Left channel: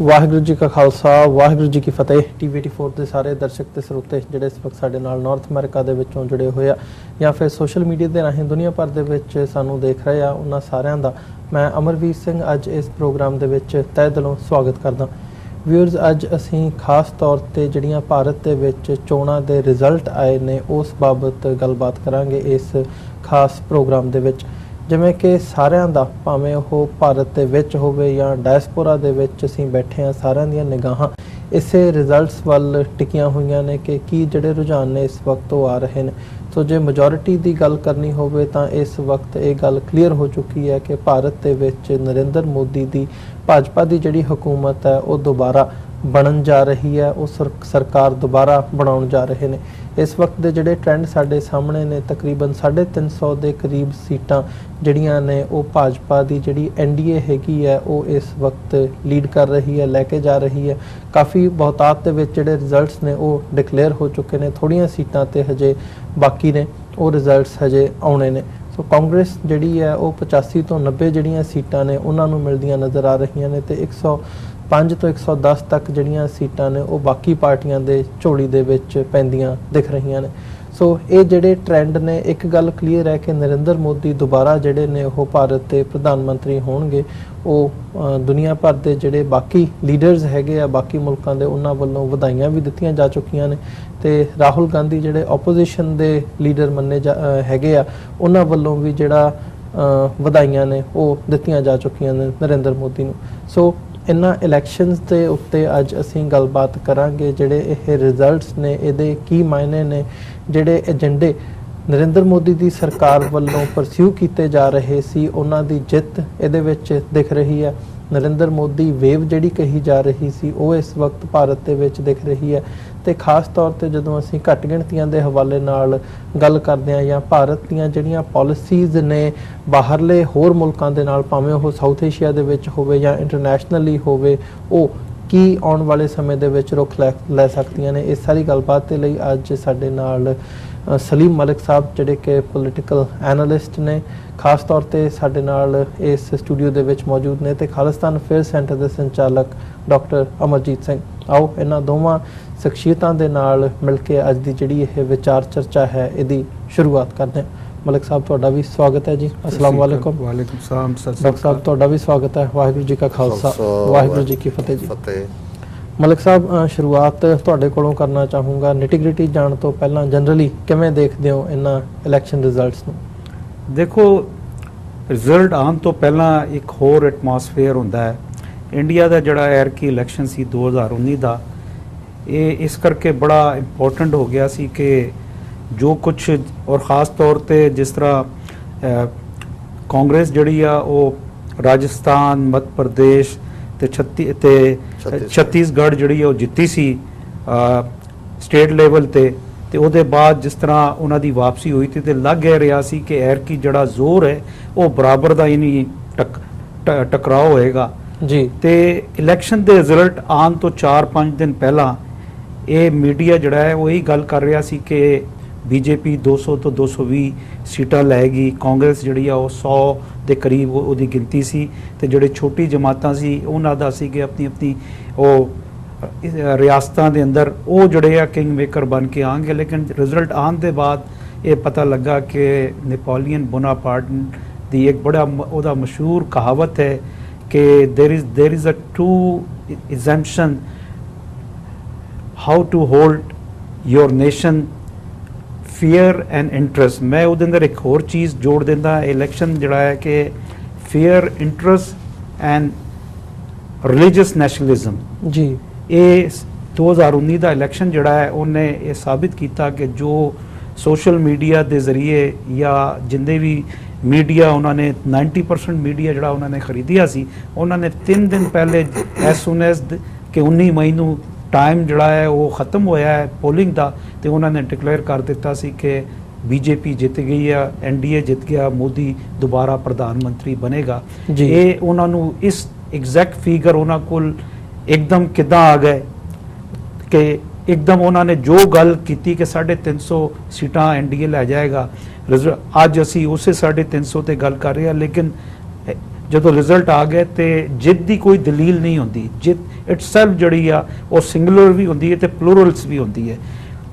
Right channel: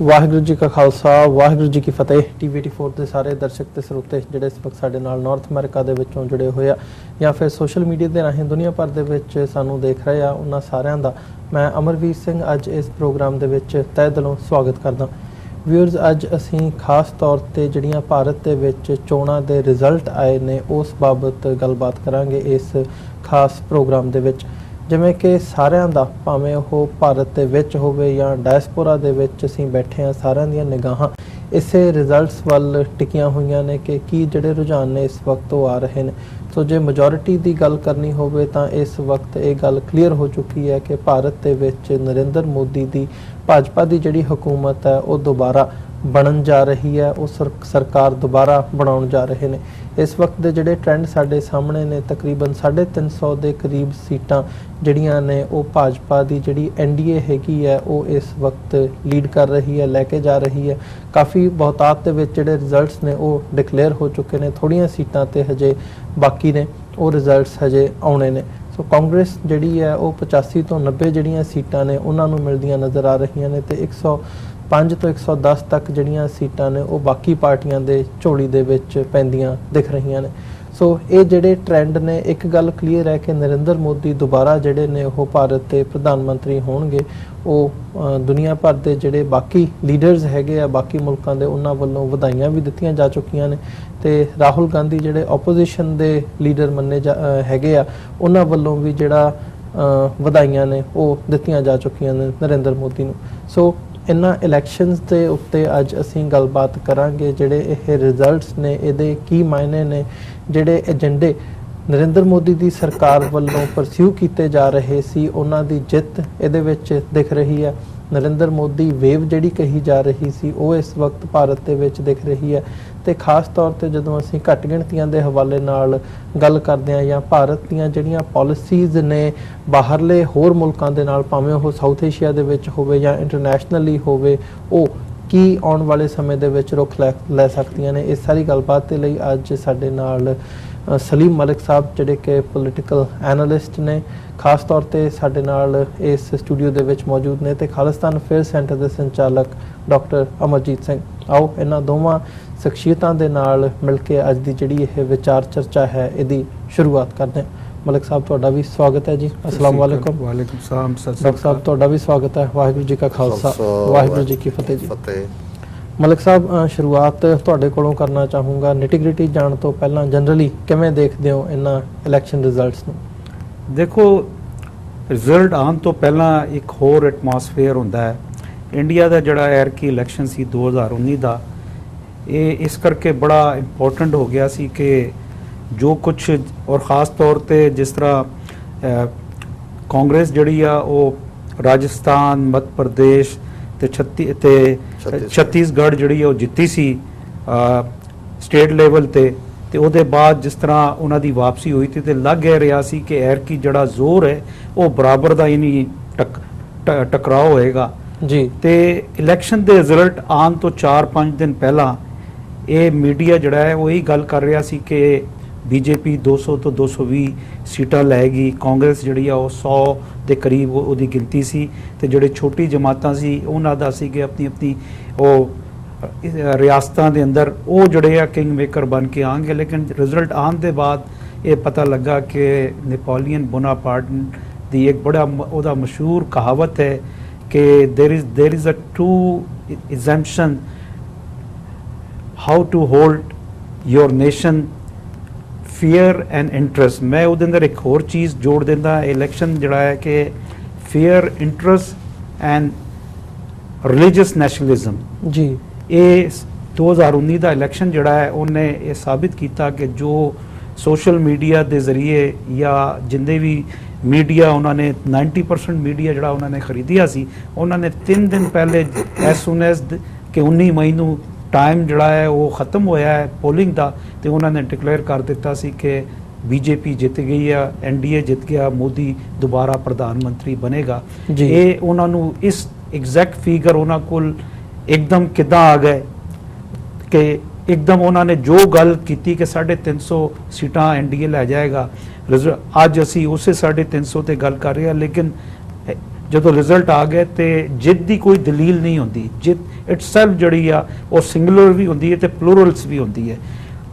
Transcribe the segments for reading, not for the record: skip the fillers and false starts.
ਵਾਹਿਗੁਰੂ ਜੀ ਕਾ ਖਾਲਸਾ ਵਾਹਿਗੁਰੂ ਜੀ ਕੀ ਫਤਿਹ। ਟੀਵੀ 84 ਦੇ ਸਾਰੇ ਦਰਸ਼ਕ ਤੇ ਸਰੋਤੇ ਜਿਹੜੇ ਇਸ ਵਕਤ ਸਾਡੇ ਨਾਲ ਨਾਰਥ ਅਮਰੀਕਾ ਦੇ ਵਿੱਚੋਂ ਜੁੜੇ ਹੋਏ ਆ ਜਾਂ ਫਿਰ ਸੋਸ਼ਲ ਮੀਡੀਆ ਦੇ ਰਾਹੀਂ ਦੁਨੀਆ ਭਰ ਦੇ ਵਿੱਚ ਸਾਨੂੰ ਦੇਖ ਰਹੇ ਆ, ਉਹਨਾਂ ਸਾਰਿਆਂ ਦਾ ਮੈਂ ਅਮਰਵੀਰ ਸਿੰਘ ਅੱਜ ਇਸ ਪ੍ਰੋਗਰਾਮ ਦੇ ਵਿੱਚ ਤਹਿ ਦਿਲੋਂ ਸਵਾਗਤ ਕਰਦਾ। ਵਿਊਅਰਸ, ਅੱਜ ਅਸੀਂ ਖਾਸ ਤੌਰ ਤੇ ਜਿਹੜੀਆਂ ਭਾਰਤ ਦੇ ਵਿੱਚ ਚੋਣਾਂ ਦੇ ਰਿਜ਼ਲਟ ਆਏ ਨੇ ਉਸ ਬਾਬਤ ਗੱਲਬਾਤ ਕਰਾਂਗੇ ਇਸ ਖਾਸ ਪ੍ਰੋਗਰਾਮ ਦੇ ਵਿੱਚ। ਜਿਵੇਂ ਕਿ ਸਾਰਿਆਂ ਦਾ, ਭਾਵੇਂ ਉਹ ਭਾਰਤ ਦੇ ਵਿੱਚ ਹੋਵੇ ਜਾਂ ਡਾਇਸਪੋਰਾ ਦੇ ਵਿੱਚ ਅਸੀਂ ਬੈਠੇ ਹਾਂ, ਸਾਰਿਆਂ ਦੀਆਂ ਨਿਗਾਹਾਂ ਇਸੇ ਰਿਜ਼ਲਟਸ ਵੱਲ ਟਿਕੀਆਂ ਹੋਈਆਂ ਨੇ ਕਿ ਕੀ ਜਿਹੜੇ ਰੁਝਾਨ ਨੇ ਇਸ ਵਕਤ ਉਹ ਆ ਰਹੇ ਨੇ। ਸੋ ਜੇ ਮੈਜੋਰਿਟੀ ਦੀ ਗੱਲ ਕਰਨੀ ਹੋਵੇ ਤਾਂ ਇਸ ਵਕਤ ਇਹ ਗੱਲ ਕਲੀਅਰ ਹੋ ਚੁੱਕੀ ਹੈ ਕਿ ਭਾਰਤ ਦੇ ਵਿੱਚ ਨਰਿੰਦਰ ਮੋਦੀ ਦੀ ਭਾਜਪਾ ਦੀ ਜਿਹੜੀ ਹਕੂਮਤ ਹੈ ਉਹ ਦੁਬਾਰਾ ਬਣਨ ਜਾ ਰਹੀ ਹੈ, ਉਹ ਸਰਕਾਰ ਦੁਬਾਰਾ ਬਣਾਉਣ ਜਾ ਰਹੇ ਨੇ। ਇਸ ਵਕਤ ਦੇ ਜਿਹੜੇ ਟ੍ਰੈਂਡ ਸਾਡੇ ਸਾਹਮਣੇ ਨੇ, ਤਕਰੀਬਨ 350 ਦੇ ਕਰੀਬ ਸੀਟਾਂ ਜਿਹੜੀਆਂ ਨੇ ਉਹ ਭਾਜਪਾ ਦੀ ਜਿਹੜੀ ਐਨਡੀਏ ਹੈਗੀ ਹੈ ਉਹ ਇਸ ਵਕਤ ਲੀਡ ਕਰ ਰਹੀ ਹੈ, ਲੈ ਕੇ ਜਾ ਰਹੀ ਹੈ। ਕਾਫੀ ਬਹੁਤਾਤ ਦੇ ਵਿੱਚ ਜਿਹੜੇ ਰਿਜ਼ਲਟਸ ਨੇ ਉਹ ਡਿਕਲੇਅਰ ਹੋ ਚੁੱਕੇ ਨੇ, ਥੋੜ੍ਹੀਆਂ ਸੀਟਾਂ ਤੇ ਹਜੇ ਬਾਕੀ ਨੇ, ਉਹ ਰਿਜ਼ਲਟਸ ਹਜੇ ਆਉਣੇ ਨੇ। ਸੋ ਕਾਂਗਰਸ ਜਿਹੜੀ ਹੈ ਉਹ 85 ਤੋਂ 90 ਜਿਹੜੀਆਂ ਸੀਟਾਂ ਨੇ ਉਹਨਾਂ ਨੂੰ ਮਿਲਦੀਆਂ ਨਜ਼ਰ ਆ ਰਹੀਆਂ ਨੇ ਤੇ 105 ਤੋਂ 110 ਤੱਕ ਜਿਹੜੀਆਂ ਸੀਟਾਂ ਨੇ ਉਹ ਬਾਕੀ ਪਾਰਟੀਆਂ ਦੇ ਝੋਲੀ ਦੇ ਵਿੱਚ ਪੈਂਦੀਆਂ ਦਿਖ ਰਹੀਆਂ ਨੇ। ਸੋ ਇਹ ਜਿਹੜੇ ਟ੍ਰੈਂਡ ਨੇ, ਇੱਕ ਗੱਲ ਕਲੀਅਰ ਹੈ ਕਿ ਨਰਿੰਦਰ ਮੋਦੀ ਦੁਬਾਰਾ ਜਿਹੜੇ ਨੇ ਉਹ ਭਾਰਤ ਦੇ ਪ੍ਰਧਾਨ ਮੰਤਰੀ ਹੋਣਗੇ। ਉਹ ਦੁਨੀਆ ਭਰ ਦੇ ਜਿਹੜੇ ਬਾਕੀ ਲੀਡਰਸ ਹੈਗੇ ਆ ਬਾਕੀ ਮੁਲਕਾਂ ਦੇ, ਉਹਨਾਂ ਵੱਲੋਂ ਵਧਾਈਆਂ ਵੀ ਦਿੱਤੀਆਂ ਜਾ ਚੁੱਕੀਆਂ ਨੇ ਤੇ ਰਾਹੁਲ ਗਾਂਧੀ ਜਿਹੜੇ ਆਪੋਜੀਸ਼ਨ ਦੇ ਲੀਡਰ ਮੰਨੇ ਹੈਗੇ ਆ, ਉਹਨਾਂ ਵੱਲੋਂ ਵੀ ਜਿਹੜਾ ਵਧਾਈਆਂ ਨੇ ਉਹ ਦਿੱਤੀਆਂ ਜਾ ਚੁੱਕੀਆਂ ਨੇ ਨਰਿੰਦਰ ਮੋਦੀ ਨੂੰ। ਸੋ ਇਹਨਾਂ ਇਲੈਕਸ਼ਨਸ ਦੇ ਉੱਤੇ ਅੱਜ ਅਸੀਂ ਗੱਲਬਾਤ ਕਰਾਂਗੇ। ਜਿਹੜੇ ਇਹ ਰਿਜ਼ਲਟਸ ਨੇ ਇਹਦੇ ਕੀ ਮਾਇਨੇ ਨੇ, ਜਿਹੜੇ ਏਜੰਡੇ ਨਰਿੰਦਰ ਮੋਦੀ ਦੀ ਸਰਕਾਰ ਵੱਲੋਂ ਪਰਸਿਊ ਕੀਤੇ ਜਾ ਰਹੇ ਸੀ ਉਹਨਾਂ ਦੀ ਜਿੱਤ ਇਹਦੇ ਵਿੱਚ ਦਿਖ ਰਹੀ ਹੈ। ਨਰਿੰਦਰ ਮੋਦੀ ਵੇਵ ਜਿਹੜੀ ਕਹੀ ਜਾ ਰਹੀ ਸੀ ਉਹ ਇਸ ਵਕਤ ਭਾਰਤ ਦੇ ਵਿੱਚ ਦਿਖ ਰਹੀ ਹੈ। ਤੇ ਖਾਸ ਤੌਰ ਤੇ ਜਦੋਂ ਅਸੀਂ ਘੱਟ ਗਿਣਤੀਆਂ ਦੇ ਹਵਾਲੇ ਨਾਲ ਗੱਲ ਕਰਦੇ ਹਾਂ ਜਾਂ ਭਾਰਤ ਦੀਆਂ ਜਿਹੜੀਆਂ ਪਾਲਿਸੀਜ਼ ਨੇ ਬਾਹਰਲੇ ਹੋਰ ਮੁਲਕਾਂ ਦੇ ਨਾਲ, ਭਾਵੇਂ ਉਹ ਸਾਊਥ ਏਸ਼ੀਆ ਦੇ ਵਿੱਚ ਹੋਵੇ ਜਾਂ ਇੰਟਰਨੈਸ਼ਨਲੀ ਹੋਵੇ, ਉਹ ਕੀ ਆਉਣ ਵਾਲੇ ਸਮੇਂ ਦੇ ਵਿੱਚ ਰੁਖ ਲੈ ਸਕਦੀਆਂ ਨੇ, ਇਸ ਸਾਰੀ ਗੱਲਬਾਤ ਦੇ ਲਈ ਅੱਜ ਸਾਡੇ ਨਾਲ ਸਲੀਮ ਮਲਿਕ ਸਾਹਿਬ ਜਿਹੜੇ ਕਿ ਪੋਲੀਟੀਕਲ ਐਨਾਲਿਸਟ ਨੇ, ਖਾਸ ਤੌਰ ਤੇ ਸਾਡੇ ਨਾਲ ਇਸ ਸਟੂਡੀਓ ਦੇ ਵਿੱਚ ਮੌਜੂਦ ਨੇ, ਤੇ ਖਾਲਿਸਤਾਨ ਅਫੇਅਰ ਸੈਂਟਰ ਦੇ ਸੰਚਾਲਕ ਡਾਕਟਰ ਅਮਰਜੀਤ ਸਿੰਘ। ਆਓ ਇਹਨਾਂ ਦੋਵਾਂ ਸ਼ਖਸੀਅਤਾਂ ਦੇ ਨਾਲ ਮਿਲ ਕੇ ਅੱਜ ਦੀ ਜਿਹੜੀ ਇਹ ਵਿਚਾਰ ਚਰਚਾ ਹੈ ਇਹਦੀ ਸ਼ੁਰੂਆਤ ਕਰਦੇ ਹਾਂ। ਮਲਿਕ ਸਾਹਿਬ, ਤੁਹਾਡਾ ਵੀ ਸਵਾਗਤ ਹੈ ਜੀ। अस्सलाम वालेकुम। वालेकुम सलाम सर। ਡਾਕਟਰ ਸਾਹਿਬ, ਤੁਹਾਡਾ ਵੀ ਸਵਾਗਤ ਹੈ। ਵਾਹਿਗੁਰੂ ਜੀ ਕਾ ਖਾਲਸਾ ਵਾਹਿਗੁਰੂ ਜੀ ਕੀ ਫਤਿਹ ਜੀ। ਮਲਿਕ ਸਾਹਿਬ, ਸ਼ੁਰੂਆਤ ਤੁਹਾਡੇ ਕੋਲੋਂ ਕਰਨਾ ਚਾਹੂੰਗਾ। ਨਿਟੀਗ੍ਰਿਟੀ ਜਾਣ ਤੋਂ ਪਹਿਲਾਂ ਜਨਰਲੀ ਕਿਵੇਂ ਦੇਖਦੇ ਹੋ ਇਹਨਾਂ ਇਲੈਕਸ਼ਨ ਰਿਜ਼ਲਟਸ ਨੂੰ? ਦੇਖੋ, ਰਿਜ਼ਲਟ ਆਉਣ ਤੋਂ ਪਹਿਲਾਂ ਇੱਕ ਹੋਰ ਐਟਮੋਸਫੇਅਰ ਹੁੰਦਾ ਹੈ। ਇੰਡੀਆ ਦਾ ਜਿਹੜਾ ਐਰਕੀ ਇਲੈਕਸ਼ਨ ਸੀ 2019 ਦਾ, ਇਹ ਇਸ ਕਰਕੇ ਬੜਾ ਇੰਪੋਰਟੈਂਟ ਹੋ ਗਿਆ ਸੀ ਕਿ ਜੋ ਕੁਛ, ਔਰ ਖਾਸ ਤੌਰ ਤੇ ਜਿਸ ਤਰ੍ਹਾਂ ਕਾਂਗਰਸ ਜਿਹੜੀ ਆ ਉਹ ਰਾਜਸਥਾਨ, ਮੱਧ ਪ੍ਰਦੇਸ਼ ਤੇ ਛੱਤੀਸਗੜ੍ਹ ਜਿਹੜੀ ਉਹ ਜਿੱਤੀ ਸੀ ਸਟੇਟ ਲੈਵਲ ਤੇ ਉਹਦੇ ਬਾਅਦ ਜਿਸ ਤਰ੍ਹਾਂ ਉਹਨਾਂ ਦੀ ਵਾਪਸੀ ਹੋਈ ਤੇ ਲੱਗ ਰਿਹਾ ਸੀ ਕਿ ਐਰਕੀ ਜਿਹੜਾ ਜ਼ੋਰ ਹੈ ਉਹ ਬਰਾਬਰ ਦਾ ਹੀ ਨਹੀਂ ਟਕਰਾਅ ਹੋਏਗਾ ਜੀ। ਤੇ ਇਲੈਕਸ਼ਨ ਦੇ ਰਿਜ਼ਲਟ ਆਉਣ ਤੋਂ 4-5 ਦਿਨ ਪਹਿਲਾਂ ਇਹ ਮੀਡੀਆ ਜਿਹੜਾ ਹੈ ਉਹ ਇਹੀ ਗੱਲ ਕਰ ਰਿਹਾ ਸੀ ਕਿ ਬੀਜੇਪੀ 200 ਤੋਂ 220 ਸੀਟਾਂ ਲੈਗੀ, ਕਾਂਗਰਸ ਜਿਹੜੀ ਆ ਉਹ 100 ਦੇ ਕਰੀਬ ਉਹਦੀ ਗਿਣਤੀ ਸੀ, ਤੇ ਜਿਹੜੇ ਛੋਟੀ ਜਮਾਤਾਂ ਸੀ ਉਹਨਾਂ ਦਾ ਸੀ ਕਿ ਆਪਣੀ ਉਹ ਰਿਆਸਤਾਂ ਦੇ ਅੰਦਰ ਉਹ ਜਿਹੜੇ ਆ ਕਿੰਗ ਮੇਕਰ ਬਣ ਕੇ ਆਉਣਗੇ। ਲੇਕਿਨ ਰਿਜ਼ਲਟ ਆਉਣ ਦੇ ਬਾਅਦ ਇਹ ਪਤਾ ਲੱਗਾ ਕਿ ਨੈਪੋਲੀਅਨ ਬੋਨਾਪਾਰਟ ਦੀ ਇੱਕ ਬੜਾ ਉਹਦਾ ਮਸ਼ਹੂਰ ਕਹਾਵਤ ਹੈ ਕਿ there is a true assumption how to hold your nation fear and interest। ਮੈਂ ਉਹਦੇ ਅੰਦਰ ਇੱਕ ਹੋਰ ਚੀਜ਼ ਜੋੜ ਦਿੰਦਾ, ਇਲੈਕਸ਼ਨ ਜਿਹੜਾ ਹੈ ਕਿ fear, interest and religious nationalism ਜੀ। ਇਹ 2019 ਦਾ ਇਲੈਕਸ਼ਨ ਜਿਹੜਾ ਹੈ ਉਹਨੇ ਇਹ ਸਾਬਿਤ ਕੀਤਾ ਕਿ ਜੋ ਸੋਸ਼ਲ ਮੀਡੀਆ ਦੇ ਜ਼ਰੀਏ ਜਾਂ ਜਿੰਨੇ ਵੀ ਮੀਡੀਆ ਉਹਨਾਂ ਨੇ 90% ਮੀਡੀਆ ਜਿਹੜਾ ਉਹਨਾਂ ਨੇ ਖਰੀਦਿਆ ਸੀ, ਉਹਨਾਂ ਨੇ 3 ਦਿਨ ਪਹਿਲੇ as soon as ਕਿ 19 ਮਈ ਨੂੰ ਟਾਈਮ ਜਿਹੜਾ ਹੈ ਉਹ ਖਤਮ ਹੋਇਆ ਹੈ ਪੋਲਿੰਗ ਦਾ, ਤੇ ਉਹਨਾਂ ਨੇ ਡਿਕਲੇਅਰ ਕਰ ਦਿੱਤਾ ਸੀ ਕਿ ਬੀਜੇਪੀ ਜਿੱਤ ਗਈ ਆ, ਐਨਡੀਏ ਜਿੱਤ ਗਿਆ, ਮੋਦੀ ਦੁਬਾਰਾ ਪ੍ਰਧਾਨ ਮੰਤਰੀ ਬਣੇਗਾ। ਇਹ ਉਹਨਾਂ ਨੂੰ ਇਸ ਐਗਜ਼ੈਕਟ ਫਿਗਰ ਉਹਨਾਂ ਕੋਲ ਇੱਕਦਮ ਕਿੱਦਾਂ ਆ ਗਏ ਕਿ ਇੱਕਦਮ ਉਹਨਾਂ ਨੇ ਜੋ ਗੱਲ ਕੀਤੀ ਕਿ 350 ਸੀਟਾਂ ਐਨਡੀਏ ਲੈ ਜਾਏਗਾ, ਅੱਜ ਅਸੀਂ ਉਸੇ 350 ਤੇ ਗੱਲ ਕਰ ਰਹੇ ਹਾਂ। ਲੇਕਿਨ ਜਦੋਂ ਰਿਜ਼ਲਟ ਆ ਗਿਆ ਤੇ ਜਿੱਤ ਦੀ ਕੋਈ ਦਲੀਲ ਨਹੀਂ ਹੁੰਦੀ। ਜਿੱਤ ਇਟਸੈਲਫ ਜਿਹੜੀ ਆ ਉਹ ਸਿੰਗੂਲਰ ਵੀ ਹੁੰਦੀ ਹੈ ਤੇ ਪਲੂਰਲਸ ਵੀ ਹੁੰਦੀ ਹੈ।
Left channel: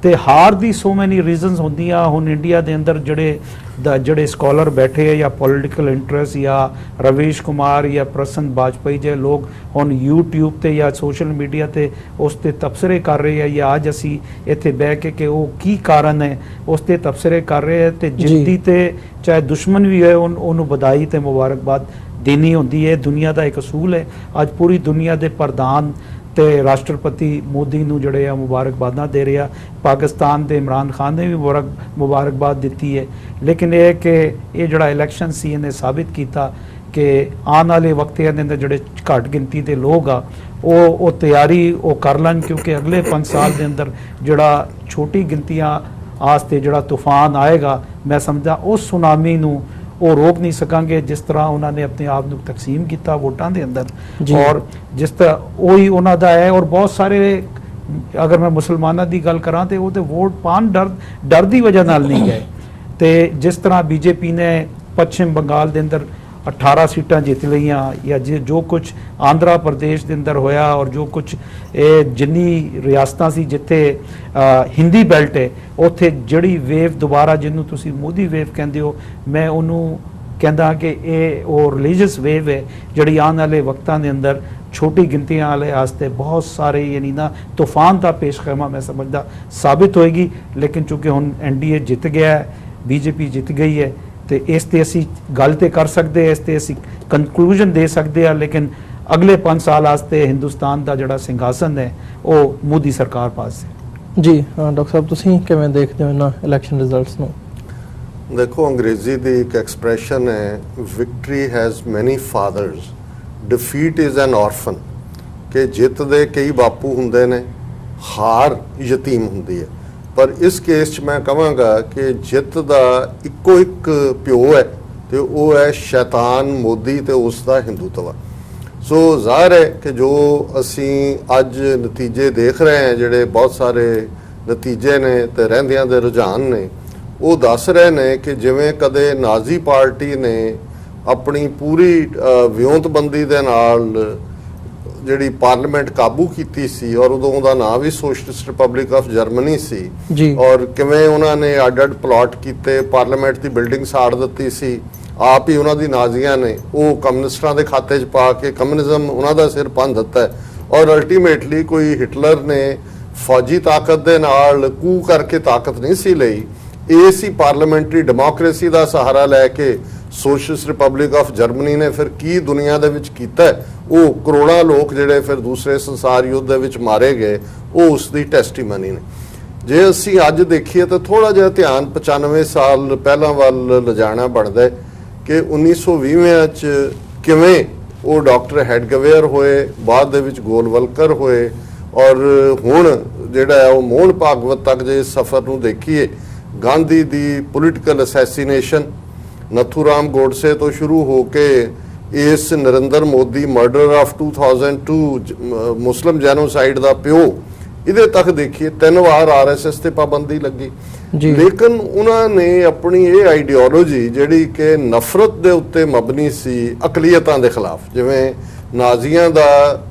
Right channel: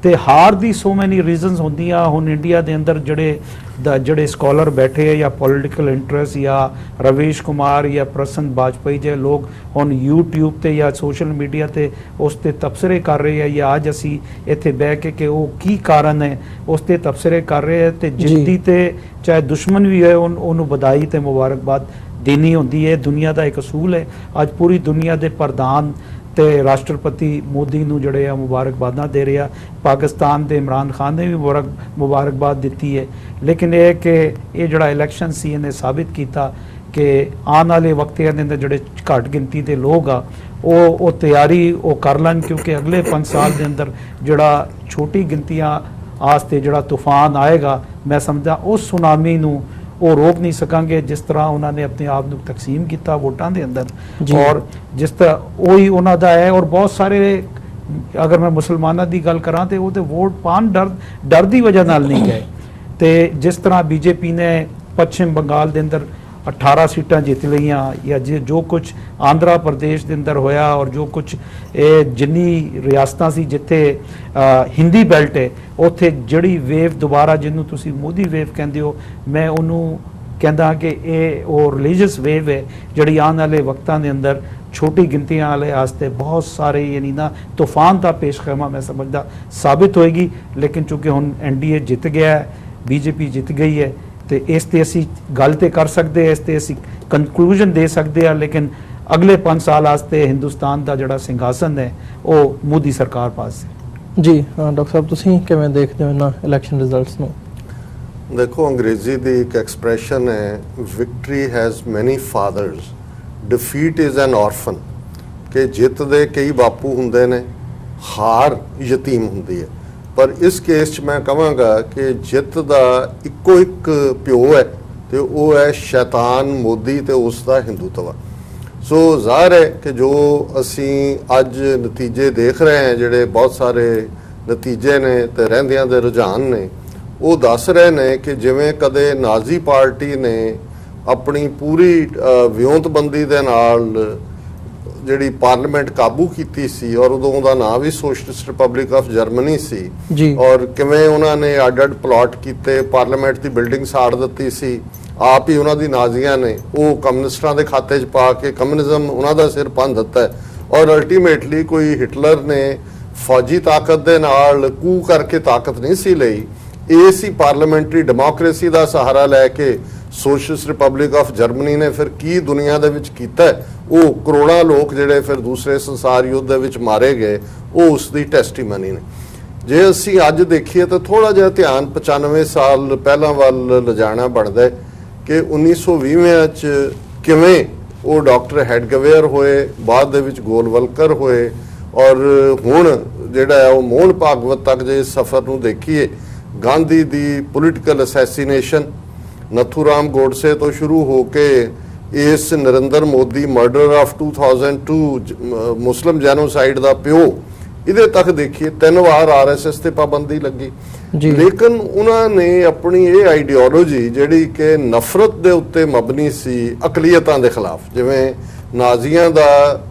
ਤੇ ਹਾਰ ਦੀ ਸੋ ਮੈਨੀ ਰੀਜ਼ਨਸ ਹੁੰਦੀਆਂ। ਹੁਣ ਇੰਡੀਆ ਦੇ ਅੰਦਰ ਜਿਹੜੇ ਸਕਾਲਰ ਬੈਠੇ ਜਾਂ ਪੋਲੀਟੀਕਲ ਇੰਟਰਸਟ ਜਾਂ ਰਵੀਸ਼ ਕੁਮਾਰ ਜਾਂ ਪ੍ਰਸੰਨ ਬਾਜਪਾਈ ਜੇ ਲੋਕ ਹੁਣ YouTube ਤੇ ਜਾਂ ਸੋਸ਼ਲ ਮੀਡੀਆ ਤੇ ਉਸ ਤੇ ਤਬਸਰੇ ਕਰ ਰਹੇ ਆ, ਜਾਂ ਅੱਜ ਅਸੀਂ ਇੱਥੇ ਬਹਿ ਕੇ ਉਹ ਕੀ ਕਾਰਨ ਹੈ ਉਸ ਤੇ ਤਬਸਰੇ ਕਰ ਰਹੇ ਆ। ਤੇ ਜਿੱਤੀ ਤੇ ਚਾਹੇ ਦੁਸ਼ਮਣ ਵੀ ਹੈ ਉਹਨੂੰ ਵਧਾਈ ਤੇ ਮੁਬਾਰਕਬਾਦ ਦੇਣੀ ਹੁੰਦੀ ਹੈ। ਦੁਨੀਆ ਦਾ ਇੱਕ ਅਸੂਲ ਹੈ। ਅੱਜ ਪੂਰੀ ਦੁਨੀਆ ਦੇ ਪ੍ਰਧਾਨ ਤੇ ਰਾਸ਼ਟਰਪਤੀ ਮੋਦੀ ਨੂੰ ਜਿਹੜੇ ਆ ਮੁਬਾਰਕਬਾਦਾਂ ਦੇ ਰਿਹਾ। ਪਾਕਿਸਤਾਨ ਦੇ ਇਮਰਾਨ ਖਾਨ ਨੇ ਵੀ ਮੁਬਾਰਕਬਾਦ ਦਿੱਤੀ ਹੈ। ਲੇਕਿਨ ਇਹ ਕਿ ਇਹ ਜਿਹੜਾ ਇਲੈਕਸ਼ਨ ਸੀ ਇਹਨੇ ਸਾਬਿਤ ਕੀਤਾ ਕਿ ਆਉਣ ਵਾਲੇ ਵਕਤਾਂ ਦੇ ਅੰਦਰ ਜਿਹੜੇ ਘੱਟ ਗਿਣਤੀ ਦੇ ਲੋਕ ਆ ਉਹ ਤਿਆਰੀ ਉਹ ਕਰ ਲੈਣ, ਕਿਉਂਕਿ ਅਗਲੇ 5 ਸਾਲ ਦੇ ਅੰਦਰ ਜਿਹੜਾ ਛੋਟੀ ਗਿਣਤੀਆਂ ਆਸਤੇ ਜਿਹੜਾ ਤੂਫਾਨ ਆਏਗਾ, ਮੈਂ ਸਮਝਦਾ ਉਸ ਸੁਨਾਮੀ ਨੂੰ ਉਹ ਰੋਕ ਨਹੀਂ ਸਕਾਂਗੇ ਜਿਸ ਤਰ੍ਹਾਂ ਉਹਨਾਂ ਨੇ ਆਪਣੇ ਆਪ ਨੂੰ ਤਕਸੀਮ ਕੀਤਾ ਵੋਟਾਂ ਦੇ ਅੰਦਰ। ਔਰ ਜਿਸ ਤਰ੍ਹਾਂ ਉਹੀ ਉਹਨਾਂ ਦਾ ਹੈ। ਔਰ ਬਹੁਤ ਸਾਰੇ ਅਗਰ ਮੈਂ ਮੁਸਲਮਾਨਾਂ ਦੀ ਗੱਲ ਕਰਾਂ ਤੇ ਉਹ ਤੇ ਵੋਟ ਪਾਉਣ ਡਰ ਦੀ ਵਜ੍ਹਾ ਨਾਲ ਨਹੀਂ ਗਏ। ਤੇ ਜਿਸ ਤਰ੍ਹਾਂ ਬੀਜੇਪੀ ਨੇ ਪੱਛਮ ਬੰਗਾਲ ਦੇ ਅੰਦਰ 18 ਸੀਟਾਂ ਜਿੱਤ ਲਈਆਂ, ਜਾਂ ਜੋ ਕੁਝ ਆਂਧਰਾ ਪ੍ਰਦੇਸ਼ ਦੇ ਅੰਦਰ ਹੋਇਆ, ਔਰ ਜੋ ਕੁਝ ਇਹ ਜਿੰਨੀ ਰਿਆਸਤਾਂ ਸੀ ਜਿੱਥੇ ਹਿੰਦੀ ਬੈਲਟ ਹੈ ਉੱਥੇ ਜਿਹੜੀ ਵੇਵ ਦੁਬਾਰਾ ਜਿਹਨੂੰ ਤੁਸੀਂ ਮੋਦੀ ਵੇਵ ਕਹਿੰਦੇ ਹੋ, ਮੈਂ ਉਹਨੂੰ ਕਹਿੰਦਾ ਕਿ ਇਹ ਉਹ ਰਿਲੀਜੀਅਸ ਵੇਵ ਹੈ ਜਿਹੜੀ ਆਉਣ ਵਾਲੇ ਵਕਤਾਂ ਦੇ ਅੰਦਰ ਛੋਟੀ ਗਿਣਤੀਆਂ ਵਾਲੇ ਵਾਸਤੇ ਬਹੁਤ ਸਾਰੇ ਯਾਨੀ ਨਾ ਤੂਫਾਨ ਦਾ ਪੇਸ਼ਖੈਮਾ ਮੈਂ ਸਮਝਦਾ ਸਾਬਿਤ ਹੋਏਗੀ। ਲੇਕਿਨ ਚੂੰਕਿ ਹੁਣ NDA ਜਿੱਤ ਗਿਆ ਹੈ, BJP ਜਿੱਤ ਗਈ ਹੈ, ਤੇ ਇਸ ਤੇ ਅਸੀਂ ਗੱਲ ਤੇ ਕਰ ਸਕਦੇ, ਇਸ ਤੇ ਅਸੀਂ ਕੰਕਲੂਜਨ ਦੇ ਸਕਦੇ ਹਾਂ। ਲੇਕਿਨ ਅਗਲੇ 5 ਸਾਲ ਵਾਸਤੇ ਹਿੰਦੁਸਤਾਨ ਦਾ ਜਿਹੜਾ ਸਿੰਘਾਸਨ ਹੈ ਉਹ ਮੋਦੀ ਸਰਕਾਰ ਪਾਸ ਹੈ। ਜੀ ਡਾਕਟਰ ਸਾਹਿਬ, ਤੁਸੀਂ ਕਿਵੇਂ ਦੇਖਦੇ ਹੋ ਇਹਨਾਂ ਇਲੈਕਸ਼ਨ ਰਿਜ਼ਲਟਸ ਨੂੰ? ਦੇਖੋ, ਅੰਗਰੇਜ਼ੀ ਦੀ ਇੱਕ ਐਕਸਪ੍ਰੈਸ਼ਨ ਹੈ, ਵਿਕਟਰੀ ਹੈਜ਼ ਮੈਨੀ ਫਾਦਰਸ, ਡਿਫੀਟ ਇਜ਼ ਐਨ ਆਰਫਨ, ਕਿ ਜਿੱਤ ਦੇ ਕਈ ਬਾਪੂ ਹੁੰਦੇ ਨੇ, ਹਾਰ ਯਤੀਮ ਹੁੰਦੀ ਹੈ। ਪਰ ਇਸ ਕੇਸ 'ਚ ਮੈਂ ਕਹਾਂਗਾ ਕਿ ਜਿੱਤ ਦਾ ਇੱਕੋ ਇੱਕ ਪਿਓ ਹੈ ਤੇ ਉਹ ਹੈ ਸ਼ੈਤਾਨ ਮੋਦੀ ਤੇ ਉਸ ਦਾ ਹਿੰਦੂਤਵ। ਸੋ ਜ਼ਾਹਰ ਹੈ ਕਿ ਜੋ ਅਸੀਂ ਅੱਜ ਨਤੀਜੇ ਦੇਖ ਰਹੇ ਹਾਂ, ਜਿਹੜੇ ਬਹੁਤ ਸਾਰੇ ਨਤੀਜੇ ਨੇ ਤੇ ਰਹਿੰਦਿਆਂ ਦੇ ਰੁਝਾਨ ਨੇ, ਉਹ ਦੱਸ ਰਹੇ ਨੇ ਕਿ ਜਿਵੇਂ ਕਦੇ ਨਾਜ਼ੀ ਪਾਰਟੀ ਨੇ ਆਪਣੀ ਪੂਰੀ ਵਿਉਂਤਬੰਦੀ ਦੇ ਨਾਲ ਜਿਹੜੀ ਪਾਰਲੀਮੈਂਟ ਕਾਬੂ ਕੀਤੀ ਸੀ, ਔਰ ਉਦੋਂ ਉਹਦਾ ਨਾਮ ਵੀ ਸੋਸ਼ਲਿਸਟ ਰਿਪਬਲਿਕ ਆਫ ਜਰਮਨੀ ਸੀ, ਔਰ ਕਿਵੇਂ ਉਹਨਾਂ ਨੇ ਅੱਡ-ਅੱਡ ਪਲਾਟ ਕੀਤੇ, ਪਾਰਲੀਮੈਂਟ ਦੀ ਬਿਲਡਿੰਗ ਸਾੜ ਦਿੱਤੀ ਸੀ, ਆਪ ਹੀ ਉਹਨਾਂ ਦੀ ਨਾਜ਼ੀਆਂ ਨੇ ਉਹ ਕਮਿਊਨਿਸਟਾਂ ਦੇ ਖਾਤੇ 'ਚ ਪਾ ਕੇ ਕਮਿਊਨਿਜ਼ਮ ਉਹਨਾਂ ਦਾ ਸਿਰ ਭੰਨ ਦਿੱਤਾ। ਔਰ ਅਲਟੀਮੇਟਲੀ ਕੋਈ ਹਿਟਲਰ ਨੇ ਫੌਜੀ ਤਾਕਤ ਦੇ ਨਾਲ ਕੂ ਕਰਕੇ ਤਾਕਤ ਨਹੀਂ ਸੀ ਲਈ, ਇਹ ਸੀ ਪਾਰਲੀਮੈਂਟਰੀ ਡੈਮੋਕ੍ਰੇਸੀ ਦਾ ਸਹਾਰਾ ਲੈ ਕੇ ਸੋਸ਼ਲਿਸਟ ਰਿਪਬਲਿਕ ਆਫ ਜਰਮਨੀ ਨੇ ਫਿਰ ਕੀ ਦੁਨੀਆ ਦੇ ਵਿੱਚ ਕੀਤਾ। ਉਹ ਕਰੋੜਾਂ ਲੋਕ ਜਿਹੜੇ ਫਿਰ ਦੂਸਰੇ ਸੰਸਾਰ ਯੁੱਧ ਦੇ ਵਿੱਚ ਮਾਰੇ ਗਏ, ਉਹ ਉਸ ਦੀ ਟੈਸਟੀਮਨੀ ਨੇ। ਜੇ ਅਸੀਂ ਅੱਜ ਦੇਖੀਏ ਤਾਂ ਥੋੜਾ ਜਿਹਾ ਧਿਆਨ 95 ਸਾਲ ਪਹਿਲਾਂ ਵੱਲ ਲਿਜਾਣਾ ਪੜਦਾ ਕਿ 1920 ਚ ਕਿਵੇਂ ਉਹ ਡਾਕਟਰ ਹੈਡਗਵੇਅਰ ਹੋਏ, ਬਾਅਦ ਦੇ ਵਿੱਚ ਗੋਲਵਲਕਰ ਹੋਏ, ਔਰ ਹੁਣ ਜਿਹੜਾ ਹੈ ਉਹ ਮੋਹਨ ਭਾਗਵਤ ਤੱਕ ਜੇ ਸਫ਼ਰ ਨੂੰ ਦੇਖੀਏ, ਗਾਂਧੀ ਦੀ ਪੋਲੀਟੀਕਲ ਅਸੈਸੀਨੇਸ਼ਨ, ਨਥੂਰਾਮ ਗੋਡਸੇ ਤੋਂ ਸ਼ੁਰੂ ਹੋ ਕੇ ਇਸ Narendra Modi murder of 2002 Muslim genocide ਦਾ ਪਿਓ, ਇਹਦੇ ਤੱਕ ਦੇਖੀਏ 3 ਵਾਰ RSS ਤੇ ਪਾਬੰਦੀ ਲੱਗੀ। ਲੇਕਿਨ ਉਹਨਾਂ ਨੇ ਆਪਣੀ ਇਹ ਆਈਡੀਓਲੋਜੀ ਜਿਹੜੀ ਕਿ ਨਫ਼ਰਤ ਦੇ ਉੱਤੇ ਮਬਨੀ ਸੀ ਅਕਲੀਅਤਾਂ ਦੇ ਖਿਲਾਫ, ਜਿਵੇਂ ਨਾਜ਼ੀਆਂ ਦਾ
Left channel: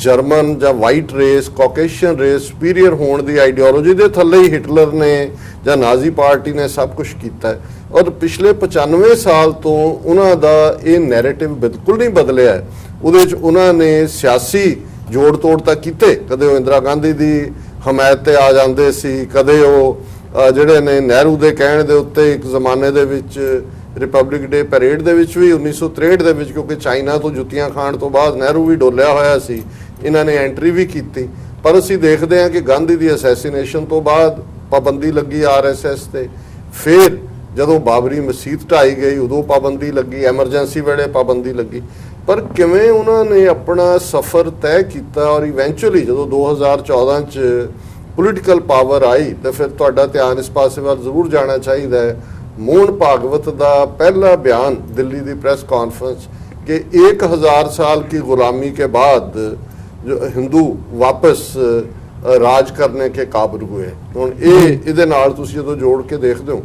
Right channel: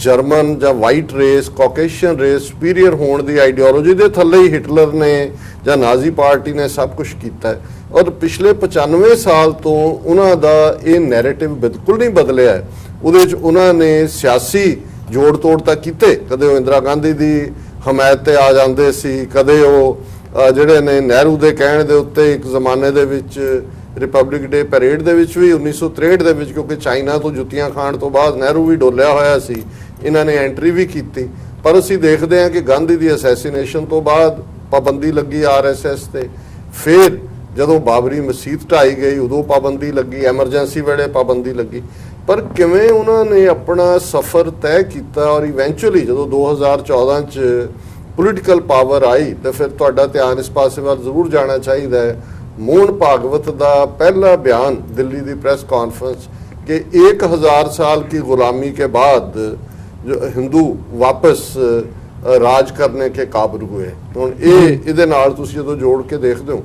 ਜਰਮਨ ਜਾਂ ਵਾਈਟ ਰੇਸ, ਕਾਕੇਸ਼ੀਅਨ ਰੇਸ ਸੁਪੀਰੀਅਰ ਹੋਣ ਦੀ ਆਈਡੀਓਲੋਜੀ ਦੇ ਥੱਲੇ ਹੀ ਹਿਟਲਰ ਨੇ ਜਾਂ ਨਾਜ਼ੀ ਪਾਰਟੀ ਨੇ ਸਭ ਕੁਝ ਕੀਤਾ। ਔਰ ਪਿਛਲੇ 95 ਸਾਲ ਤੋਂ ਉਹਨਾਂ ਦਾ ਇਹ ਨੈਰੇਟਿਵ ਬਿਲਕੁਲ ਨਹੀਂ ਬਦਲਿਆ। ਉਹਦੇ 'ਚ ਉਹਨਾਂ ਨੇ ਸਿਆਸੀ ਜੋੜ ਤੋੜ ਤਾਂ ਕੀਤੇ, ਕਦੇ ਉਹ ਇੰਦਰਾ ਗਾਂਧੀ ਦੀ ਹਮਾਇਤ ਤੇ ਆ ਜਾਂਦੇ ਸੀ, ਕਦੇ ਉਹ ਜਿਹੜੇ ਨੇ ਨਹਿਰੂ ਦੇ ਕਹਿਣ ਦੇ ਉੱਤੇ ਇੱਕ ਜ਼ਮਾਨੇ ਦੇ ਵਿੱਚ ਰਿਪਬਲਿਕ ਡੇ ਪੈਰੇਡ ਦੇ ਵਿੱਚ ਵੀ 1963 ਦੇ ਵਿੱਚ, ਕਿਉਂਕਿ ਚਾਈਨਾ ਤੋਂ ਜੁੱਤੀਆਂ ਖਾਣ ਤੋਂ ਬਾਅਦ ਨਹਿਰੂ ਵੀ ਡੋਲਿਆ ਹੋਇਆ ਸੀ, ਇਹਨਾਂ ਨੇ ਐਂਟਰੀ ਵੀ ਕੀਤੀ। ਪਰ ਅਸੀਂ ਦੇਖਦੇ ਹਾਂ ਕਿ ਗਾਂਧੀ ਦੀ ਅਸੈਸੀਨੇਸ਼ਨ ਤੋਂ ਬਾਅਦ ਪਾਬੰਦੀ ਲੱਗੀ RSS ਤੇ, ਫਿਰ ਜਦੋਂ ਬਾਬਰੀ ਮਸਜਿਦ ਢਾਈ ਗਈ ਉਦੋਂ ਪਾਬੰਦੀ ਲੱਗੀ, ਐਮਰਜੈਂਸੀ ਵੇਲੇ ਪਾਬੰਦੀ ਲੱਗੀ। ਪਰ ਕਿਵੇਂ ਉਹਨਾਂ ਨੇ ਆਪਣਾ ਸਫ਼ਰ ਤੈਅ ਕੀਤਾ, ਔਰ ਇਵੈਂਚੁਅਲੀ ਜਦੋਂ 2014 ਚ ਪੋਲੀਟੀਕਲ ਪਾਵਰ ਆਈ ਤਾਂ ਫਿਰ ਤੁਹਾਡਾ ਧਿਆਨ ਇਸ ਪਾਸੇ ਵੱਲ ਜ਼ਰੂਰ ਜਾਣਾ ਚਾਹੀਦਾ ਹੈ। ਮੋਹਨ ਭਾਗਵਤ ਦਾ ਪਹਿਲਾ ਬਿਆਨ ਦਿੱਲੀ ਦੀ ਪ੍ਰੈਸ ਕॉन्फ्रेंस कि 1000 साल की गुलामी के बाद जो हिंदू वापस राज करने के काबिल हुए। ਹੁਣ ਇਹ ਇਹਦੇ ਨਾਲ ਤੁਸੀਂ ਜਦੋਂ ਜੋੜ ਕੇ ਦੇਖਦੇ ਹੋ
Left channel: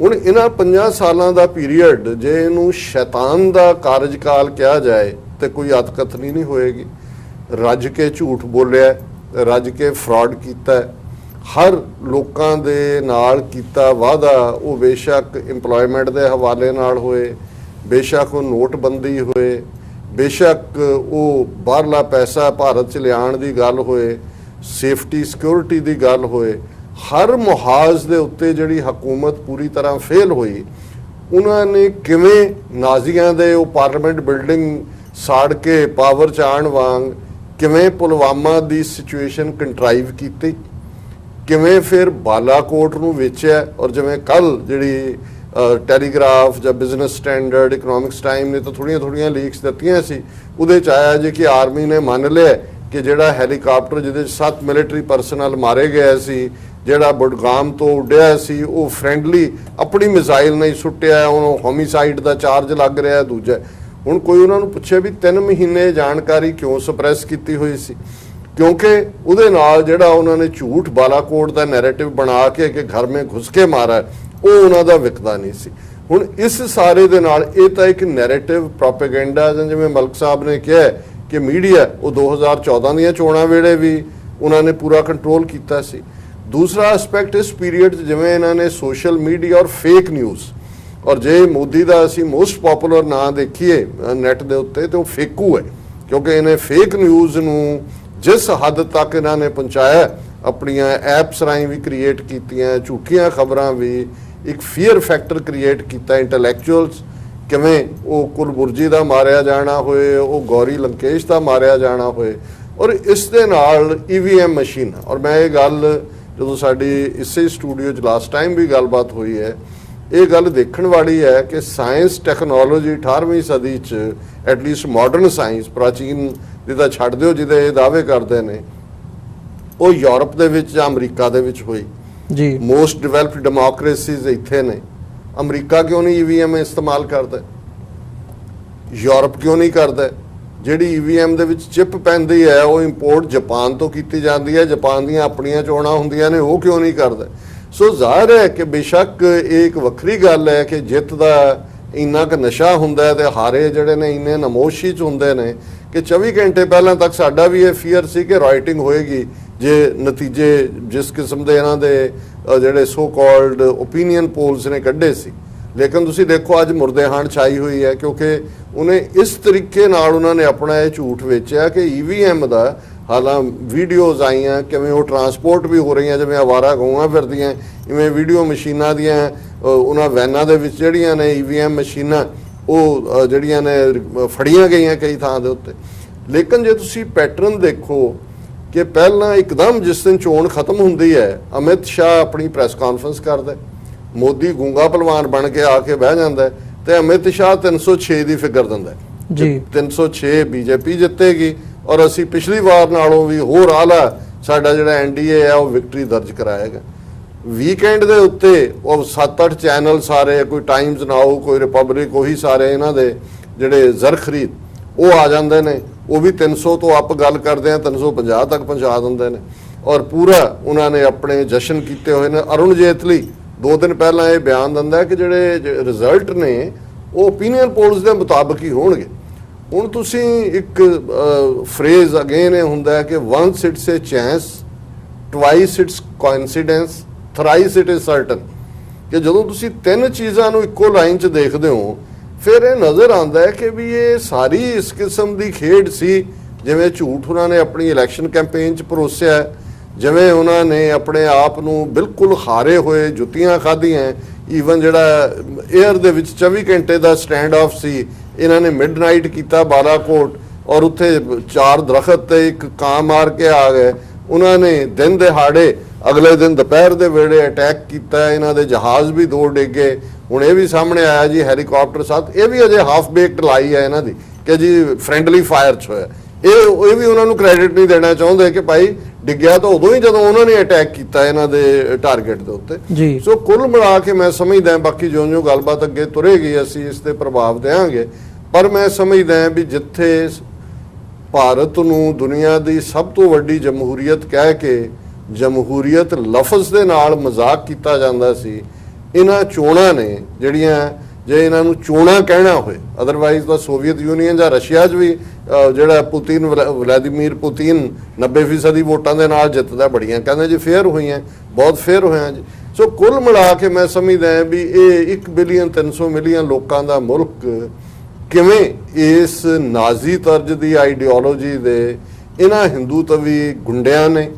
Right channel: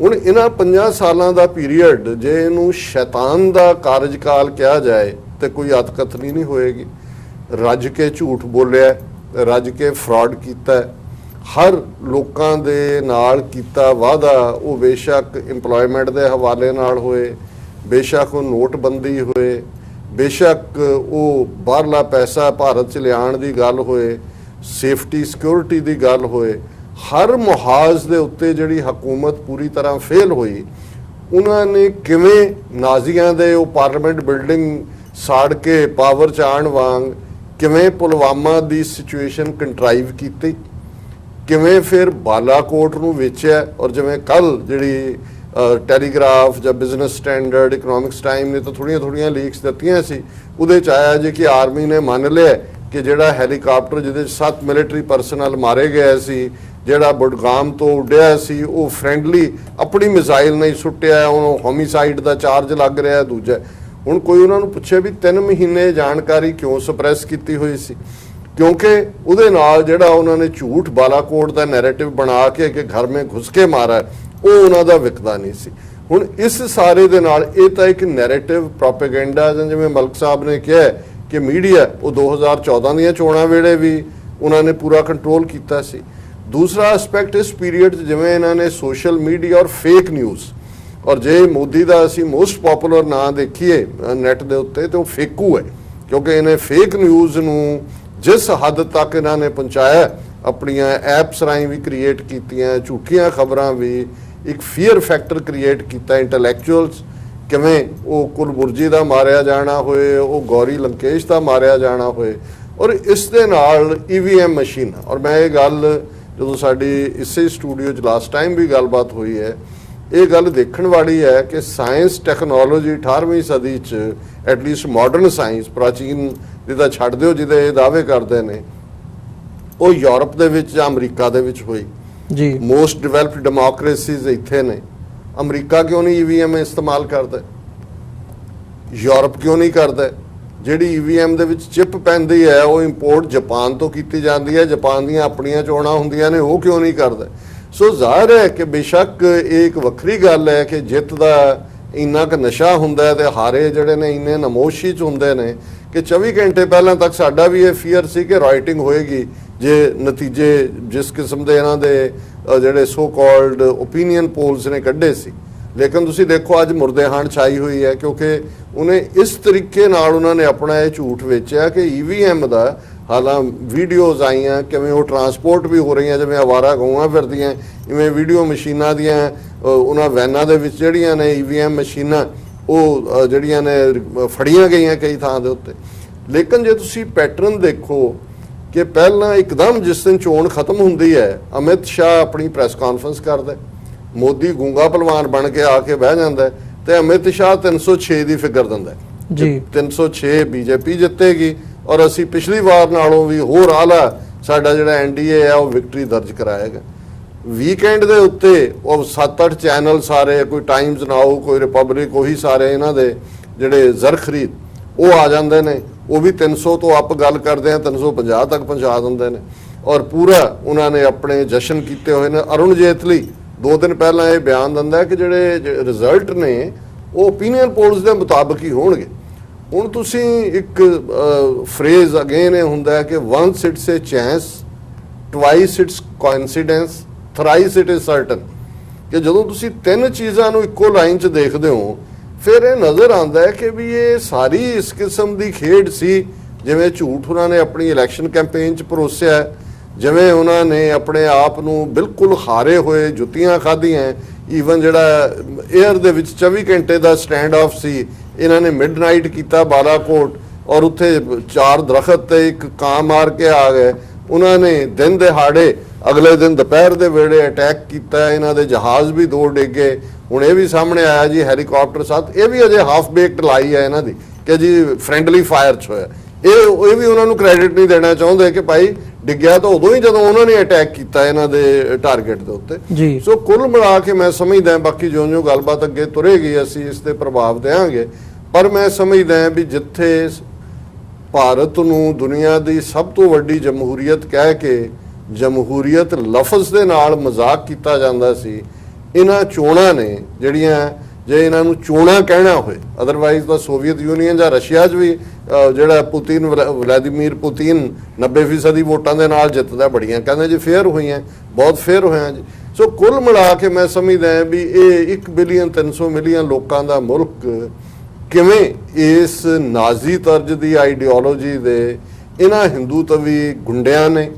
ਹੁਣ ਇਹਨਾਂ 5 ਸਾਲਾਂ ਦਾ ਪੀਰੀਅਡ ਜੇ ਇਹਨੂੰ ਸ਼ੈਤਾਨ ਦਾ ਕਾਰਜਕਾਲ ਕਿਹਾ ਜਾਏ ਤੇ ਕੋਈ ਅਤਕਥਨੀ ਨਹੀਂ ਹੋਏਗੀ। ਰੱਜ ਕੇ ਝੂਠ ਬੋਲਿਆ, ਰੱਜ ਕੇ ਫਰਾਡ ਕੀਤਾ, ਹਰ ਲੋਕਾਂ ਦੇ ਨਾਲ ਕੀਤਾ ਵਾਅਦਾ ਉਹ ਬੇਸ਼ੱਕ ਇੰਪਲੋਇਮੈਂਟ ਦੇ ਹਵਾਲੇ ਨਾਲ ਹੋਏ, ਬੇਸ਼ੱਕ ਉਹ ਨੋਟਬੰਦੀ ਹੋਏ, ਬੇਸ਼ੱਕ ਉਹ ਬਾਹਰਲਾ ਪੈਸਾ ਭਾਰਤ 'ਚ ਲਿਆਉਣ ਦੀ ਗੱਲ ਹੋਏ, ਸੇਫਟੀ ਸਿਕਿਉਰਿਟੀ ਦੀ ਗੱਲ ਹੋਏ, ਹਰ ਮੁਹਾਜ਼ ਦੇ ਉੱਤੇ ਜਿਹੜੀ ਹਕੂਮਤ ਪੂਰੀ ਤਰ੍ਹਾਂ ਫੇਲ ਹੋਈ। ਉਹਨਾਂ ਨੇ ਕਿਵੇਂ ਨਾਜ਼ੀਆਂ ਦੇ ਉਹ ਪਾਰਲੀਮੈਂਟ ਬਿਲਡਿੰਗ ਸਾੜ ਕੇ ਪਾਵਰ 'ਚ ਆਉਣ ਵਾਂਗ ਕਿਵੇਂ ਪੁਲਵਾਮਾ ਦੀ ਸਿਚੁਏਸ਼ਨ ਕੰਟਰਾਈਵ ਕੀਤੀ, ਕਿਵੇਂ ਫਿਰ ਬਾਲਾਕੋਟ ਨੂੰ ਵੇਚਿਆ। ਔਰ ਜਿਵੇਂ ਕੱਲ ਜਿਹੜੀ ਟੈਲੀਗ੍ਰਾਫ ਜਾਂ ਬਿਜ਼ਨਸ ਸਟੈਂਡਰਡ, ਇਕਨੋਮਿਕਸ ਟਾਈਮ ਨੇ ਤਾਂ ਥੋੜੀਆਂ ਲੀਕਸ ਦਿੱਤੀਆਂ ਸੀ, ਉਹਦੇ 'ਚ ਆਇਆ ਜੇ ਕਿ ਆਰਮੀ ਨੇ ਮੰਨ ਲਿਆ ਕਿ ਜਿਹੜਾ ਹੈਲੀਕਾਪਟਰ ਜਿਹਦੇ 'ਚ 7 ਮਿਲਟਰੀ ਪਰਸਨਲ ਮਾਰੇ ਗਏ ਸੀ, ਜਿਹੜਾ ਬੁਡਗਾਮ ਤੋਂ ਉੱਡਿਆ ਸੀ, ਉਹ ਫ੍ਰੈਂਡਲੀ ਆਪਣੀ ਮਿਜ਼ਾਈਲ ਨਹੀਂ ਸੁੱਟਿਆ, ਉਹਨੂੰ ਹੋਮਿਸਾਈਡ ਦਾ ਚਾਰਜ ਲੱਗ ਰਿਹਾ ਦੂਜਾ। ਹੁਣ ਕੋਈ ਉਹਨਾਂ ਨੂੰ ਪੁੱਛੇ ਵੀ 3 ਮਹੀਨੇ ਜਾਣਕਾਰੀ ਕਿਉਂ ਸਪਰੈਸ ਕੀਤੀ ਹੋਈ ਸੀ? ਕਿਉਂਕਿ ਉਹਦੇ ਨਾਲ ਜਿਹੜਾ ਉਹਨਾਂ ਨੇ ਝੂਠ ਬਾਲਾਕੋਟ ਦਾ ਨੈਰੇਟਿਵ ਬਣਾ ਕੇ ਕਿ ਘਰ ਮੇਂ ਘੁਸ ਕੇ ਮਾਰਾ, ਉਹ ਉਹਨਾਂ ਦਾ ਵਿਕਦਾ ਨਹੀਂ ਸੀ। ਹੁਣ ਇਸ ਸਾਰੇ ਦੇ ਨਾਲ ਇਹ ਤਾਂ ਇੱਕ ਨੈਰੇਟਿਵ ਪ੍ਰੋਪੇਗੈਂਡਾ, ਜਿਵੇਂ ਮਲਕ ਸਾਹਿਬ ਨੇ ਕਿਹਾ ਕਿ ਮੀਡੀਆ ਉਹ 2014 ਦੀਆਂ ਚੋਣਾਂ ਵੇਲੇ ਵੀ ਉਹਨਾਂ ਨੇ ਪੂਰਾ ਕੰਟਰੋਲ ਕੀਤਾ ਸੀ। ਦੂਸਰਾ ਐਸਪੈਕਟ ਇਸ ਪੀਰੀਅਡ 'ਚ ਜਿਵੇਂ ਇਹਨਾਂ ਨੇ ਸੋਸ਼ਲ ਮੀਡੀਆ ਔਰ ਫੇਕ ਨਿਊਜ਼, ਔਰ ਜੇ ਮੋਦੀ ਦਾ ਅਸੀਂ ਮੋਸਟ ਪਪੂਲਰ ਨਾਂ ਦੇਖੀਏ ਨੈਟ ਦੇ ਉੱਤੇ ਤੇ ਉਹ ਫੇਕੂ ਹੈ, ਕਿਉਂਕਿ ਇਹਨੇ ਫੇਕ ਨਿਊਜ਼ ਨੂੰ ਜਿਸ ਹੱਦ ਤੱਕ ਇਹਨਾਂ ਨੇ ਪਹੁੰਚਾਇਆ, ਆਪਣੀਆਂ ਐਪਸ ਰਾਹੀਂ ਵੀ ਕ੍ਰੀਏਟ ਕੀਤੀਆਂ, ਝੂਠੀਆਂ ਖਬਰਾਂ ਵੀ, ਇੱਕ ਫੀਅਰ ਫੈਕਟਰ ਕ੍ਰੀਏਟ ਕੀਤਾ ਇੰਟੈਲੈਕਚੁਅਲਸ, ਕਿਵੇਂ ਉਹ ਕੁਲਬੁਰਜੀ ਦਾ ਮਾਰਿਆ ਜਾਣਾ ਹੋਏ, ਉਹ ਗੌਰੀ ਲੰਕੇਸ਼ ਦਾ ਮਾਰਿਆ ਜਾਣਾ ਹੋਏ। ਔਰ ਇਸ ਦੇ ਨਾਲ EVM ਮਸ਼ੀਨ, ਔਰ ਮੈਂ ਇਹ ਗੱਲ ਜਦੋਂ ਸਾਡੀ ਇਸੇ ਸਟੂਡੀਓ 'ਚ ਲਾਸਟ ਟਾਈਮ ਵੀ ਗੱਲਬਾਤ ਹੋਈ ਹੈ, ਇਹ ਗੱਲ ਦੇਖਣ ਵਾਲੀ ਹੈ ਕਿ ਸਾਇੰਸ ਟੈਕਨੋਲੋਜੀ 18ਵੀਂ ਸਦੀ 'ਚ ਐਟਲੀਸਟ ਮਾਡਰਨ ਸਾਇੰਸ, ਪ੍ਰਾਚੀਨ ਜਿਹਦਾ ਛੱਡ ਦਿਓ ਜਿਹਦੇ ਇਹ ਦਾਅਵੇ ਕਰਦੇ ਨੇ, ਉਹ ਯੂਰਪ ਦੇ ਵਿੱਚ ਜਾਂ ਅਮਰੀਕਾ ਦੇ ਵਿੱਚ ਹੋਈ ਜੀ। ਮੋਸਟ ਡਿਵੈਲਪਡ ਡੈਮੋਕ੍ਰੇਸੀਜ਼ ਇੱਥੇ ਨੇ। ਅਮਰੀਕਾ ਕਿਉਂ ਨਹੀਂ EVM ਇਸਤੇਮਾਲ ਕਰਦਾ? ਯੂਰਪ ਕਿਉਂ ਨਹੀਂ ਕਰਦਾ? ਜਿਹੜੀ EVM ਦੇ ਵਿੱਚ ਚਿਪ ਪੈਂਦੀ ਹੈ ਉਹ ਇੰਪੋਰਟ ਜਾਪਾਨ ਤੋਂ ਕੀਤੀ ਜਾਂਦੀ ਹੈ, ਜਾਪਾਨ ਦੀਆਂ ਆਪਣੀਆਂ ਚੋਣਾਂ ਹੁੰਦੀਆਂ ਨੇ, ਉਹ ਕਿਉਂ ਨਹੀਂ ਕਰਦਾ? ਸੋ ਜ਼ਾਹਿਰ ਹੈ ਕਿ ਬੇਸ਼ੱਕ ਇਹ ਇੱਕ ਵੱਖਰੀ ਗੱਲ ਹੈ ਕਿ ਜਿੱਤ ਦਾ ਇੰਨਾ ਕੁ ਨਸ਼ਾ ਹੁੰਦਾ ਹੈ ਤੇ ਹਾਰੇ ਜਿਹੜੇ ਨੇ ਇੰਨੇ ਨਮੋਸ਼ੀ 'ਚ ਹੁੰਦੇ ਨੇ ਕਿ 24 ਘੰਟੇ ਪਹਿਲਾਂ ਤੱਕ ਸਾਡਾ ਵੀ ਇਹ ਫੀਅਰ ਸੀ ਕਿ ਰਾਈਟਿੰਗ ਹੋਏਗੀ ਜੇ ਨਤੀਜੇ ਜਿਸ ਕਿਸਮ ਦੇ ਇਹਨਾਂ ਦੇ ਜਿਹੜੇ ਸੋ ਕਾਲਡ ਓਪੀਨੀਅਨ ਪੋਲਸ ਨੇ ਕੱਢੇ ਸੀ। ਲੇਕਿਨ ਤੁਸੀਂ ਦੇਖੋ ਅੱਜ ਮੁਰਦੇਹਾਨ ਛਾਈ ਹੋਈ ਹੈ, ਕਿਉਂਕਿ ਉਹਨੇ ਇਸ ਤਰੀਕੇ ਨਾਲ ਉਹਨਾਂ ਨੇ ਆਪਣਾ ਇਹ ਝੂਠ ਵੇਚਿਆ ਕਿ EVM ਦਾ ਹਾਲਾਂ ਵੀਡੀਓਜ਼ ਆਈਆਂ ਕਿਵੇਂ ਉਹ ਟਰਾਂਸਪੋਰਟ ਵੀ ਹੋ ਰਹੀਆਂ, ਜਿਵੇਂ ਆਵਾਰਾ ਗਊਆਂ ਫਿਰਦੀਆਂ, ਇਵੇਂ ਵੀਡੀਓ ਮਸ਼ੀਨਾਂ ਦੀਆਂ ਉਹਨਾਂ ਵੈਨਾਂ ਦੇ ਵਿੱਚ ਜਿਹੜੀਆਂ ਨੇ EVM ਮਸ਼ੀਨਾਂ ਉਹ ਜਿਹੜੀਆਂ ਨੇ ਫੜੀਆਂ ਗਈਆਂ ਕਈ ਥਾਂ ਦੇ ਉੱਤੇ। ਲੇਕਿਨ ਜੇ ਤੁਸੀਂ ਪੈਟਰਨ ਦੇਖੋ ਕਿ ਪਹਿਲਾਂ ਇੱਕਦਮ ਜਿਸ ਦਿਨ ਚੋਣ ਖਤਮ ਹੁੰਦੀ ਹੈ, ਅਮਿਤ ਸ਼ਾਹ ਆਪਣੀ ਪ੍ਰੈਸ ਕਾਨਫਰੰਸ ਕਰਦਾ, ਮੋਦੀ ਗੂੰਗਾ ਪਹਿਲਵਾਨ ਬਣ ਕੇ ਆ ਕੇ ਬਹਿ ਜਾਂਦਾ ਤੇ ਅਮਿਤ ਸ਼ਾਹ 306 ਦੀ ਫਿਗਰ ਦਿੰਦਾ ਜੀ। 306 BJP ਜਿੱਤੇਗੀ ਔਰ ਅਸੀਂ ਪਿਛਲੀ ਵਾਰ ਨਾਲੋਂ ਵੀ ਹੋਰ ਆਲਾ ਸਾਡਾ ਜਿਹੜਾ NDA ਹੈ ਉਹ ਵਿਕਟਰੀ ਦਰਜ ਕਰਾਏਗਾ। ਵੀਕਐਂਡ ਦੇ ਉੱਤੇ ਉਹ 7-8 ਚੈਨਲ ਸਾਰੇ, ਕੋਈ ਟਾਈਮਜ਼ ਨਾਓ, ਕੋਈ ਰਿਪਬਲਿਕ, ਉਹੀ ਸਾਰੇ ਇਹਨਾਂ ਦੇ ਜਿਹੜੇ ਜ਼ਰ ਖਰੀਦ ਉਹ ਆ ਜਾਂਦੇ ਨੇ, ਉਹ ਵੀ 300 ਤੋਂ ਅੱਪ ਗੱਲ ਕਰਦੇ ਆ, 350 ਤੱਕ ਪਹੁੰਚਾ ਦਿੰਦੇ ਨੇ। ਔਰ ਪੂਰਾ ਉਹਨਾਂ ਨੇ ਆਪਣੇ ਜਸ਼ਨ ਕੀਤੇ ਹੋਏ ਨੇ। ਅਰੁਣ ਜੇਤਲੀ 2 ਦਿਨ ਪਹਿਲਾਂ ਇਹ ਬਿਆਨ ਦਿੰਦਾ ਕਿ ਜਿਹੜੇ ਰਿਜ਼ਲਟ ਨੇ ਉਹ ਓਪੀਨੀਅਨ ਪੋਲਸ ਦੇ ਮੁਤਾਬਕ ਹੀ ਹੋਣਗੇ। ਹੁਣ ਤੁਸੀਂ ਇੱਕ ਫਰੇਜ਼ ਅਗੇਨ ਇਹ ਹੁੰਦਾ ਹੈ ਕਿ once it's a chance, twice it's coincidence, thrice it is certain, ਕਿ ਜਦੋਂ ਤੁਸੀਂ 3 ਚੀਜ਼ਾਂ ਨੂੰ ਇੱਕੋ ਲਾਈਨ 'ਚ ਦੇਖਦੇ ਹੋ ਫਿਰ ਇਹ ਨਜ਼ਰ ਆਉਂਦਾ ਹੈ ਕਿ ਵੀ ਇਹ ਸਾਰੀ ਇਸ ਕਿਸਮ ਦੀ ਖੇਡ ਸੀ। ਜਿਵੇਂ ਝੂਠ ਉਹਨਾਂ ਨੇ ਆਪਣੀ ਇਲੈਕਸ਼ਨ ਕੈਂਪੇਨ 'ਚ ਪਰੋਸਿਆ, ਜਿਵੇਂ ਉਹਨਾਂ ਨੇ ਆਪਣੇ ਆਪ ਨੂੰ ਬਿਲਕੁਲ ਹਾਰੇ ਹੋਏ ਜੁੱਤੀਆਂ ਖਾਧੀਆਂ। ਈਵਨ ਜਿਹੜਾ 에ਅਰ ਦੇ ਵਿੱਚ 24 ਘੰਟੇ ਦਾ ਸਟੈਂਡ ਆਫ ਸੀ, ਇਹਨਾਂ ਨੇ ਮਿਡਨਾਈਟ ਕੀਤਾ ਬਾਲਾਕੋਟ, ਔਰ ਉੱਥੇ 4 ਦਰਖਤ ਤੇ ਇੱਕ ਕਾਂ ਮਾਰ ਕੇ ਆ ਗਏ। ਉਹਨਾਂ ਨੇ ਦਿਨ ਦਿਹਾੜੇ ਅਗਲੇ ਦਿਨ ਦੁਪਹਿਰ ਦੇ ਵੇਲੇ ਅਟੈਕ ਕੀਤਾ, ਇਹਨਾਂ ਦੇ ਜਹਾਜ਼ ਵੀ 2 ਡਿੱਗੇ। ਹੁਣ ਇਹ ਵੀ ਸਾਹਮਣੇ ਆਇਆ ਜੀ ਹੈਲੀਕਾਪਟਰ 7, ਇਹ ਵੀ ਅਜੇ ਹਾਫ ਬੇਕਡ ਲਾਈ ਹੈ ਇਹਨਾਂ ਦੀ ਕਿ ਜੀ ਫ੍ਰੈਂਡਲੀ ਫਾਇਰ 'ਚ ਹੋਇਆ। ਇਹ ਵੀ ਉਹਨਾਂ ਨੂੰ ਕ੍ਰੈਡਿਟ ਨਹੀਂ ਦੇਣਾ ਚਾਹੁੰਦੇ ਕਿ ਭਾਈ ਡਿੱਗਿਆ ਤਾਂ ਉਦੋਂ ਹੀ ਜਦੋਂ ਉਹਨਾਂ ਨੇ ਅਟੈਕ ਕੀਤਾ ਇਹਨਾਂ ਦੇ ਟਾਰਗੇਟ ਦੇ ਉੱਤੇ। ਸੋ ਕੁੱਲ ਮਿਲਾ ਕੇ ਮੈਂ ਸਮਝਦਾ, ਬਾਕੀ ਜਿਉਂ-ਜਿਉਂ ਗੱਲਬਾਤ ਅੱਗੇ ਤੁਰੇਗੀ ਅਸੀਂ ਇਸ ਤੇ ਪ੍ਰਭਾਵ ਦੇਵਾਂਗੇ, ਪਰ ਮੈਂ ਸਮਝਦਾ ਵੀ ਜਿੱਥੇ ਭਾਰਤ ਨੂੰ ਦੁਨੀਆ ਦੀ ਸਭ ਤੋਂ ਵੱਡੀ ਜਮਹੂਰੀਅਤ ਕਹਿ ਕੇ ਜਮਹੂਰੀਅਤ ਲਫ਼ਜ਼ ਦੇ ਨਾਲ ਮਜ਼ਾਕ ਕੀਤਾ ਜਾਂਦਾ ਸੀ, ਇਹਨਾਂ ਚੋਣਾਂ ਨੇ ਜਿਹੜੀਆਂ, ਜੇ ਇਹਨਾਂ ਨੂੰ ਚੋਣਾਂ ਕਹਿਣਾ ਹੋਏ, ਅਦਰਵਾਈਜ਼ ਤਾਂ ਸੋਵੀਅਤ ਯੂਨੀਅਨ ਜਾਂ ਰਸ਼ੀਆ 'ਚ ਵੀ ਜਿਹੜਾ ਪੁਤਿਨ, ਵਲਾਦੀਮੀਰ ਪੁਤਿਨ 90% ਵੋਟਾਂ ਦੇ ਨਾਲ ਜਿੱਤਦਾ, ਬੜੀਆਂ ਕਹਿੰਦੇ ਜੀ ਫੇਅਰ ਹੋਈਆਂ, ਬਹੁਤ ਫੇਅਰ ਹੋਇਆ ਜੀ। ਸੋ ਕੁੱਲ ਮਿਲਾ ਕੇ ਮੈਂ ਸਮਝਦਾ ਵੀ ਇਹ 1 ਬਿਲੀਅਨ 300 ਮਿਲੀਅਨ ਲੋਕਾਂ ਦਾ ਮੁਲਕ ਕਿਵੇਂ ਇਸ ਨਾਜ਼ੀ ਤਰਜ਼ ਦੀ ਆਈਡੀਓਲੋਜੀ ਦੇ ਇਹਨਾਂ ਹਿੰਦੂ ਤਵੀ ਗੁੰਡਿਆਂ ਨੇ,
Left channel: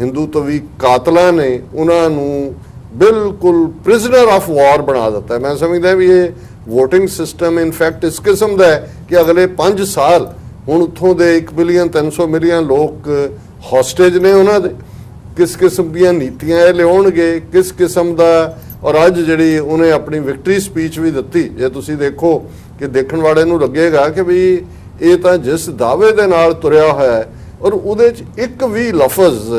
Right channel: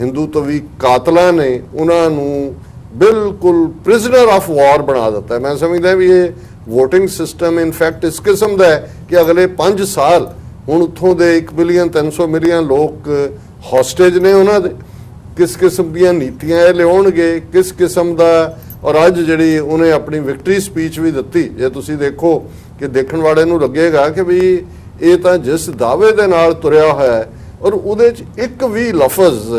ਹਿੰਦੂ ਤਵੀ ਕਾਤਲਾਂ ਨੇ ਉਹਨਾਂ ਨੂੰ ਬਿਲਕੁਲ ਪ੍ਰਿਜ਼ਨਰ ਆਫ ਵਾਰ ਬਣਾ ਦਿੱਤਾ। ਮੈਂ ਸਮਝਦਾ ਵੀ ਇਹ ਵੋਟਿੰਗ ਸਿਸਟਮ ਇਨਫੈਕਟ ਇਸ ਕਿਸਮ ਦਾ ਹੈ ਕਿ ਅਗਲੇ 5 ਸਾਲ ਹੁਣ ਉੱਥੋਂ ਦੇ 1 ਬਿਲੀਅਨ 300 ਮਿਲੀਅਨ ਲੋਕ ਹੌਸਟੇਜ ਨੇ ਉਹਨਾਂ ਦੇ। ਕਿਸ ਕਿਸਮ ਦੀਆਂ ਨੀਤੀਆਂ ਇਹ ਲਿਆਉਣਗੇ, ਕਿਸ ਕਿਸਮ ਦਾ। ਔਰ ਅੱਜ ਜਿਹੜੀ ਉਹਨੇ ਆਪਣੀ ਵਿਕਟਰੀ ਸਪੀਚ ਵੀ ਦਿੱਤੀ, ਜੇ ਤੁਸੀਂ ਦੇਖੋ ਕਿ ਦੇਖਣ ਵਾਲੇ ਨੂੰ ਲੱਗੇਗਾ ਕਿ ਵੀ ਇਹ ਤਾਂ ਜਿਸ ਦਾਅਵੇ ਦੇ ਨਾਲ ਤੁਰਿਆ ਹੋਇਆ ਹੈ ਔਰ ਉਹਦੇ 'ਚ ਇੱਕ ਵੀ ਲਫ਼ਜ਼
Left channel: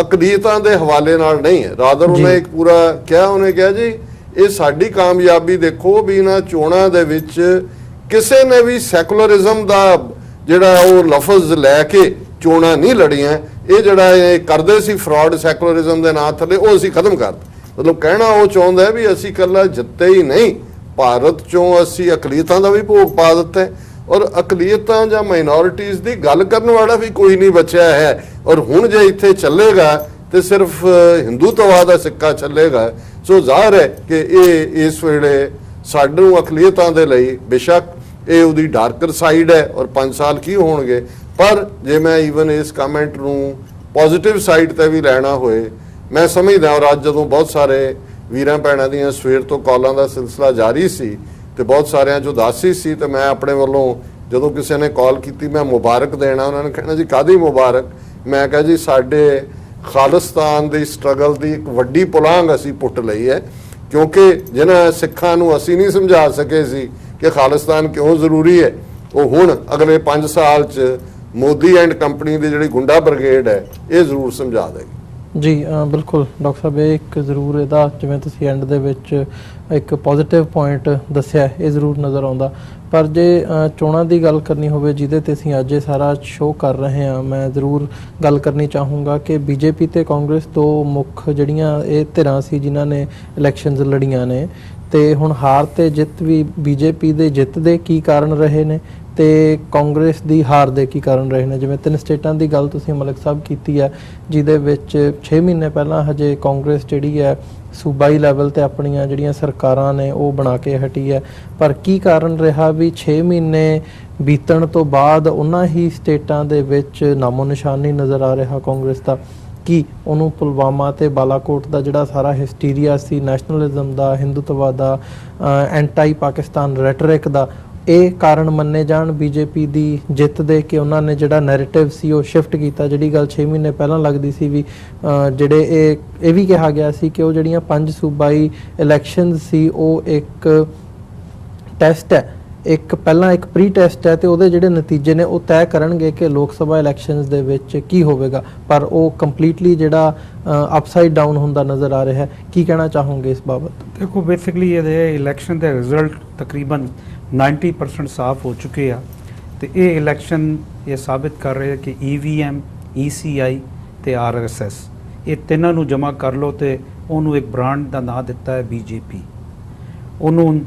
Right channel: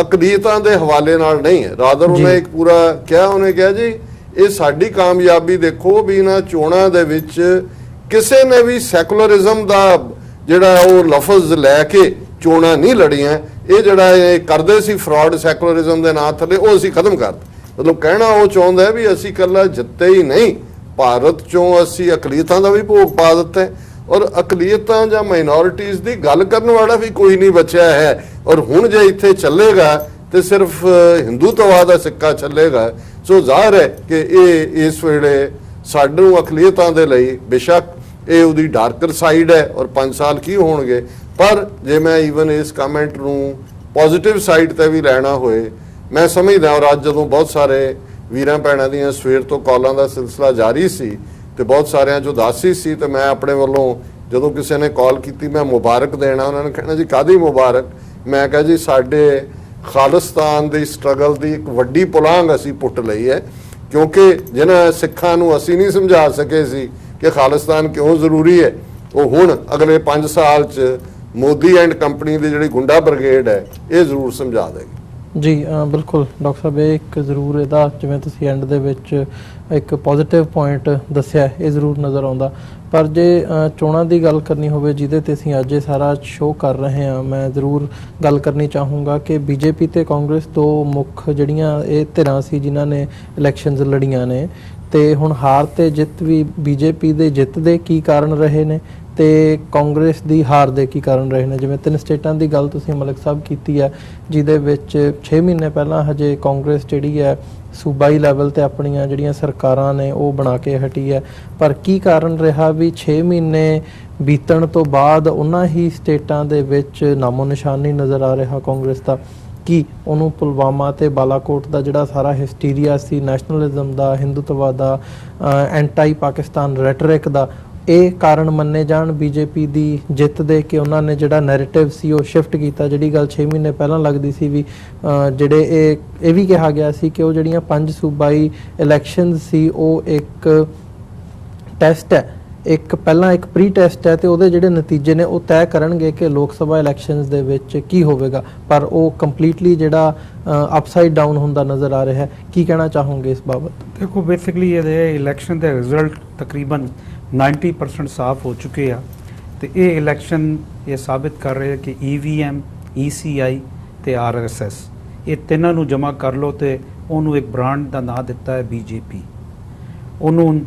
ਅਕਲੀਤਾਂ ਦੇ ਹਵਾਲੇ ਨਾਲ ਨਹੀਂ ਹੈ। ਰਾਦਰ ਉਹਨੇ ਇੱਕ ਪੂਰਾ ਕਿਹਾ, ਉਹਨੇ ਕਿਹਾ ਜੀ ਇਹ ਸਾਡੀ ਕਾਮਯਾਬੀ ਦੇਖੋ ਵੀ ਇਹਨਾਂ ਚੋਣਾਂ ਦੇ ਵਿੱਚ ਕਿਸੇ ਨੇ ਵੀ ਸੈਕੂਲਰਿਜ਼ਮ ਦਾ ਜਿਹੜਾ ਉਹ ਲਫ਼ਜ਼ ਲੈ ਕੇ ਚੋਣਾਂ ਨਹੀਂ ਲੜੀਆਂ। ਇਹ ਜਿਹੜਾ ਇਹ ਕਰਦੇ ਸੀ ਫਰਾਡ ਸੈਕੂਲਰਿਜ਼ਮ ਦੇ ਨਾਂ ਥੱਲੇ, ਉਹ ਅਸੀਂ ਖਤਮ ਕਰਤਾ। ਮਤਲਬ ਕਹਿਣਾ ਉਹ ਚਾਹੁੰਦਾ ਵੀ ਅਸੀਂ ਇਕੱਲਾ ਜਿੱਤੇ ਹੀ ਨਹੀਂ, ਭਾਰਤ ਚੋਂ ਅਸੀਂ ਅਕਲੀਤਾਂ ਦਾ ਵੀ ਭੋਗ ਪਾ ਦਿੱਤਾ ਔਰ ਅਕਲੀਤਾਂ ਜਾਂ ਮਾਈਨੋਰਿਟੀਜ਼ ਦੀ ਗੱਲ ਕਰਨ ਵਾਲਾ ਵੀ ਕੋਈ ਨਹੀਂ ਬਚਿਆ ਹੈ। ਔਰ ਹੁਣ ਜੇ ਇੱਥੇ ਚੱਲੇਗਾ ਤੇ ਸਿਰਫ ਹਿੰਦੂਤਵਾ ਦਾ ਸਿੱਕਾ ਚੱਲੇਗਾ। ਸੋ ਜ਼ਾਹਰ ਹੈ ਕਿ ਇਹ ਇਸ ਵੇਲੇ ਸਾਨੂੰ ਅਕਲੀਤਾਂ ਦੇ ਲਈ ਬੇਸ਼ੱਕ ਇਹ ਉਹਦੀ ਡਾਰਕਰ ਸਾਈਡ ਹੈ ਔਰ 5 ਸਾਲ ਕੀ ਹੋਣਗੇ, ਪਰ ਜੇ ਮੈਂ ਈਵਨ ਇਸ ਕਮੈਂਟ ਨੂੰ ਪੋਜ਼ਿਟਿਵ ਸਾਈਡ ਤੇ ਵੀ ਲੈਣਾ ਹੋਏ, ਮੈਂ ਸਮਝਦਾ। ਔਰ ਅੱਜ ਜਦੋਂ ਬਹੁਤ ਸਾਰੇ ਵੀਰਾਂ ਭੈਣਾਂ ਦੀਆਂ ਸਵੇਰ ਤੋਂ ਕਾਲਾਂ ਦਾ ਸਿਲਸਿਲਾ ਜਾਰੀ ਸੀ ਤੇ ਬਹੁਤ ਸਾਰਿਆਂ 'ਚ ਉਦਾਸੀ ਸੀ, ਤੇ ਮੈਂ ਆਪਣੇ ਵੱਲੋਂ ਜਦੋਂ ਕਿਸੇ ਨੇ ਕਾਲ ਕੀਤੀ ਮੈਂ ਮੁਬਾਰਕ ਦੇਣਾ, ਉਹਨਾਂ ਨੇ ਕਹਿਣਾ ਜੀ ਕਾਹਦੀ ਮੁਬਾਰਕ। ਮੈਂ ਕਿਹਾ ਜੀ ਸਾਡੇ ਖਾਲਿਸਤਾਨ ਦੀ ਸਟਰਗਲ ਦੀ ਇੱਕ ਵੱਡੀ ਪੁਲਾਂਘ ਅਸੀਂ ਪੁੱਟ ਲਈ ਹੈ, ਕਿਉਂਕਿ ਜਿਹਨਾਂ ਸਿੱਖਾਂ ਨੂੰ ਅਸੀਂ ਨਹੀਂ ਸਮਝਾ ਸਕੇ ਸੀ ਕਿ ਖਾਲਿਸਤਾਨ ਕਿਉਂ ਜ਼ਰੂਰੀ ਹੈ, ਉਹ ਹੁਣ ਅਗਲੇ 5 ਸਾਲ 'ਚ ਮੋਦੀ ਐਂਡ ਕੰਪਨੀ ਦੀ ਜਿਹੜੀ ਗੁੰਡਾ ਬ੍ਰਿਗੇਡ ਹੈ ਇਹ ਜ਼ਰੂਰ ਸਮਝਾ ਦੇਗੀ। ਜੀ ਬਿਲਕੁਲ ਡਾਕਟਰ ਸਾਹਿਬ, ਇਹ ਇੱਕ ਜ਼ਰੂਰ ਇਹਦਾ ਜਿਵੇਂ ਤੁਸੀਂ ਐਂਡ ਦੇ ਵਿੱਚ ਇੱਕ ਪੋਜ਼ਿਟਿਵ ਪੁਆਇੰਟ ਦੱਸਿਆ, ਇਹ ਜ਼ਰੂਰ ਨਜ਼ਰ ਆਉਂਦਾ। ਪਰ ਜੇ ਚੋਣਾਂ ਦੀ ਗੱਲ ਕਰਨੀ ਹੋਵੇ ਜਿਹਦੇ ਤੇ ਅਸੀਂ ਅੱਜ ਇਹ ਸਾਰਾ ਸ਼ੋਅ ਕਰ ਰਹੇ ਹਾਂ, ਮੈਂ ਜ਼ਰੂਰ ਗੱਲ ਕਰਨੀ ਚਾਹੂੰਗਾ ਕਿ ਬੀਜੇਪੀ ਤੇ ਕਾਂਗਰਸ ਦੋ ਮੁੱਖ ਜਿਹੜੀਆਂ ਇਹ ਧਿਰਾਂ ਸੀ ਜਿਨ੍ਹਾਂ ਨੇ ਇਲੈਕਸ਼ਨਸ ਲੜੀਆਂ ਨੇ, ਤੇ ਹੁਣ ਹਾਰ ਤੇ ਜਿੱਤ ਵੀ ਬੀਜੇਪੀ ਦੇ ਜਿੱਤ ਦੇ ਕੀ ਕਾਰਨ ਰਹੇ ਨੇ ਤੇ ਕਾਂਗਰਸ ਦੀ ਹਾਰ ਦੇ ਕੀ ਕਾਰਨ ਰਹੇ ਨੇ। ਜਿਵੇਂ 3 ਸਟੇਟਾਂ ਦੀ ਗੱਲ ਤੁਸੀਂ ਮਲਿਕ ਸਾਹਿਬ ਕੀਤੀ ਹੈ, ਜਿਹਦੇ ਵਿੱਚ 6 ਮਹੀਨੇ ਪਹਿਲਾਂ ਹਜੇ ਕਾਂਗਰਸ ਜਿਹੜੀ ਹੈ ਸੂਬਾਈ ਲੈਵਲ ਤੇ ਆਪਣੀਆਂ ਜਿਹੜੀਆਂ ਸਰਕਾਰਾਂ ਨੇ ਉਹ ਬਣਾ ਕੇ ਹਟੀ ਹੈ, ਪਰ ਕੀ ਕਾਰਨ ਰਿਹਾ ਵੀ 6 ਮਹੀਨੇ ਬੀਤਣ ਤੋਂ ਬਾਅਦ ਉਹਨਾਂ ਹੀ ਸਟੇਟਾਂ ਦੇ ਵਿੱਚ ਨਾਮੋ ਨਿਸ਼ਾਨ ਨਹੀਂ ਨਜ਼ਰ ਆ ਰਿਹਾ ਕਾਂਗਰਸ ਦਾ। ਕੀ ਉਹਨੂੰ ਪੁਲਵਾਮਾ ਤੇ ਬਾਲਾਕੋਟ ਦਾ ਜਿਹੜਾ ਸਾਰਾ ਹਿਸਟੀਰੀਆ ਸੀ ਨੈਸ਼ਨਲਿਜ਼ਮ ਦਾ, ਹਿੰਦੂਤਵਾ ਦਾ, ਐਂਟਾਈ ਪਾਕਿਸਤਾਨ ਰੈਟਰਿਕ ਦਾ, ਇਹ ਕਾਰਨ ਮੰਨੇ ਜਾਣ ਬੀਜੇਪੀ ਦੀ ਜਿੱਤ ਦੇ ਕਿ ਉਹਨਾਂ ਨੇ ਜਿਹੜਾ ਨੈਰੇਟਿਵ ਸੀ ਉਹ ਸ਼ਿਫਟ ਕੀਤਾ। ਜਿਹੜੀ ਗੱਲ 6 ਮਹੀਨੇ ਪਹਿਲਾਂ ਲੱਗਦੀ ਸੀ ਵੀ ਜਿਹੜੇ ਇਹ ਵੀ ਕਿਹਾ ਗਿਆ ਸੀ ਕਿ ਉਹ ਜਿਹੜੀਆਂ 5 ਸੂਬਾਈ ਇਲੈਕਸ਼ਨ ਸੀ ਉਹ ਇੱਕ ਟੈਸਟ ਹੈ, ਇੱਕ ਪਹਿਲਾਂ ਇੱਕ ਪ੍ਰੀ ਟੈਸਟ ਹੈ ਤੇ ਉਹਦੇ ਜਿਹੜੇ ਨਤੀਜੇ ਨੇ ਉਹ ਤੈਅ ਕਰਨਗੇ ਕਿ ਲੋਕ ਸਭਾ ਇਲੈਕਸ਼ਨਸ ਦੇ ਵਿੱਚ ਕੀ ਹੋਵੇਗਾ, ਪਰ ਉਹ ਕੰਪਲੀਟਲੀ ਜਿਹੜਾ ਅਪਸਾਈਡ ਡਾਊਨ ਹੁੰਦਾ ਨਜ਼ਰ ਆ ਰਿਹਾ ਹੈ। ਕੀ ਕਹਿਣਾ ਚਾਹੋਗੇ ਇਸ ਬਾਬਤ? ਦੇਖੋ ਬੇਸਿਕਲੀ ਇਹਦੇ ਇਲੈਕਸ਼ਨ ਦੇ ਰਿਜ਼ਲਟ ਤਕਰੀਬਨ 90% ਸਾਫ਼ ਹੋ ਚੁੱਕੇ ਆ ਤੇ ਇਹ ਇਲੈਕਸ਼ਨ ਇਹ ਸਾਬਿਤ ਕਰ ਰਹੇ ਕਿ EVM, ECI ਤੇ RSS ਇਹ ਤਿੰਨਾਂ ਨੂੰ ਜਮ੍ਹਾਂ ਕਰ ਲਓ ਤੇ ਉਹਨੂੰ ਇੱਕ ਬ੍ਰਾਂਡ ਦਾ ਨਾਂ ਦਿੱਤਾ ਹੈ BJP। ਉਹਨੂੰ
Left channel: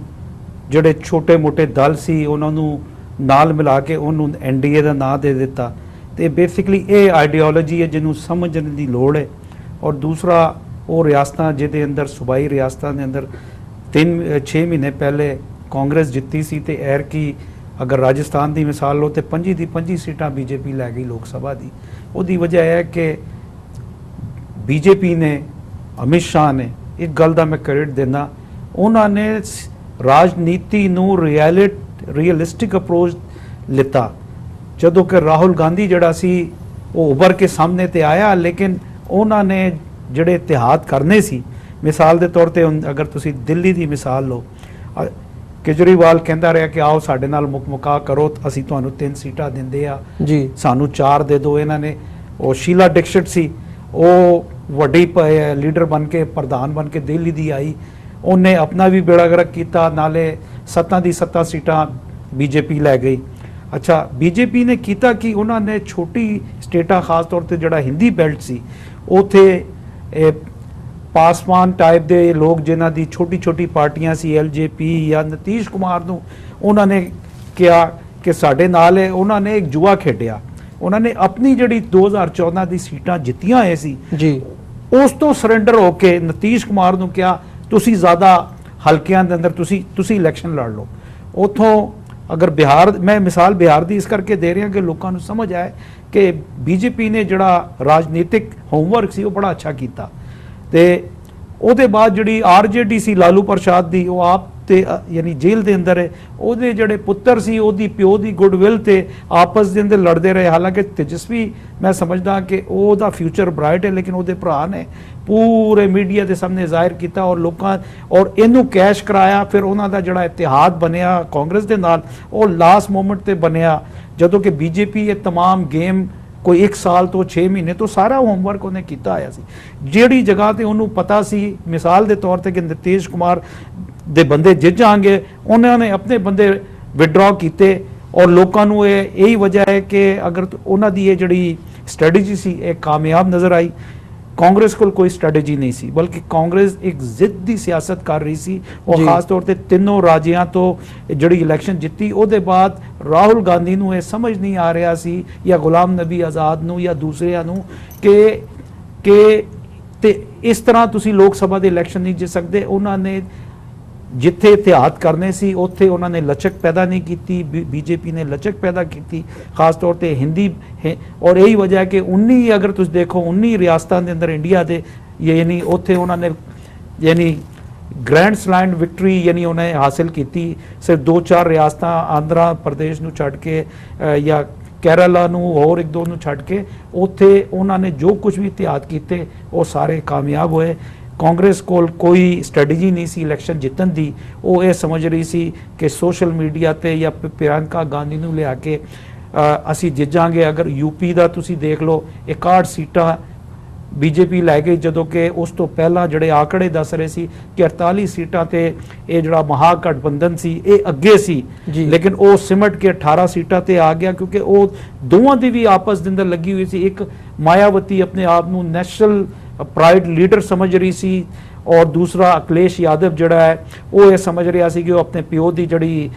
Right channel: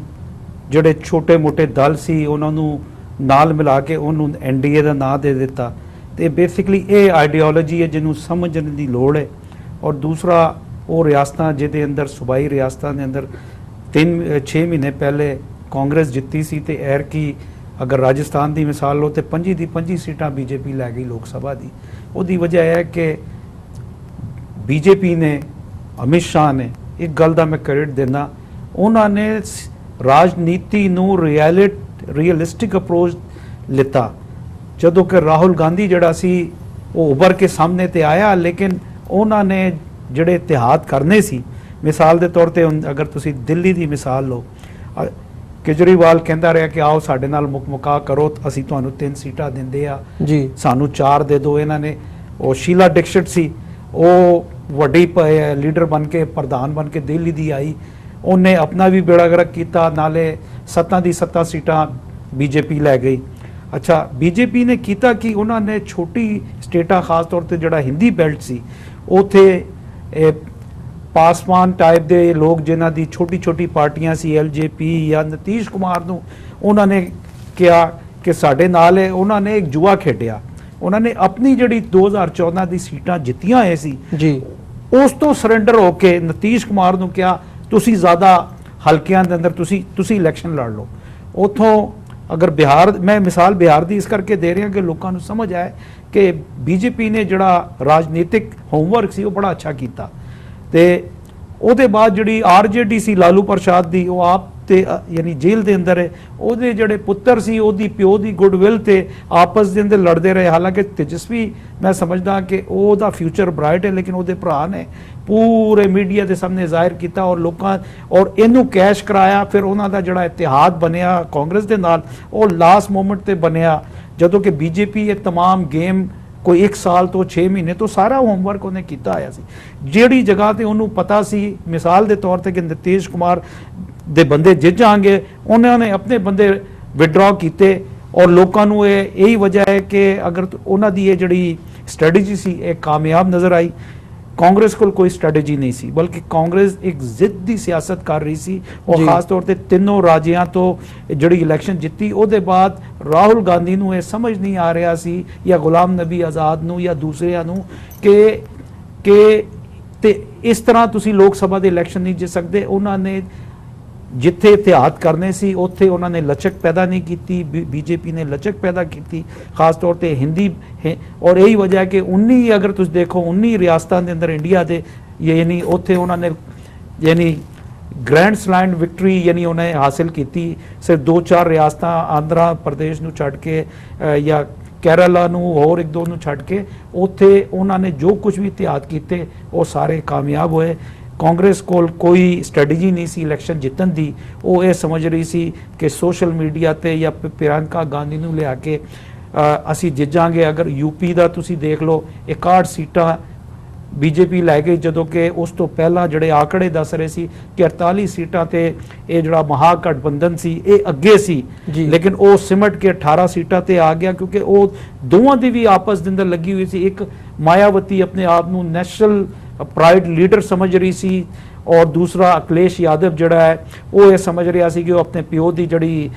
ਜਿਹੜੇ ਛੋਟੇ-ਮੋਟੇ ਦਲ ਸੀ ਉਹਨਾਂ ਨੂੰ ਨਾਲ ਮਿਲਾ ਕੇ ਉਹਨੂੰ NDA ਦਾ ਨਾਂ ਦੇ ਦਿੱਤਾ ਤੇ ਬੇਸਿਕਲੀ ਇਹ ਆਈਡੀਓਲੋਜੀ ਹੈ ਜਿਹਨੂੰ ਸਮਝਣ ਦੀ ਲੋੜ ਹੈ। ਔਰ ਦੂਸਰਾ ਉਹ ਰਿਆਸਤਾਂ ਜਿਹਦੇ ਅੰਦਰ ਸੂਬਾਈ ਰਿਆਸਤਾਂ ਦੇ ਅੰਦਰ 6 ਮਹੀਨੇ ਪਹਿਲੇ ਕਾਂਗਰਸ ਜਿੱਤੀ ਸੀ ਤੇ ਐਰ ਕੀ ਅਗਰ ਰਾਜਸਥਾਨ ਦੀ ਮਿਸਾਲ ਲਓ ਤੇ 25 ਦੀ 25 ਸੀਟਾਂ BJP ਲੈ ਗਈ ਲੋਕ ਸਭਾ ਦੀ। ਉਹਦੀ ਵਜ੍ਹਾ ਇਹ ਹੈ ਕਿ BJP ਨੇ, ਅਮਿਤ ਸ਼ਾਹ ਨੇ, ਇੱਕ ਗੱਲ ਦਾ ਮੈਂ ਕ੍ਰੈਡਿਟ ਦੇਣਾ, ਉਹਨਾਂ ਨੇ ਰਾਜਨੀਤੀ ਨੂੰ ਰੀਅਲਿਸਟਿਕ ਅਪਰੋਚ ਲਿੱਤਾ। ਜਦੋਂ ਕਿ ਰਾਹੁਲ ਗਾਂਧੀ ਜਿਹੜਾ ਸੀ ਉਹ ਉੱਭਰ ਕੇ ਸਾਹਮਣੇ ਤੇ ਆਇਆ, ਲੇਕਿਨ ਉਹਨਾਂ ਨੇ ਜਿਹੜੇ ਇਤਿਹਾਦ ਕਰਨੇ ਸੀ, ਮਿਸਾਲ ਦੇ ਤੌਰ ਤੇ ਅਗਰ ਤੁਸੀਂ ਦਿੱਲੀ ਦੀ ਮਿਸਾਲ ਲਓ, ਕੇਜਰੀਵਾਲ ਕਹਿੰਦਾ ਰਿਹਾ ਕਿ ਆਓ ਸਾਡੇ ਨਾਲ ਮੁਕਾ ਕਰੋ, ਅਸੀਂ ਤੁਹਾਨੂੰ 3 ਸੀਟਾਂ ਦਿੰਦੇ ਆ ਜੀ, ਸਾਨੂੰ 4 ਦੇ ਦਿਓ। ਇਹਨਾਂ ਨੇ ਉਹ ਸ਼ੀਲਾ ਦੀਕਸ਼ਿਤ ਸੀ, ਉਹ ਵੱਡੀ ਲੀਡਰ ਬਣ ਕੇ ਪ੍ਰਧਾਨ ਬਣ ਕੇ ਦਿੱਲੀ ਦੀ ਆਈ, ਉਹਨੇ ਆਪਣਾ ਵੀ ਬੇੜਾ ਗਰਕ ਕੀਤਾ, ਨਾਲੇ 7 ਦੀ 7 ਸੀਟਾਂ BJP ਲੈ ਗਈ। ਅੱਛਾ, BJP ਨੇ ਕੀਤਾ ਕਿ ਉਹਨਾਂ ਨੇ ਛੋਟੀ ਸਟੇਟਾਂ ਖਾਸ ਤੌਰ ਤੇ ਜਿਹੜਾ ਹਿੰਦੀ ਬੈਲਟ ਸੀ ਉੱਥੇ ਪਾਸਵਾਨ ਟਾਈਪ ਦੇ ਲੋਕ ਜਿਨ੍ਹਾਂ ਦੀ ਛੋਟੀ ਛੋਟੀ ਪਾਰਟੀਆਂ ਸੀ, ਐਲਜੇਪੀ ਜਾਂ ਨਤੀਸ਼ ਕੁਮਾਰ ਨੂੰ ਉਹਨਾਂ ਨੇ ਕਿਹਾ ਕਿ ਸਾਡੇ ਨਾਲ ਹੈ, ਉਹਨਾਂ ਨੇ ਇੱਕ ਜੂਆ ਖੇਡਿਆ। ਉਹਨਾਂ ਨੇ ਆਪਣੀ ਜਿਹੜੀ 2014 ਦੀ ਸੀਟਾਂ ਜਿੱਤੀਆਂ ਹੋਏ ਸੀ ਜੀ, ਉਸ ਤੋਂ ਸਰੈਂਡਰ ਹੋ ਕੇ ਨਤੀਸ਼ ਕੁਮਾਰ ਨੂੰ ਕਿਹਾ ਤੁਸੀਂ ਜ਼ਿਆਦਾ ਹਲਕਿਆਂ ਦੇ ਅੰਦਰ ਤੁਸੀਂ ਇਲੈਕਸ਼ਨ ਲੜ ਲਓ। ਉਥੋਂ ਅਗਰ ਬਿਹਾਰ, ਮੈਂ ਮਿਸਾਲ ਬਿਹਾਰ ਦੀ ਇਸ ਕਰਕੇ ਦੇ ਰਿਹਾ ਕਿ ਲੋਕਾਂ ਨੂੰ ਸਮਝ ਆਏ ਕਿ ਬੀਜੇਪੀ ਨੇ ਜਿਹੜਾ ਰਾਜਨੀਤਿਕ ਹੋਮਵਰਕ ਸੀ ਉਹ ਬੜਾ ਅੱਛਾ ਕੀਤਾ। ਤੇ ਉਹਦੇ ਬਾਅਦ ਜਿਹੜੀ ਆਰਜੇਡੀ ਸੀ ਲਾਲੂ ਪ੍ਰਸਾਦ ਦੀ, ਉਹ ਆਪ ਤੇ ਯਾਨੀ ਜੇਲ੍ਹ ਦੇ ਅੰਦਰ ਹੈ। ਉਹਦੇ ਜਿਹੜੇ ਪੁੱਤਰ ਸੀ, ਉਹਦੀ ਪਿਓ ਦੀ ਗੁੱਡਵਿਲ ਤੇ ਆਪਸ ਦੇ ਅੰਦਰ ਲੜਦੇ ਰਹੇ। ਹਾਲਾਂਕਿ ਤੇਜਸਵੀ ਮੈਂ ਸਮਝਦਾ ਕਿ ਉਹਦਾ ਫਿਊਚਰ ਬ੍ਰਾਈਟ ਹੈ, ਲੇਕਿਨ ਉਹਦੇ ਭਰਾ ਨੇ ਪੂਰੇ ਮੀਡੀਆ ਦੇ ਸਾਹਮਣੇ ਜ਼ਾਹਿਰ ਕੀਤਾ ਔਰ ਲੋਕਾਂ ਔਰ ਇਹਨੂੰ ਕੈਸ਼ ਕਰਾਇਆ। ਫਿਰ ਉਹਨਾਂ ਦਾ ਜਿਹੜਾ ਇਤਿਹਾਦ ਬਣਿਆ ਕਾਂਗਰਸ ਦੇ ਨਾਲ, ਉਹ ਲਾਸਟ ਮੋਮੈਂਟ ਤੇ ਬਣਿਆ, ਜਦੋਂ ਕਿ ਬੀਜੇਪੀ ਇਹ तमाम ਗੇਮ ਕੋਈ 1 ਸਾਲ ਤੋਂ 6 ਮਹੀਨੇ ਤੋਂ ਸਾਰਾ ਹੋਮਵਰਕ ਉਹਨੇ ਕੀਤਾ ਆਇਆ ਸੀ। ਜਿਹੜੀ ਜਗ੍ਹਾ ਤੇ ਉਹਨੂੰ ਪਤਾ ਸੀ, ਮਿਸਾਲ ਦੇ ਤੌਰ ਤੇ ਕਿ ਨਤੀਸ਼ ਕੁਮਾਰ ਦੇ ਬੰਦੇ ਜਿੱਤ ਜਾਣਗੇ, ਉਹਨਾਂ ਨੇ ਆਪਣੇ ਬੰਦੇ ਵਿਡਰਾ ਕੀਤੇ। ਔਰ ਲੋਕਾਂ ਨੂੰ ਇਹੀ ਵਜ੍ਹਾ ਹੈ ਕਿ ਅਗਰ ਉਹਨਾਂ ਦੀ ਇਹ ਜਿਹੜੀ ਸਟ੍ਰੈਟਜੀ ਸੀ ਇਹ ਕਾਮਯਾਬ ਨਜ਼ਰ ਆਈ। ਕਾਂਗਰਸ ਕੋਲ ਕੋਈ ਸਟ੍ਰੈਟਜੀ ਨਹੀਂ ਸੀ, ਬਲਕਿ ਕਾਂਗਰਸ ਇੱਕ ਜ਼ਿੱਦ ਦੀ ਸਿਆਸਤ ਕਰ ਰਹੀ ਸੀ। ਉਹ ਖਾਸ ਤੌਰ ਤੇ ਤਿੰਨੋਂ ਰਾਜਿਆਂ ਤੋਂ ਜਿਹੜੀ ਇਲੈਕਸ਼ਨ ਜਿੱਤੀ, ਉਹਦੇ ਬਾਅਦ ਰਾਹੁਲ ਗਾਂਧੀ ਨੂੰ ਇਹ ਸਮਝ ਨਹੀਂ ਆ ਰਿਹਾ ਸੀ ਜਾਂ ਗੁਲਾਮ ਨਬੀ ਆਜ਼ਾਦ ਨੂੰ ਜਾਂ ਦੂਸਰਿਆਂ ਨੂੰ ਕਿ ਤੇ ਇਸ ਤਰ੍ਹਾਂ ਤੁਸੀਂ ਲੋਕ ਸਭਾ ਦੇ ਇਲੈਕਸ਼ਨ ਨਹੀਂ ਜਿੱਤ ਸਕਦੇ। ਉਹਨਾਂ ਨੇ ਜਿੱਥੇ ਇਤਿਹਾਦ ਕਰਨੇ ਸੀ ਉੱਥੇ ਉਹਨਾਂ ਨੇ ਲਚਕ ਪੈਦਾ ਨਹੀਂ ਕੀਤੀ, ਬੀਜੇਪੀ ਨੇ ਲਚਕ ਪੈਦਾ ਕੀਤੀ ਖਾਸ ਤੌਰ ਤੇ ਹਿੰਦੀ ਔਰ ਇਹੀ ਵਜ੍ਹਾ ਕਿ 19 ਅਗਰ ਤੁਸੀਂ ਦੇਖੋ 19 ਰਿਆਸਤਾਂ ਦੇ ਅੰਦਰ ਇੰਡੀਆ ਦੇ ਯਾਨੀ ਉੱਥੇ ਉਹਨਾਂ ਨੇ ਯਾਨੀ ਗ੍ਰੈਂਡ ਸਲੈਮ ਵਿਕਟਰੀ ਯਾਨੀ ਉਹਨੇ ਹਾਸਿਲ ਕੀਤੀ। ਸਿਰਫ 2-4 ਰਿਆਸਤਾਂ ਆਂਧਰਾ ਪ੍ਰਦੇਸ਼ ਨੂੰ ਛੱਡ ਕੇ ਜਾਂ ਕੇਰਲਾ ਨੂੰ ਹੋਰ 1-2 ਨੂੰ ਛੱਡ ਕੇ, ਉੱਥੇ ਉਹਨਾਂ ਨੇ ਜੋ ਕੁਝ ਵੀ ਇਤਿਹਾਦ ਕੀਤੇ ਉਹ ਸਾਰੇ ਕਾਮਯਾਬ ਹੋਏ। ਕਾਂਗਰਸ ਕੋਲ ਕੋਈ ਸਟ੍ਰੈਟਜੀ ਨਹੀਂ ਸੀ ਇਲੈਕਸ਼ਨ ਜਿੱਤਣ ਦੀ। ਉਹ ਇਹ ਸਮਝ ਰਹੀ ਸੀ ਕਿ ਸੋਸ਼ਲ ਮੀਡੀਆ ਤੇ ਜਾਂ ਪ੍ਰਿਯੰਕਾ ਗਾਂਧੀ ਨੂੰ ਲਿਆ ਕੇ ਅਸੀਂ ਜਿੱਤ ਜਾਾਂਗੇ। ਅਗਰ ਯੂਪੀ ਦਾ ਤੁਸੀਂ ਦੇਖ ਲਓ 61 ਸੀਟਾਂ ਬੀਜੇਪੀ ਲੈ ਗਈ, ਜਦੋਂ ਕਿ ਉਸ ਤੋਂ ਪਹਿਲਾਂ ਜਿਹੜੇ ਆંકੜੇ ਦੱਸ ਰਹੇ ਸੀ ਕਿ 48 ਸੀਟਾਂ ਤੇ ਇਹ ਜਿਹੜਾ ਮਹਾਗਠਬੰਧਨ ਸੀ ਇਹ ਅੱਗੇ ਸੀ, ਲੇਕਿਨ ਉਹ ਸਿਮਟ ਕੇ 18 ਸੀਟਾਂ ਤੇ ਆ ਗਿਆ ਕਿਉਂਕਿ ਉਹ ਦੋਵਾਂ ਦੀ ਵੀ ਆਪਸ ਦੇ ਅੰਦਰ ਲੱਗੀ ਹੋਈ ਸੀ। ਇੱਕ ਮਾਇਆਵਤੀ ਆਪਣੇ ਆਪ ਨੂੰ ਨੈਸ਼ਨਲ ਪ੍ਰਾਈਡ ਲੀਡਰ ਸਮਝ ਰਹੀ ਸੀ ਔਰ ਦੂਸਰਾ ਅਖਿਲੇਸ਼ ਯਾਦਵ ਜਿਹੜਾ ਹੈ ਉਹ ਇਹ ਸਮਝ ਰਿਹਾ ਸੀ ਕਿ ਉਹ ਆਪਣੇ ਪਿਓ ਦੀ ਜਿਹੜੀ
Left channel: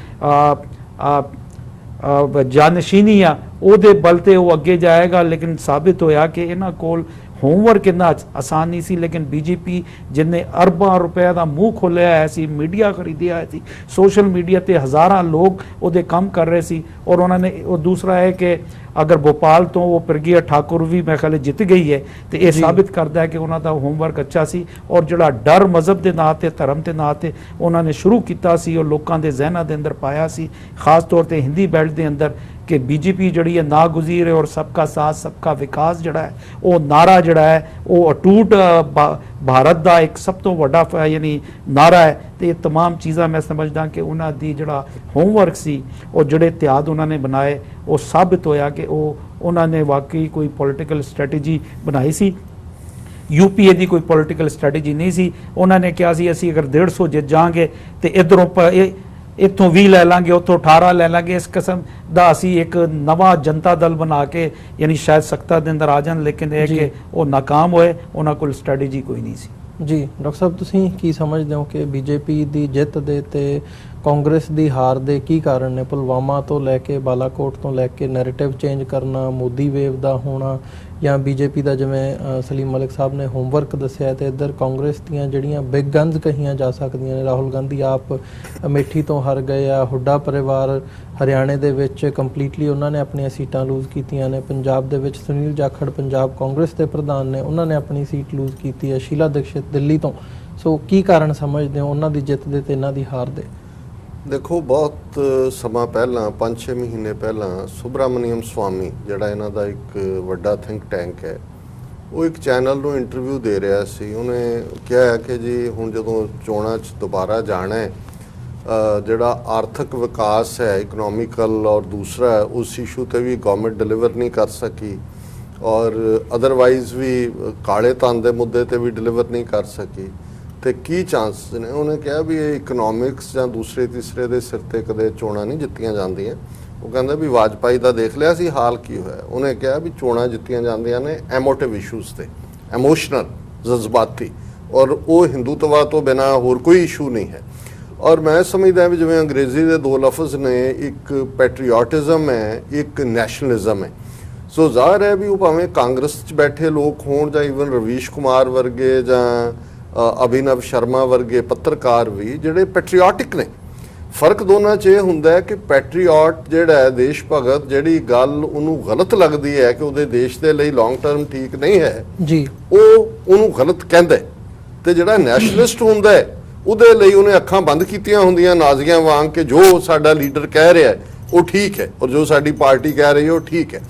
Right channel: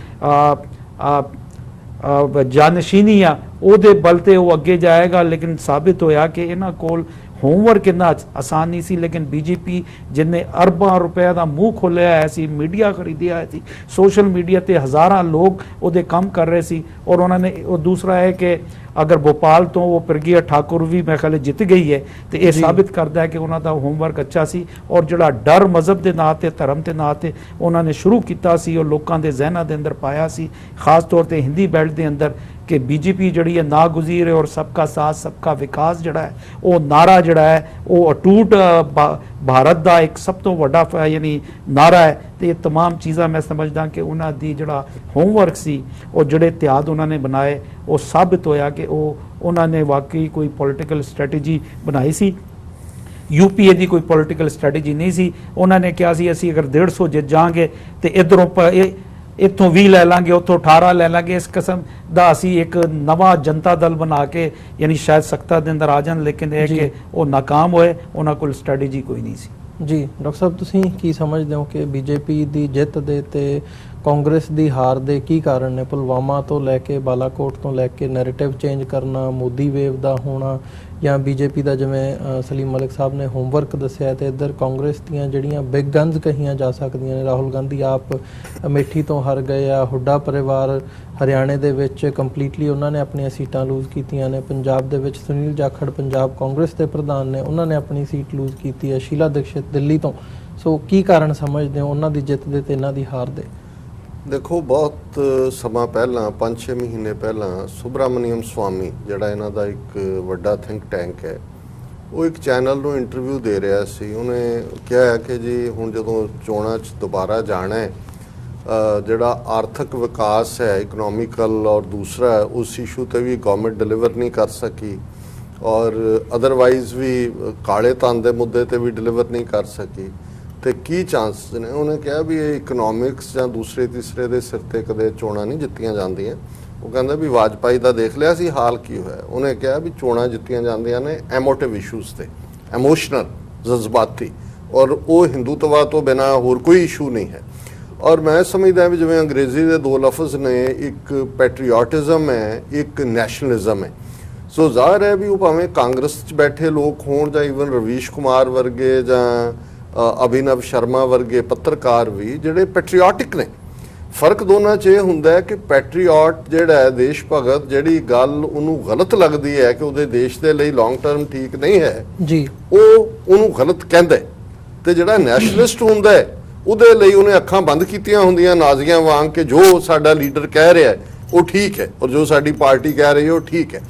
ਜਾਨਸ਼ੀਨੀ ਆ ਉਹਦੇ ਬਲ ਤੇ ਉਹ ਅੱਗੇ ਜਾਏਗਾ। ਲੇਕਿਨ ਸਾਬਿਤ ਹੋਇਆ ਕਿ ਇਹਨਾਂ ਕੋਲ ਹੋਮਵਰਕ ਇੰਨਾ ਆਸਾਨ ਨਹੀਂ ਸੀ। ਲੇਕਿਨ ਬੀਜੇਪੀ ਜਿਨਨੇ ਅਰਬਾਂ ਰੁਪਏ ਦਾ ਮੂੰਹ ਖੋਲਿਆ ਹੋਇਆ ਸੀ, ਮੀਡੀਆ ਖਰੀਦਿਆ ਹੋਇਆ ਸੀ, ਸੋਸ਼ਲ ਮੀਡੀਆ ਤੇ ਹਜ਼ਾਰਾਂ ਲੋਕ ਉਹਦੇ ਕੰਮ ਕਰ ਰਹੇ ਸੀ ਔਰ ਉਹਨਾਂ ਨੇ ਉਹ ਦੂਸਰਾ ਹੈ ਕਿ ਅਗਰ ਭੋਪਾਲ ਤੋਂ ਉਹ ਪ੍ਰਗਿਆ ਠਾਕੁਰ ਵੀ ਮੈਂ ਖਿਆਲ ਜਿੱਤ ਗਈ ਹੈ ਤੇ ਇਹ ਸਾਬਿਤ ਕਰਦਾ ਹੈ ਕਿ ਉਹਨਾਂ ਦਾ ਹੋਮਵਰਕ ਅੱਛਾ ਸੀ ਔਰ ਜਿਹੜਾ ਡਰ ਮਜ਼ਹਬ ਦੇ ਨਾਂ ਤੇ ਧਰਮ ਦੇ ਨਾਂ ਤੇ ਉਹਨਾਂ ਨੇ ਸ਼ੁਰੂ ਕੀਤਾ ਸੀ ਉਹ ਲੋਕਾਂ ਦੇ ਜ਼ਿਹਨਾਂ ਦੇ ਅੰਦਰ ਪਾਇਆ ਸੀ, ਖਾਸ ਤੌਰ ਤੇ ਹਿੰਦੀ ਬੈਲਟ ਦੇ ਅੰਦਰ ਕਿ ਬੀਜੇਪੀ ਜਿਹੜੀ ਹੈ ਨਾਗੁਜ਼ੀਰ ਹੈ ਔਰ ਸਬਕਾ ਸਾਥ ਸਬਕਾ ਵਿਕਾਸ ਜਿਹੜਾ ਹੈ ਉਹ ਨਾਰਾ ਜਿਹੜਾ ਹੈ ਉਹ ਅਟੂਟ ਭਾਰਤ ਦਾ ਇੱਕ ਸਭ ਤੋਂ ਵੱਡਾ ਯਾਨੀ ਨਾਰਾ ਹੈ। ਤੇ ਇਹ तमाम ਚੀਜ਼ਾਂ ਮੈਂ ਸਮਝਦਾ ਕਿ ਉਹਨਾਂ ਦੀ ਜਿਹੜਾ ਹੋਮਵਰਕ ਸੀ ਉਹ ਜਿਹੜੇ ਇਤਿਹਾਦ ਉਹਨਾਂ ਨੇ ਬਣਾਏ ਉਹ ਸਾਬਿਤ ਹੋਇਆ ਕਿ ਉਹਨਾਂ ਨੇ ਵਾਕਈ ਕੋਈ ਪੋਲੀਟੀਕਲ ਸਟ੍ਰੈਟਜੀ ਬਣਾਈ ਸੀ। ਯੂਪੀਏ ਦੀ ਕੋਈ ਪੋਲੀਟੀਕਲ ਸਟ੍ਰੈਟਜੀ ਨਹੀਂ ਸੀ। ਉਹਨਾਂ ਨੇ ਕਿਹਾ ਸੀ ਅਸੀਂ ਅਗਰ 150 ਜਿੱਤ ਜਾਾਂਗੇ ਤੇ ਇਧਰੋਂ ਇੱਥੋਂ 20 ਲੈ ਲਾਂਗੇ, ਉੱਥੋਂ 18 ਲੈ ਲਾਂਗੇ। ਇਸ ਕਿਸਮ ਦਾ ਅਸੀਂ ਇੱਕ ਨਵਾਂ ਜਨਤਾ ਦਲ ਬਣਾ ਕੇ ਯਾਨੀ ਸ਼ਾਇਦ ਸੱਤਾ ਦੇ ਅੰਦਰ ਆ ਜਾਣ, ਲੇਕਿਨ ਇਹ ਕਿ ਉਹ ਨਾਕਾਮ ਹੋਏ, ਉਹਨਾਂ ਕੋਲ ਸਟ੍ਰੈਟਜੀ ਕੋਈ ਨਹੀਂ ਸੀ। ਜੀ ਡਾਕਟਰ ਸਾਹਿਬ, ਤੁਸੀਂ ਕੀ ਸਮਝਦੇ ਹੋ ਕਿ ਬੀਜੇਪੀ ਦੀ ਜਿੱਤ ਦੇ ਤੇ ਕਾਂਗਰਸ ਦੀ ਹਾਰ ਦੇ ਕੀ ਕਾਰਨ ਨੇ? ਪੁਲਵਾਮਾ ਤੋਂ ਲੈ ਕੇ ਬਾਲਾਕੋਟ ਤੋਂ ਲੈ ਕੇ ਨੈਰੇਟਿਵ ਚੇਂਜ ਕਰਨਾ, ਮੋਦੀ ਵੇਵ ਦਾ ਹੋਣਾ, ਜਾਂ ਬੀਜੇਪੀ ਦਾ ਜਿਵੇਂ ਸਲੀਮ ਮਲਿਕ ਸਾਹਿਬ ਨੇ ਹੋਮਵਰਕ ਦੱਸਿਆ, ਤੇ ਇੱਧਰ ਕਾਂਗਰਸ ਦੀਆਂ ਜਿਹੜੀਆਂ ਬਿਗ ਗਨਸ ਕਹੀਆਂ ਜਾ ਸਕਦੀਆਂ ਨੇ, ਰਾਹੁਲ ਗਾਂਧੀ ਆਪ ਅਮੇਠੀ ਤੋਂ ਹਾਰ ਗਏ ਆ, ਹੁੱਡਾ ਪਰਿਵਾਰ ਹਰਿਆਣੇ ਦੇ ਵਿੱਚ ਕੰਪਲੀਟਲੀ ਉਹਨਾਂ ਨੇ ਆਪਣੀਆਂ ਸੀਟਾਂ ਲੂਜ਼ ਕੀਤੀਆਂ ਨੇ, ਪੰਜਾਬ ਦੇ ਵਿੱਚ ਸੁਨੀਲ ਜਾਖੜ ਪੰਜਾਬ ਕਾਂਗਰਸ ਦੇ ਪ੍ਰਧਾਨ ਨੇ, ਉਹਨਾਂ ਨੇ ਆਪਣੀ ਸੀਟ ਲੂਜ਼ ਕੀਤੀ ਹੈ, ਸ਼ੀਲਾ ਦੀਕਸ਼ਿਤ ਦਿੱਲੀ ਤੋਂ। ਸੋ ਕੀ ਕਾਰਨ ਸਮਝਦੇ ਹੋ ਉਹਨਾਂ ਦੀ ਜਿੱਤ ਦੇ ਤੇ ਇਹਨਾਂ ਦੀ ਹਾਰ ਦੇ? ਦੇਖੋ, ਬਹੁਤ ਸਮਾਂ ਪਹਿਲਾਂ 5-6 ਮਹੀਨੇ ਪਹਿਲਾਂ ਸੁਬਰਾਮਨੀਅਮ ਸਵਾਮੀ ਜਿਹੜਾ ਇਹਨਾਂ ਦਾ ਇੱਕ ਵੱਡਾ ਥਿੰਕ ਟੈਂਕ ਹੈ, ਉਹ ਇੱਕ ਚੈਨਲ ਨੂੰ ਇੰਟਰਵਿਊ ਦੇ ਰਿਹਾ ਸੀ। ਉਹਨੇ ਕਿਹਾ ਕਿ ਜੀ ਹੁਣ ਜਦੋਂ ਚੋਣਾਂ 'ਚ ਦੁਬਾਰਾ ਜਾਣਾ ਹੈ, ਜਿਹੜਾ ਆਰਥਿਕ ਵਿਕਾਸ ਹੈ ਇਕਨੋਮਿਕਲ ਔਰ ਦੂਸਰਾ ਉਸ ਇਸ਼ੂ ਤੇ ਵੀ ਗਵਰਨਮੈਂਟ ਡਿਲੀਵਰ ਨਹੀਂ ਕਰ ਸਕੀ ਔਰ ਅਦਰਵਾਈਜ਼ ਵੀ ਕਾਲੇ ਧਨ ਦੇ ਮੁੱਦੇ ਤੇ ਵੀ ਡਿਲੀਵਰ ਨਹੀਂ ਕਰ ਸਕੀ, ਤੇ ਕੀ ਚਾਂਸ ਨੇ? ਉਹਨੇ ਕਿਹਾ ਵੀ ਇਹ ਇਕਨੋਮਿਕਸ ਜਾਂ ਦੂਸਰੇ ਤੀਸਰੇ ਦੇ ਸਿਰ ਤੇ ਕਦੇ ਚੋਣਾਂ ਨਹੀਂ ਜਿੱਤੀਆਂ ਜਾਂਦੀਆਂ। ਉਹ ਕਹਿੰਦਾ ਵੀ ਵਾਜਪਾਈ ਦਾ ਦੇਖ ਲਿਆ ਸੀ ਹਾਲ ਕੀ ਹੋਇਆ। ਉਹਨੇ ਕਿਹਾ ਵੀ ਚੋਣਾਂ ਜਿੱਤੀਆਂ ਜਾਂਦੀਆਂ ਨੇ ਐਮੋਟਿਵ ਇਸ਼ੂਜ਼ ਤੇ, ਐਮੋਸ਼ਨਲ, ਜਜ਼ਬਾਤੀ। ਔਰ ਉਹ ਹਿੰਦੂਤਵਾ ਤੋਂ ਬਿਨਾਂ ਹੋਰ ਕੋਈ ਇਸ਼ੂ ਨਹੀਂ ਹੈ। ਔਰ ਮੈਂ ਸਮਝਦਾ ਵੀ ਜਿਵੇਂ ਅੰਗਰੇਜ਼ੀ ਦੇ ਦੋ ਲਫ਼ਜ਼ ਨੇ, ਇੱਕ ਪੈਟਰੀਓਟਿਜ਼ਮ ਹੈ, ਇੱਕ ਨੈਸ਼ਨਲਿਜ਼ਮ ਹੈ। ਸੋ ਜ਼ਾਹਰ ਹੈ ਵੀ ਉਹ ਭਾਵੇਂ ਕਾਂਗਰਸ 'ਚ ਬੈਠੇ ਲੋਕ ਹੋਣ ਜਾਂ ਈਵਨ ਰਵੀਸ਼ ਕੁਮਾਰ ਵਰਗੇ ਜਾਂ ਅਭਿਨਵ ਸ਼ਰਮਾ ਵਰਗੇ ਪੱਤਰਕਾਰ ਵੀ ਜਿਹੜੇ ਪੈਟਰੀਓਟਿਕ ਨੇ। ਫਰਕ ਦੋਨਾਂ 'ਚ ਇਹ ਹੁੰਦਾ ਹੈ ਕਿ ਪੈਟਰੀਓਟ ਜਿਹੜਾ ਹੈ, ਦੇਸ਼ ਭਗਤ, ਜਿਹੜੀ ਗੱਲ ਉਹਨੂੰ ਗਲਤ ਲੱਗਦੀ ਹੈ ਕਿ ਉਹਦੇ ਦੇਸ਼ ਦੇ ਲਈ ਲੌਂਗ ਟਰਮ ਠੀਕ ਨਹੀਂ ਹੈ ਜੀ, ਉਹ ਉਹਨੂੰ ਗਲਤ ਕਹਿੰਦਾ ਹੈ। ਤੇ ਜਿਹੜਾ ਨੈਸ਼ਨਲਿਸਟ ਹੁੰਦਾ ਹੈ ਉਹਦੇ ਲਈ ਉਹਨੇ ਅੱਖਾਂ ਬੰਦ ਕੀਤੀਆਂ ਹੁੰਦੀਆਂ ਨਾਜ਼ੀਆਂ ਵਾਂਗ ਕਿ ਜੋ ਸਾਡਾ ਲੀਡਰ ਕਹਿ ਰਿਹਾ ਉਹ ਠੀਕ ਹੈ ਔਰ ਜੋ ਸਾਡੀ ਪਾਰਟੀ ਕਹਿ ਰਹੀ ਹੈ ਉਹ ਠੀਕ ਹੈ।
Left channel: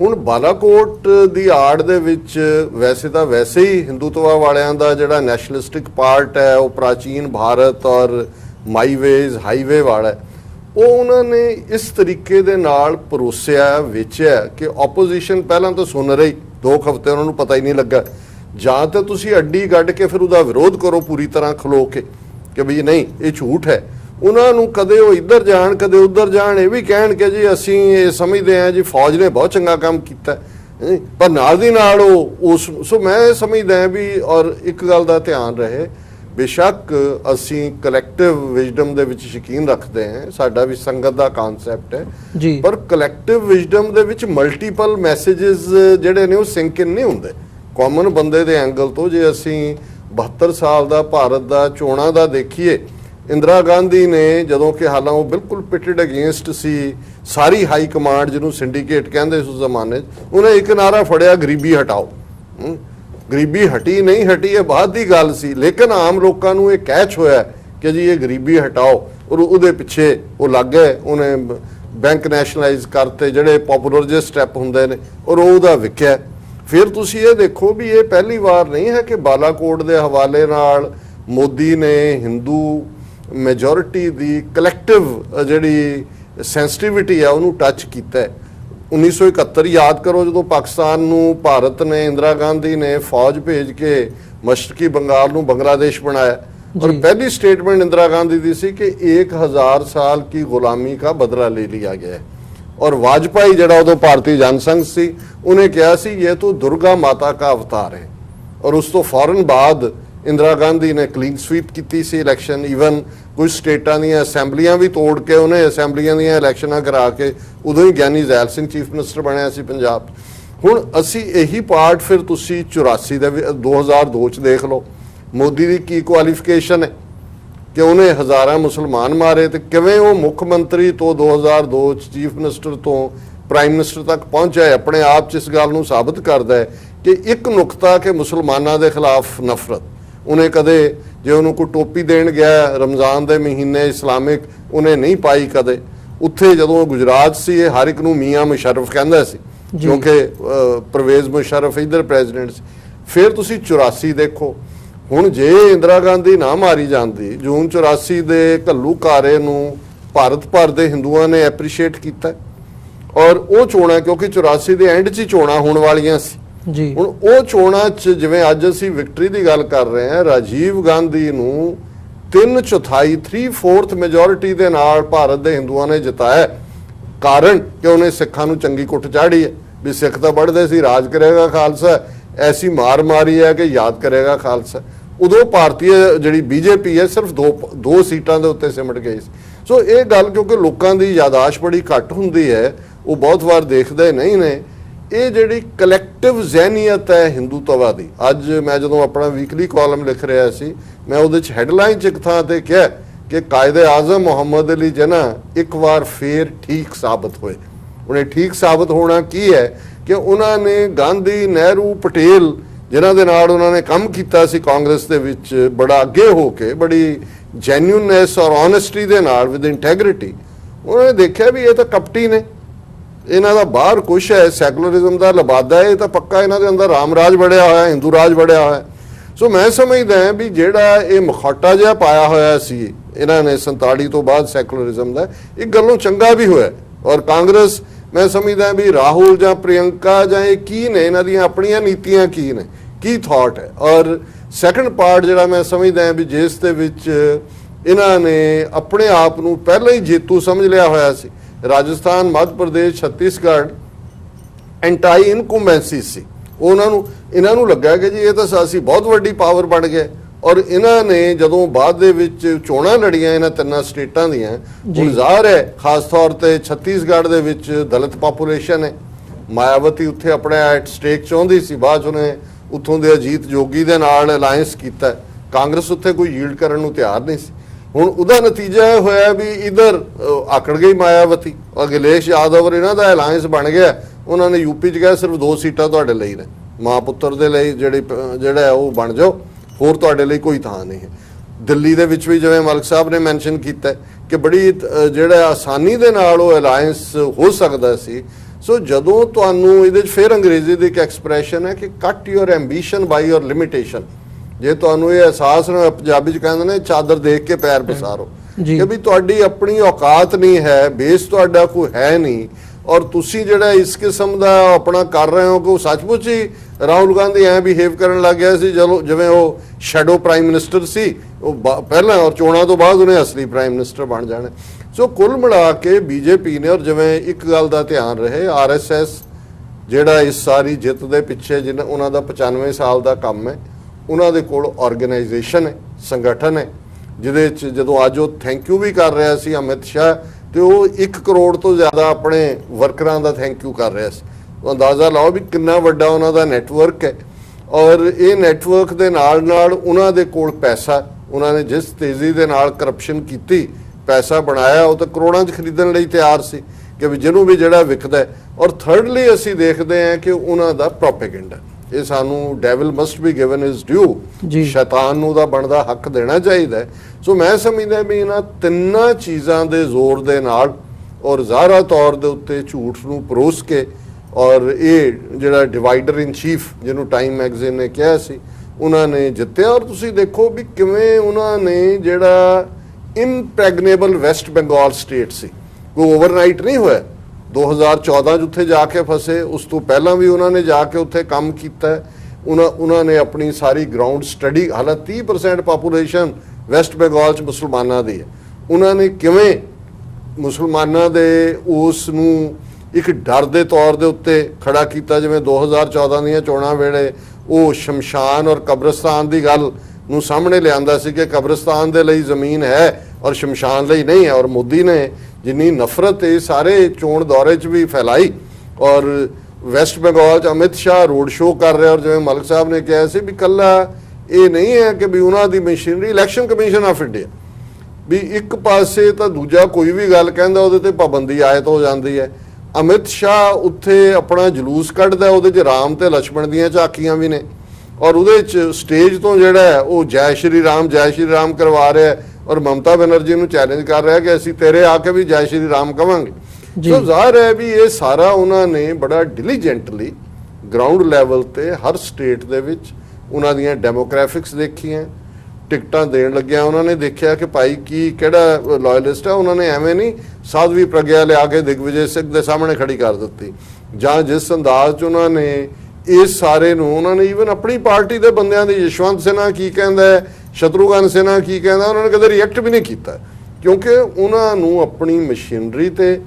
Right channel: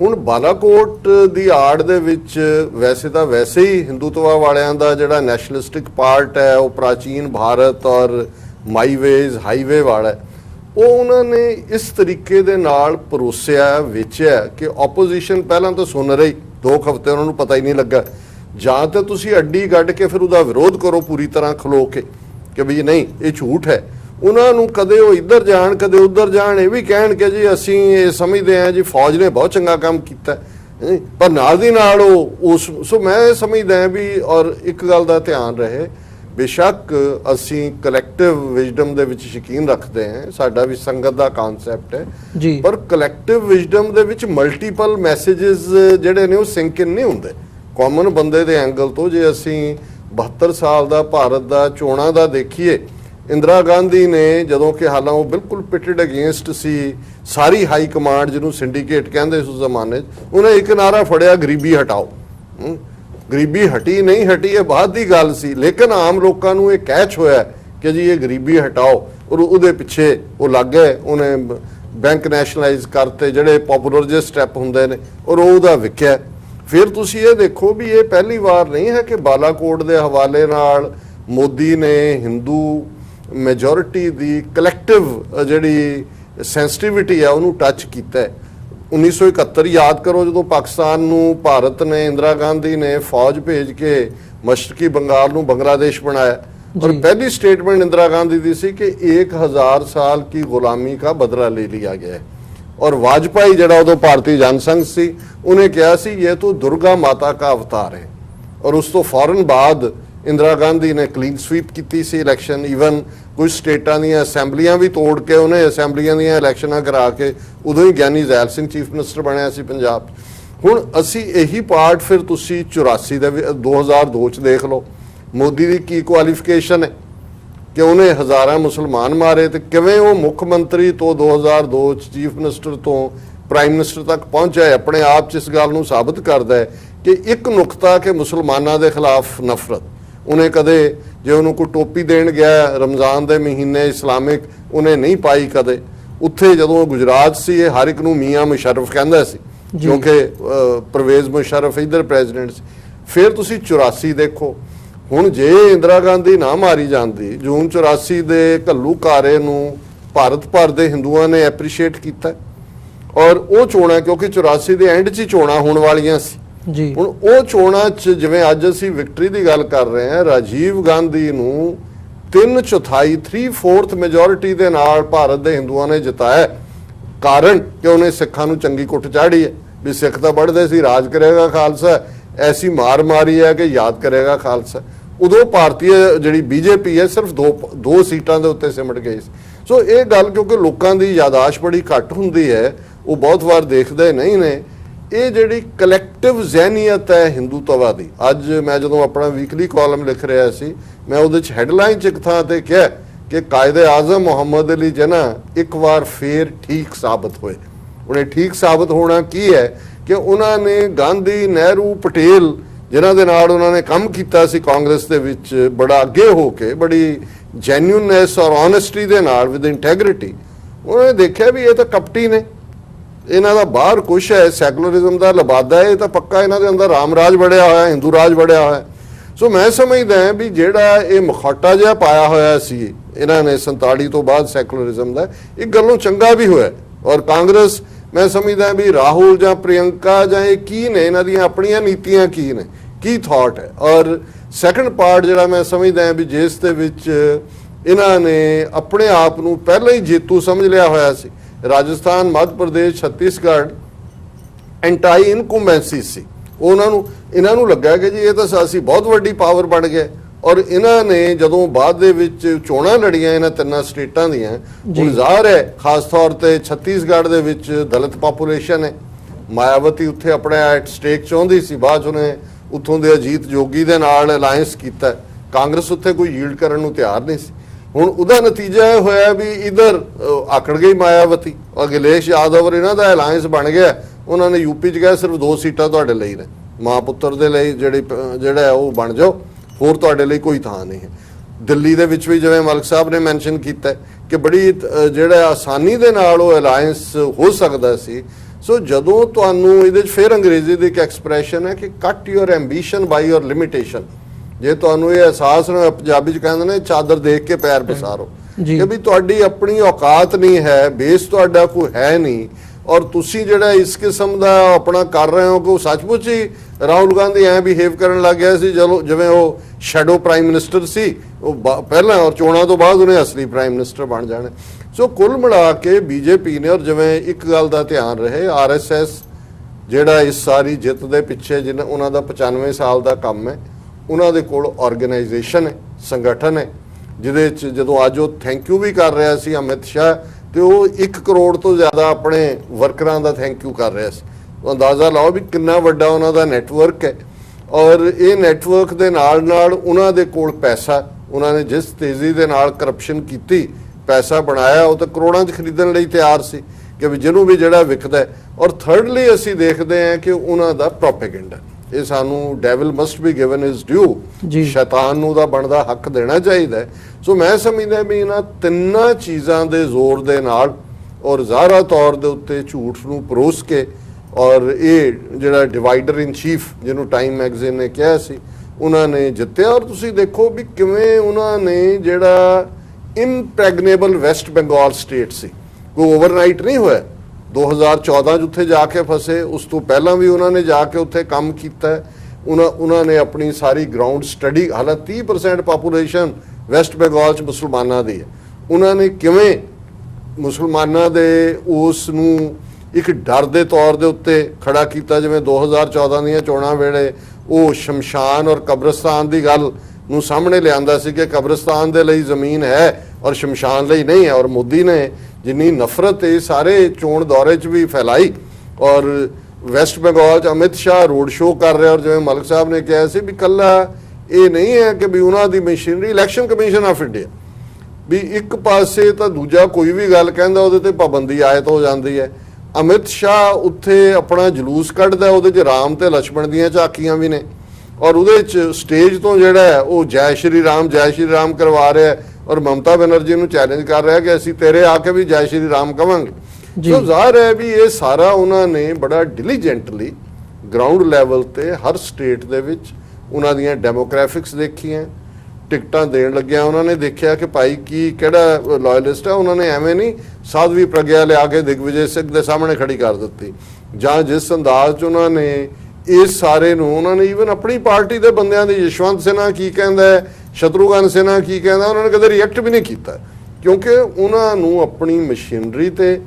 ਹੁਣ ਬਾਲਾਕੋਟ ਦੀ ਆੜ ਦੇ ਵਿੱਚ ਵੈਸੇ ਤਾਂ ਵੈਸੇ ਹੀ ਹਿੰਦੂਤਵਾ ਵਾਲਿਆਂ ਦਾ ਜਿਹੜਾ ਨੈਸ਼ਨਲਿਸਟਿਕ ਪਾਰਟ ਹੈ ਉਹ ਪ੍ਰਾਚੀਨ ਭਾਰਤ ਔਰ ਮਾਈਵੇਜ਼ ਹਾਈਵੇ ਵਾਲਾ ਹੈ, ਉਹ ਉਹਨਾਂ ਨੇ ਇਸ ਤਰੀਕੇ ਦੇ ਨਾਲ ਪਰੋਸਿਆ ਵੇਚਿਆ ਕਿ ਆਪੋਜੀਸ਼ਨ ਪਹਿਲਾਂ ਤਾਂ ਸੁਣ ਰਹੀ, 2 ਹਫ਼ਤੇ ਉਹਨਾਂ ਨੂੰ ਪਤਾ ਹੀ ਨਹੀਂ ਲੱਗਾ। ਜਾਂ ਤਾਂ ਤੁਸੀਂ ਅੱਡੀ ਗੱਡ ਕੇ ਫਿਰ ਉਹਦਾ ਵਿਰੋਧ ਕਰੋ ਪੂਰੀ ਤਰ੍ਹਾਂ ਖਲੋ ਕੇ ਕਿ ਵੀ ਨਹੀਂ ਇਹ ਝੂਠ ਹੈ। ਉਹਨਾਂ ਨੂੰ ਕਦੇ ਉਹ ਇੱਧਰ ਜਾਣ ਕਦੇ ਉੱਧਰ ਜਾਣ, ਇਹ ਵੀ ਕਹਿਣ ਕਿ ਜੀ ਅਸੀਂ ਇਹ ਸਮਝਦੇ ਹਾਂ ਜੀ ਫੌਜ ਨੇ ਬਹੁਤ ਚੰਗਾ ਕੰਮ ਕੀਤਾ, ਪਰ ਨਾਲ ਦੀ ਨਾਲ ਉਹ ਸੋ ਮੈਂ ਸਮਝਦਾ ਵੀ, ਔਰ ਇੱਕ ਗੱਲ ਦਾ ਧਿਆਨ ਰਹੇ, ਬੇਸ਼ੱਕ ਅਸੀਂ ਕਲੈਕਟਿਵ ਵਿਜ਼ਡਮ ਦੇ ਵਿੱਚ ਯਕੀਨ ਰੱਖਦੇ ਹਾਂ, ਸਾਡਾ ਵੀ ਸੰਗਤ ਦਾ ਕਨਸੈਪਟ ਹੈ ਜੀ, ਪਰ ਕਲੈਕਟਿਵ ਵਿਜ਼ਡਮ ਦੇ ਵਿੱਚ ਮਲਟੀਪਲ ਮੈਸੇजेस ਜਿਹੜੇ ਨੇ ਉਹ ਸਿੰਕ ਇਨ ਨਹੀਂ ਹੁੰਦੇ ਕਾਮਨ ਬੰਦੇ ਦੇ ਐਂਗਲ ਤੋਂ। ਜੇ ਅਸੀਂ 72 ਸਾਲ ਦਾ ਭਾਰਤ ਦਾ ਚੋਣਾਂ ਦਾ ਦੇਖੀਏ, ਇੰਦਰਾ ਗਾਂਧੀ ਨੇ ਜਦੋਂ ਕਿ ਹਾਲਾਂ ਉਹ ਬਿਲਕੁਲ ਪਿਟਡ ਅਗੇਂਸਟ ਸੀ ਸਾਰੀ ਹਾਈ ਕਮਾਂਡ ਜਿਹਨੂੰ ਸਿੰਡੀਕੇਟ ਕਹਿੰਦੇ ਉਸ ਜ਼ਮਾਨੇ 'ਚ, ਉਹਨੇ ਇੱਕ ਨਾਰਾ ਫੜਿਆ, ਗਰੀਬੀ ਹਟਾਓ। ਗਰੀਬੀ ਹਟੀ ਨਹੀਂ ਹਟੀ ਇਹ ਬਾਅਦ ਦੀ ਗੱਲ ਸੀ, ਲੇਕਿਨ ਆਮ ਲੋਕਾਂ ਨੂੰ ਇਹ ਕੈਚ ਹੋਇਆ ਕਿ ਜੀ ਇਹ ਗਰੀਬੀ ਹਟਾਓ ਔਰ ਉਹਦੇ ਪਿੱਛੇ ਉਹ ਲੱਗ ਗਏ। ਉਹਨੇ ਬੈਂਕ ਨੈਸ਼ਨਲਾਈਜ਼ ਕਰਤੇ ਜਿਹੜੇ ਪਪੂਲਰ ਜਿਹੇ ਸਟੈਪ ਹੁੰਦੇ ਨੇ ਔਰ ਉਹਦਾ ਵਿਕਿਆ। ਫਿਰ ਤੁਸੀਂ ਇਹ ਦੇਖੋ ਵੀ ਇਹ ਪਹਿਲੀ ਵਾਰ ਨਹੀਂ ਹੈ ਕਿ ਬਾਲਾਕੋਟ ਦੇ ਹਵਾਲੇ ਨਾਲ ਮੋਦੀ ਨੇ ਹਿੰਦੂ ਮੈਜੋਰਿਟੀ ਦੀ ਕਲੈਕਟਿਵ ਜਿਹੜੀ ਸੈਂਸਿਟੀਵਿਟੀ ਆ ਉਹਨੂੰ ਟੱਚ ਕੀਤਾ ਹੈ। 1971 ਯਾਦ ਕਰੋ ਜਦੋਂ ਪਾਕਿਸਤਾਨ ਨੂੰ ਭਾਰਤ ਨੇ, ਇੰਦਰਾ ਗਾਂਧੀ ਨੇ ਫੌਜ ਭੇਜ ਕੇ ਮਸ਼ਰਕੀ ਬੰਗਾਲ ਨੂੰ ਬੰਗਲਾਦੇਸ਼ ਬਣਾਇਆ ਔਰ ਪਹਿਲੀ ਸਟੇਟਮੈਂਟ ਇੰਦਰਾ ਗਾਂधी ਦੀ ਸੀ ਕਿ 1000 ਸਾਲ की गुलामी का बदला ले लिया गया है। और वाजपेयी ਜਿਹੜਾ ਉਦੋਂ ਭਾਰਤੀ ਜਨਸੰਘ ਸੀ ਉਹਨੇ ਕਿਹਾ ਸੀ ਇਹ ਤਾਂ ਦੁਰਗਾ ਮਾਤਾ ਦਾ ਅਵਤਾਰ ਹੈ। ਔਰ ਉਸ ਤੋਂ ਫੌਰਨ ਬਾਅਦ ਇੰਦਰਾ ਗਾਂਧੀ ਨੇ ਕਲੀਨ ਸਵੀਪ ਕੀਤੀ ਸੀ ਇਲੈਕਸ਼ਨ, ਈਵਨ ਕੁਝ ਸਟੇਟਾਂ ਦੀਆਂ ਅਸੈਂਬਲੀਆਂ ਵੀ ਤੋੜ ਕੇ ਉਹਨੇ ਅਸੈਂਬਲੀਆਂ ਦੀਆਂ ਇਲੈਕਸ਼ਨਾਂ ਕਰਾ ਕੇ ਉਦੋਂ ਹੀ ਗਿਆਨੀ ਜ਼ੈਲ ਸਿੰਘ ਚੀਫ ਮਿਨਿਸਟਰ ਬਣਿਆ ਸੀ ਪੰਜਾਬ। ਹੁਣ ਅਸੀਂ ਇਹੀ ਪਾਰਟ ਫਿਰ ਤੁਸੀਂ 84 ਦੇ 2002 ਚ ਦੇਖ ਲਓ ਮੋਦੀ ਦੀ ਕੀ ਕੁਆਲੀਫਿਕੇਸ਼ਨ ਹੈ ਕਿ ਉਹਨੇ ਹਜ਼ਾਰਾਂ ਮੁਸਲਮਾਨ ਮਾਰੇ ਤੇ ਕਿਵੇਂ ਉਹ ਮੁੱਖ ਮੰਤਰੀ ਤੋਂ 2002 ਚ ਚੀਫ ਮਿਨਿਸਟਰ ਤੋਂ ਪ੍ਰਾਈਮ ਮਿਨਿਸਟਰ ਤੱਕ ਪਹੁੰਚਿਆ। ਆਪਣੇ ਆਪ ਚ ਇਸ ਗੱਲ ਨੂੰ ਸਾਬਤ ਕਰਦਾ ਹੈ ਕਿ ਇੱਕ ਨੁਕਤਾ ਕਿ ਮੁਸਲਮਾਨਾਂ ਦੇ ਖਿਲਾਫ ਨਫ਼ਰਤ, ਉਹਨੇ ਕਦੇ ਜੇ ਉਹਨੂੰ ਕੋਈ ਟੋਪੀ ਦੇਣ ਗਿਆ ਰਮਜ਼ਾਨ ਦੇ ਮਹੀਨੇ ਇਸਲਾਮਿਕ ਉਹਨੇ ਨਹੀਂ ਪਾਈ ਕਦੇ। ਉੱਥੇ ਜਦੋਂ ਗੁਜਰਾਤ ਸੀ ਇਹ ਹਰ ਇੱਕ ਨੂੰ ਮੀਆਂ ਮੁਸ਼ਰਫ ਕਹਿੰਦਾ ਸੀ ਕਿਉਂਕਿ ਪਰਵੇਜ਼ ਮੁਸ਼ਰਫ ਇਧਰ ਪ੍ਰੈਜ਼ੀਡੈਂਟ ਸੀ। ਫਿਰ ਤੁਸੀਂ 84 ਦੇਖੋ, ਹੁਣ ਜੇ ਇੰਦਰਾ ਗਾਂਧੀ ਨਾ ਮਾਰੀ ਜਾਂਦੀ, ਜੂਨ 84 ਦੇ ਘੱਲੂਘਾਰੇ ਨੂੰ ਭਾਰਤ ਭਰ ਦੇ ਹਿੰਦੂਆਂ ਨੇ ਐਪਰੀਸ਼ੀਏਟ ਕੀਤਾ ਔਰ ਉਹ ਚੋਣਾਂ ਕਿਉਂਕਿ 84 ਦੇ ਐਂਡ 'ਚ ਹੀ ਚੋਣਾਂ ਹੋਣ ਵਾਲੀਆਂ ਸੀ ਜੀ। ਹੁਣ ਉਹ ਚੋਣਾਂ 'ਚ ਜਿਵੇਂ ਅੱਜ ਅਸੀਂ ਵਿਕਟਰੀ ਦੀ ਗੱਲ ਕਰ ਰਹੇ ਹਾਂ, ਰਾਜੀਵ ਗਾਂਧੀ ਨੂੰ 3/4 ਮੈਜੋਰਿਟੀ ਦੇ ਨਾਲ ਭਾਰਤ ਦੇ ਹਿੰਦੂਆਂ ਨੇ ਜਿਤਾਇਆ। ਕਾਰਨ ਕਿ ਉਹਨੇ ਸਿੱਖਾਂ ਨੂੰ ਚੰਗੀ ਕੁੱਟ ਚਾੜੀ ਹੈ ਵੀ ਸਿੱਖ ਤਾਂ ਪੜ੍ਹਦੇ ਸੀ ਰਾਜ ਕਰੇਗਾ ਖਾਲਸਾ, ਐਸੀ ਮਾਰ ਮਾਰੀ ਹੈ ਕਿ ਯਾਦ ਕਰੇਗਾ ਖਾਲਸਾ। ਉਦੋਂ ਭਾਰਤੀ ਜਿਹੜੀ ਬੀਜੇਪੀ ਹੈ ਸਿਰਫ ਦੋ ਸੀਟਾਂ ਦੇ ਉੱਤੇ ਸਿਮਟ ਗਈ ਸੀ। ਸੋ ਇਹ ਗੱਲ ਕਿਉਂਕਿ ਲੋਕਾਂ ਦੀ ਯਾਦਾਸ਼ਤ ਬੜੀ ਘੱਟ ਹੁੰਦੀ ਹੈ, ਉਹ ਬਹੁਤ ਵਾਰ ਦੇਖਦੇ ਨਹੀਂ ਨੇ। ਇਹ ਜਿਹੜੀ ਕਲੈਕਟਿਵ ਜ਼ਹਿਨੀਅਤ ਹੈ ਹਿੰਦੂਤਵਾ ਦੀ, ਅੱਜ ਮੈਂ ਜਦੋਂ ਆਪਣਾ ਵੀਕਲੀ ਕਾਲਮ ਲਿਖ ਰਿਹਾ ਸੀ ਮੈਂ ਉਹਦੇ ਚ ਹੈਡਲਾਈਨ ਚ ਇੱਕ ਥਾਂ ਤੇ ਕਿਹਾ ਕਿ ਕਾਇਦੇ ਆਜ਼ਮ ਮੁਹੰਮਦ ਅਲੀ ਜਿਨਾਹ ਇੱਕ ਵਾਰ ਫੇਰ ਠੀਕ ਸਾਬਤ ਹੋਏ। ਉਹਨੇ ਠੀਕ ਸਾਬਤ ਹੋਣਾ ਕੀ ਹੈ ਕਿ ਉਹਨਾਂ ਨੇ ਗਾਂਧੀ, ਨਹਿਰੂ, ਪਟੇਲ ਜਿਨ੍ਹਾਂ ਦੇ ਨਾਲ ਉਹਨਾਂ ਨੇ ਕੰਮ ਕੀਤਾ ਸੀ ਕਾਂਗਰਸ ਦੇ ਵਿੱਚ ਬੜਾ ਅੱਗੇ ਹੋ ਕੇ, ਬੜੀ ਜੈਨੂਇਨਨੈਸ ਔਰ ਓਨੈਸਟੀ ਦੇ ਨਾਲ ਵਿਦ ਇੰਟੈਗ੍ਰਿਟੀ, ਉਹਨਾਂ ਨੇ ਦੇਖਿਆ ਵੀ ਇਹ ਤਾਂ ਕਪਟੀ ਨੇ, ਇਹਨਾਂ ਦਾ ਬਾਹਰ ਕੁਛ ਹੈ ਸੈਕੂਲਰਿਜ਼ਮ ਦਾ ਲਬਾਦਾ ਹੈ, ਇਹ ਤਾਂ ਪੱਕਾ ਇਹਨਾਂ ਦੇ ਅੰਦਰ ਰਾਮ ਰਾਜ ਬੜਿਆ ਹੋਇਆ, ਹਿੰਦੂ ਰਾਜ ਬੜਿਆ ਹੋਇਆ। ਸੋ ਮੈਂ ਸਮਝਦਾ ਹਾਂ ਵੀ ਜਿਹੜਾ ਇਹ ਮੁਖੌਟਾ ਜਿਹਾ ਪਾਇਆ ਹੋਇਆ ਸੀ ਇਹਨਾਂ ਨੇ 47 ਤੋਂ ਬਾਅਦ ਸੈਕੂਲਰਿਜ਼ਮ ਦਾ, ਇੱਕ ਗੱਲੋਂ ਚੰਗਾ ਵੀ ਹੋਇਆ। ਔਰ ਕਾਂਗਰਸ ਮੈਂ ਸਮਝਦਾ ਵੀ ਰਾਹੁਲ ਜਾਂ ਪ੍ਰਿਯੰਕਾ ਜਾਂ ਇਹ ਕੀ ਨੇ, ਇਹਨਾਂ ਦੀਆਂ ਆਪਣੀਆਂ ਨੀਤੀਆਂ ਕੀ ਨੇ, ਕੀ ਥਾਟ ਹੈ। ਔਰ ਸੈਕੰਡ ਪਾਰਟ ਜਿਹੜਾ ਮੈਂ ਸਮਝਦਾ ਵੀ ਜਿਸ ਦੇ ਵਿੱਚ ਇਹਨਾਂ ਨੇ ਆਪਣੇ ਆਪ ਨੂੰ ਪਹਿਲਾਂ ਹੀ ਜੇਤੂ ਸਮਝ ਲਿਆ ਹੋਇਆ ਸੀ। ਰਾਜਸਥਾਨ, ਮੱਧ ਪ੍ਰਦੇਸ਼, ਛੱਤੀਸਗੜ੍ਹ ਐਂਟਾਈ ਇਨਕੰਬੈਂਸੀ ਸੀ ਇਹਨਾਂ ਨੂੰ ਲੱਗਾ ਕਿ ਜੀ ਇਹ ਤਾਂ ਅਸੀਂ ਬਹੁਤ ਵੱਡੀ ਪਾਵਰ ਬਣ ਗਏ। ਔਰ ਇਹਨਾਂ ਨੇ ਜਦੋਂ ਬਾਅਦ ਦੇ ਵਿੱਚ ਚੋਣਾਂ ਲੜੀਆਂ ਇਹਨਾਂ ਤਿੰਨਾਂ ਸਟੇਟਾਂ ਦੀਆਂ, ਹੁਣ ਜ਼ਾਹਰ ਹੈ ਖਾਸ ਤੌਰ ਤੇ ਛੱਤੀਸਗੜ੍ਹ ਦੇ ਵਿੱਚ ਦਲਿਤ ਪਾਪੂਲੇਸ਼ਨ ਹੈ। ਮਾਇਆਵਤੀ ਉੱਥੇ ਆਪਣਾ ਐਟ ਸਟੇਕ ਚਾਹੁੰਦੀ ਸੀ, ਬਾਅਦ 'ਚ ਉਹਨੇ ਉੱਥੋਂ ਦੇ ਅਜੀਤ ਜੋਗੀ ਦੇ ਨਾਲ ਅਲਾਇੰਸ ਕੀਤਾ। ਕਾਂਗਰਸ ਉੱਥੇ ਕੋਈ ਯੀਲਡ ਕਰਨ ਨੂੰ ਤਿਆਰ ਨਹੀਂ ਸੀ। ਹੁਣ ਉਹਦਾ ਨਤੀਜਾ ਇਹ ਹੋਇਆ ਵੀ ਇਧਰ ਆਕੜ ਗਈ ਮਾਇਆਵਤੀ, ਅਖਿਲੇਸ਼ ਯਾਦਵ ਔਰ ਇਹਨਾਂ ਦਾ ਅਲਾਇੰਸ ਬਣ ਗਿਆ। ਉਹਨਾਂ ਨੇ ਯੂਪੀ 'ਚ ਕਿਹਾ ਸਿਰਫ 2 ਸੀਟਾਂ ਤੁਹਾਡੇ ਲਈ ਨੇ, ਮਾਂ ਪੁੱਤਰ ਦੇ ਲਈ ਜਿਹੜਾ ਉਹ ਬਣ ਜਾਓ, ਹੋਰ ਤੁਹਾਡੇ ਲਈ ਕੋਈ ਥਾਂ ਨਹੀਂ ਹੈ। ਦਿੱਲੀ ਦੇ ਵਿੱਚ ਵੀ ਜਿਵੇਂ ਮਲਕ ਸਾਹਿਬ ਨੇ ਮੈਂਸ਼ਨ ਕੀਤਾ ਕਿ ਬੜੀ ਜਿਹੜਾ ਆਸਾਨੀ ਦੇ ਨਾਲ ਉਹ ਅਲਾਇੰਸ ਹੋ ਸਕਦਾ ਸੀ। ਸੋ ਜਦੋਂ ਤੁਹਾਨੂੰ ਇਹਦੇ 'ਚ ਫਿਰ ਅੰਗਰੇਜ਼ੀ ਦੀ ਇੱਕ ਐਕਸਪ੍ਰੈਸ਼ਨ ਹੈ ਕਿ ਕੱਟ your ambition by your limitation. ਜੇ ਤੁਹਾਨੂੰ ਇਹ ਅਹਿਸਾਸ ਨਾ, ਪੰਜਾਬੀ 'ਚ ਕਹਿੰਦੇ ਨੇ ਚਾਦਰ ਦੇਖ ਕੇ ਪੈਰ ਪਸਾਰੋ, ਕਿ ਵੀ ਤੁਹਾਡੀ ਆਪਣੀ ਔਕਾਤ ਨਹੀਂ ਹੈ, ਬੇਸ ਤੁਹਾਡਾ ਕੋਈ ਹੈ ਨਹੀਂ, ਔਰ ਤੁਸੀਂ ਜਿਹੜਾ ਇਸ ਕਿਸਮ ਦਾ ਆਪਣਾ ਕਰ ਰਹੇ ਹੋ ਕਿ ਉਹ ਸੱਚਮੁੱਚ ਹੀ ਰਾਹੁਲ ਗਾਂਧੀ ਐ ਬਿਹੇਵ ਕਰਨ ਲੱਗ ਗਿਆ ਸੀ ਜਦੋਂ ਜਿਵੇਂ ਉਹ ਸ਼ੈਡੋ ਪ੍ਰਾਈਮ ਮਿਨਿਸਟਰ ਸੀ, ਉਹ ਪਹਿਲਾਂ ਔਰ ਚੋਣਾਂ ਤੋਂ ਬਾਅਦ ਉਹਨੇ ਅਸਲੀ ਪ੍ਰਾਈਮ ਮਿਨਿਸਟਰ ਬਣ ਜਾਣਾ। ਸੋ ਕੁੱਲ ਮਿਲਾ ਕੇ ਬੀਜੇਪੀ ਨੇ, ਔਰ ਜਿਵੇਂ ਇੱਕ ਗੱਲ ਦਾ ਧਿਆਨ ਰਹੇ, ਆਰਐਸਐਸ ਜਿਹੜਾ ਇਸ ਸਾਰੀ ਜਿੱਤ ਦੇ ਪਿੱਛੇ ਜਿਹਨਾਂ ਉਹਨਾਂ ਦਾ 95 ਸਾਲ ਦਾ ਕੰਮ ਹੈ, ਉਹਨਾਂ ਦੇ ਕੋਲ ਆਰਗੇਨਾਈਜੇਸ਼ਨ ਹੈ, ਸੰਗਠਨ ਹੈ, ਜਿਹਦੇ 'ਚ ਜਦੋਂ ਅੱਜ ਉਹ ਥੈਂਕ ਯੂ ਵੀ ਕਰ ਰਿਹਾ ਸੀ ਅਮਿਤ ਸ਼ਾਹ, ਤੇ ਉਹ 1 ਕਰੋੜ ਤੋਂ ਜ਼ਿਆਦਾ ਆਪਣੇ ਵਰਕਰਾਂ ਦਾ ਥੈਂਕ ਯੂ ਕਰ ਰਿਹਾ ਸੀ। ਅੰਦਾਜ਼ਾ ਲਾਓ ਵੀ ਕਿੰਨਾ ਵੱਡਾ ਉਹਨਾਂ ਦਾ ਨੈਟਵਰਕ ਹੈ। ਔਰ ਇਹ ਨੈਟਵਰਕ ਦੇ ਨਾਲ ਨਾਲ ਉਹਨਾਂ ਦੇ ਕੋਲ ਪੈਸਾ, ਉਹਨਾਂ ਨੇ ਜਿਸ ਤੇਜ਼ੀ ਦੇ ਨਾਲ ਕਰਪਸ਼ਨ ਕੀਤੀ, ਪੈਸਾ ਬਣਾਇਆ, ਉਹ ਤਾਂ ਕਰੋੜਾਂ 'ਚ ਖਰੀਦਣ ਲਈ ਤਿਆਰ ਸੀ ਕਿ ਵੀ ਜਿਹਨੂੰ ਵੀ ਜਿਹੜਾ ਵਿਕਦਾ। ਔਰ ਥਰਡਲੀ ਅਸੀਂ ਦੇਖਦੇ ਹਾਂ ਕਿ ਉਹਨਾਂ ਦਾ ਪ੍ਰੋਪੇਗੈਂਡਾ, ਇਹ ਸਾਨੂੰ ਡੈਵਲ ਮਸਟ ਬੀ ਗਿਵਨ ਹਿਸ ਡਿਊ, ਸ਼ੈਤਾਨ ਨੂੰ ਦਾ ਬਣਦਾ ਹੱਕ ਦੇਣਾ ਚਾਹੀਦਾ। ਸੋ ਮੈਂ ਸਮਝਦਾ ਵੀ ਇਹਨਾਂ ਤਿੰਨਾਂ ਚੀਜ਼ਾਂ ਦੇ ਜ਼ੋਰ ਦੇ ਨਾਲ ਔਰ ਜ਼ਾਹਰਾ ਤੌਰ ਦੇ ਉੱਤੇ ਝੂਠ ਨੂੰ ਪਰੋਸ ਕੇ, ਔਰ ਇਹ ਜਿਹੜਾ ਡਿਵਾਈਡਰ ਇਨ ਚੀਫ ਜਿਹਨੂੰ ਟਾਈਮ ਮੈਗਜ਼ੀਨ ਨੇ ਕਿਹਾ ਸੀ, ਉਹਨਾਂ ਨੇ ਜਿੱਤਿਆ। ਔਰ ਤੁਸੀਂ ਦੇਖੋ ਵੀ ਕਿਵੇਂ ਉਹਨਾਂ ਨੇ ਜਿਹੜਾ ਇੰਪ੍ਰੈਗਨੇਬਲ ਵੈਸਟ ਬੰਗਾਲ ਸਟੇਟ ਸੀ, ਕੋਈ ਓਵਰਨਾਈਟ ਨਹੀਂ ਹੋਇਆ। 2014 'ਚ ਉੱਥੇ ਜਾ ਕੇ ਫਸੇ, ਉਸ ਤੋਂ ਪਹਿਲਾਂ ਵੀ ਉਹਨਾਂ ਨੇ ਜਾ ਕੇ ਉੱਥੇ ਕੰਮ ਕੀਤਾ। ਉਹਨਾਂ ਨੇ ਆਪਣੀ ਸਾਰੀ ਗਰਾਊਂਡ ਸਟੱਡੀ, ਹਾਲਾਂਕਿ 30% ਪਾਪੂਲੇਸ਼ਨ ਵੈਸਟ ਬੰਗਾਲ 'ਚ ਮੁਸਲਮਾਨਾਂ ਦੀ ਹੈ, ਉਹਨਾਂ ਨੇ ਕਿਵੇਂ ਮੁਸਲਮਾਨਾਂ ਦੇ ਉਸ ਨੂੰ ਇੱਕ ਡਰ ਦੇ ਤੌਰ ਦੇ ਉੱਤੇ ਖੜਾ ਕੀਤਾ। ਜਿਵੇਂ 2014 ਦੀਆਂ ਚੋਣਾਂ ਵੇਲੇ ਉਹ ਸ਼ਮਸ਼ਾਨ ਔਰ ਕਬਰਸਤਾਨ ਦੀ ਗੱਲ ਨੂੰ ਸਾਹਮਣੇ ਲਿਆਂਦਾ ਸੀ ਕਿ ਕਬਰਸਤਾਨ ਦੇ ਲਈ ਜ਼ਮੀਨ ਹੈ ਔਰ ਸ਼ਮਸ਼ਾਨ ਲਈ ਨਹੀਂ ਹੈ। ਔਰ ਮੋਦੀ ਨੇ ਜਿੰਨੀ ਨਫ਼ਰਤ ਇਹ ਸਾਰੇ ਚੋਣ ਦੌਰੇ 'ਚ ਵੀ ਫੈਲਾਈ। ਔਰ ਵੈਸਟ ਬੰਗਾਲ 'ਚ ਅਮਿਤ ਸ਼ਾਹ ਰੋਡ ਸ਼ੋਅ ਕਰ ਰਿਹਾ, ਔਰ ਜਿਵੇਂ ਮਲਕ ਸਾਹਿਬ ਨੇ ਕਿਹਾ ਸੀ ਵੀ ਕੱਲਾ ਇਹ ਨਹੀਂ ਹੈ ਕਿ ਵੀ ਉਹਨਾਂ ਦੀ machinery, election commission of India ਵੀ ਇੱਕ ਪਾਸੇ ਤਾਂ ਦੂਜਾ ਕੋਈ ਵੀ ਗੱਲ ਕਹਿੰਦਾ ਉਹਦੇ ਤੇ ਪਾਬੰਦੀ ਆਇਤ ਹੋ ਜਾਂਦੀ ਹੈ। ਅਮਿਤ ਸ਼ਾਹ ਉੱਥੇ ਆਪਣਾ ਜਲੂਸ ਕੱਢਦਾ, ਉਹਦੇ 'ਚ ਰਾਮ ਤੇ ਲక్ష్మణ ਦੀਆਂ ਝਾਕੀਆਂ ਵੀ ਨੇ, ਔਰ ਉਹਦੇ 'ਚ ਸਟੇਜ ਤੋਂ ਜਿਹੜਾ ਹੈ ਉਹ ਜੈ ਸ਼੍ਰੀ ਰਾਮ ਕਰਵਾ ਰਿਹਾ, ਔਰ ਮਮਤਾ ਬੈਨਰਜੀ ਨੂੰ ਚੈਲੰਜ ਕਰ ਰਿਹਾ ਕਿ ਅਸੀਂ ਤੇਰੇ ਆ ਕੇ ਵੀ ਜੈ ਸ਼੍ਰੀ ਰਾਮ ਕਵਾਂਗੇ। ਸੋ ਜ਼ਾਹਰ ਹੈ ਵੀ ਇਹ ਸਾਰਾ ਉਹਨਾਂ ਨੇ ਬੜਾ ਡਿਲੀਜੈਂਟਲੀ ਗਰਾਊਂਡ ਲੈਵਲ ਤੇ ਹਰ ਸਟੇਟ ਦੇ ਵਿੱਚ ਉਹਨਾਂ ਦੀਆਂ ਡੈਮੋਗ੍ਰਾਫਿਕਸ ਦੇਖੀਆਂ, ਟਿਕਟਾਂ ਦੇਣ ਲੱਗਿਆ ਉਹਨਾਂ ਨੇ ਦੇਖਿਆ ਕਿ ਭਾਈ ਕੀ ਕਿਹੜਾ ਲਾਇਲਿਸਟ ਹੈ। ਉਹਨਾਂ ਨੇ ਐਵੇਂ ਨਹੀਂ ਸਾਧਵੀ ਪ੍ਰਗਿਆ ਲਿਆ ਕੇ ਦਿਗਵਿਜੇ ਸਿੰਘ ਦੇ ਸਾਹਮਣੇ ਖੜੀ ਕਰ ਦਿੱਤੀ, ਜਾਂ ਜਿਸ ਅੰਦਾਜ਼ 'ਚ ਉਹਨਾਂ ਨੇ ਇਸ ਸਾਰੇ ਨੂੰ, ਉਹਨਾਂ ਨੇ ਈਵਨ ਆਪਣੀ ਪਾਰਟੀ ਦੇ ਬੰਦਿਆਂ ਦੀ, ਯਸ਼ਵੰਤ ਸਿਨਹਾ ਕੀ ਕਹਿੰਦਾ, ਸ਼ਤਰੂਘਨ ਸਿਨਹਾ ਕੀ ਕਹਿੰਦਾ, ਉਹਨਾਂ ਨੇ ਕਦੇ ਰਿਐਕਟ ਵੀ ਨਹੀਂ ਕੀਤਾ, ਕਿਉਂਕਿ ਉਹਨਾਂ ਨੂੰ ਆਪਣੀ ਮਸ਼ੀਨਰੀ ਤੇ,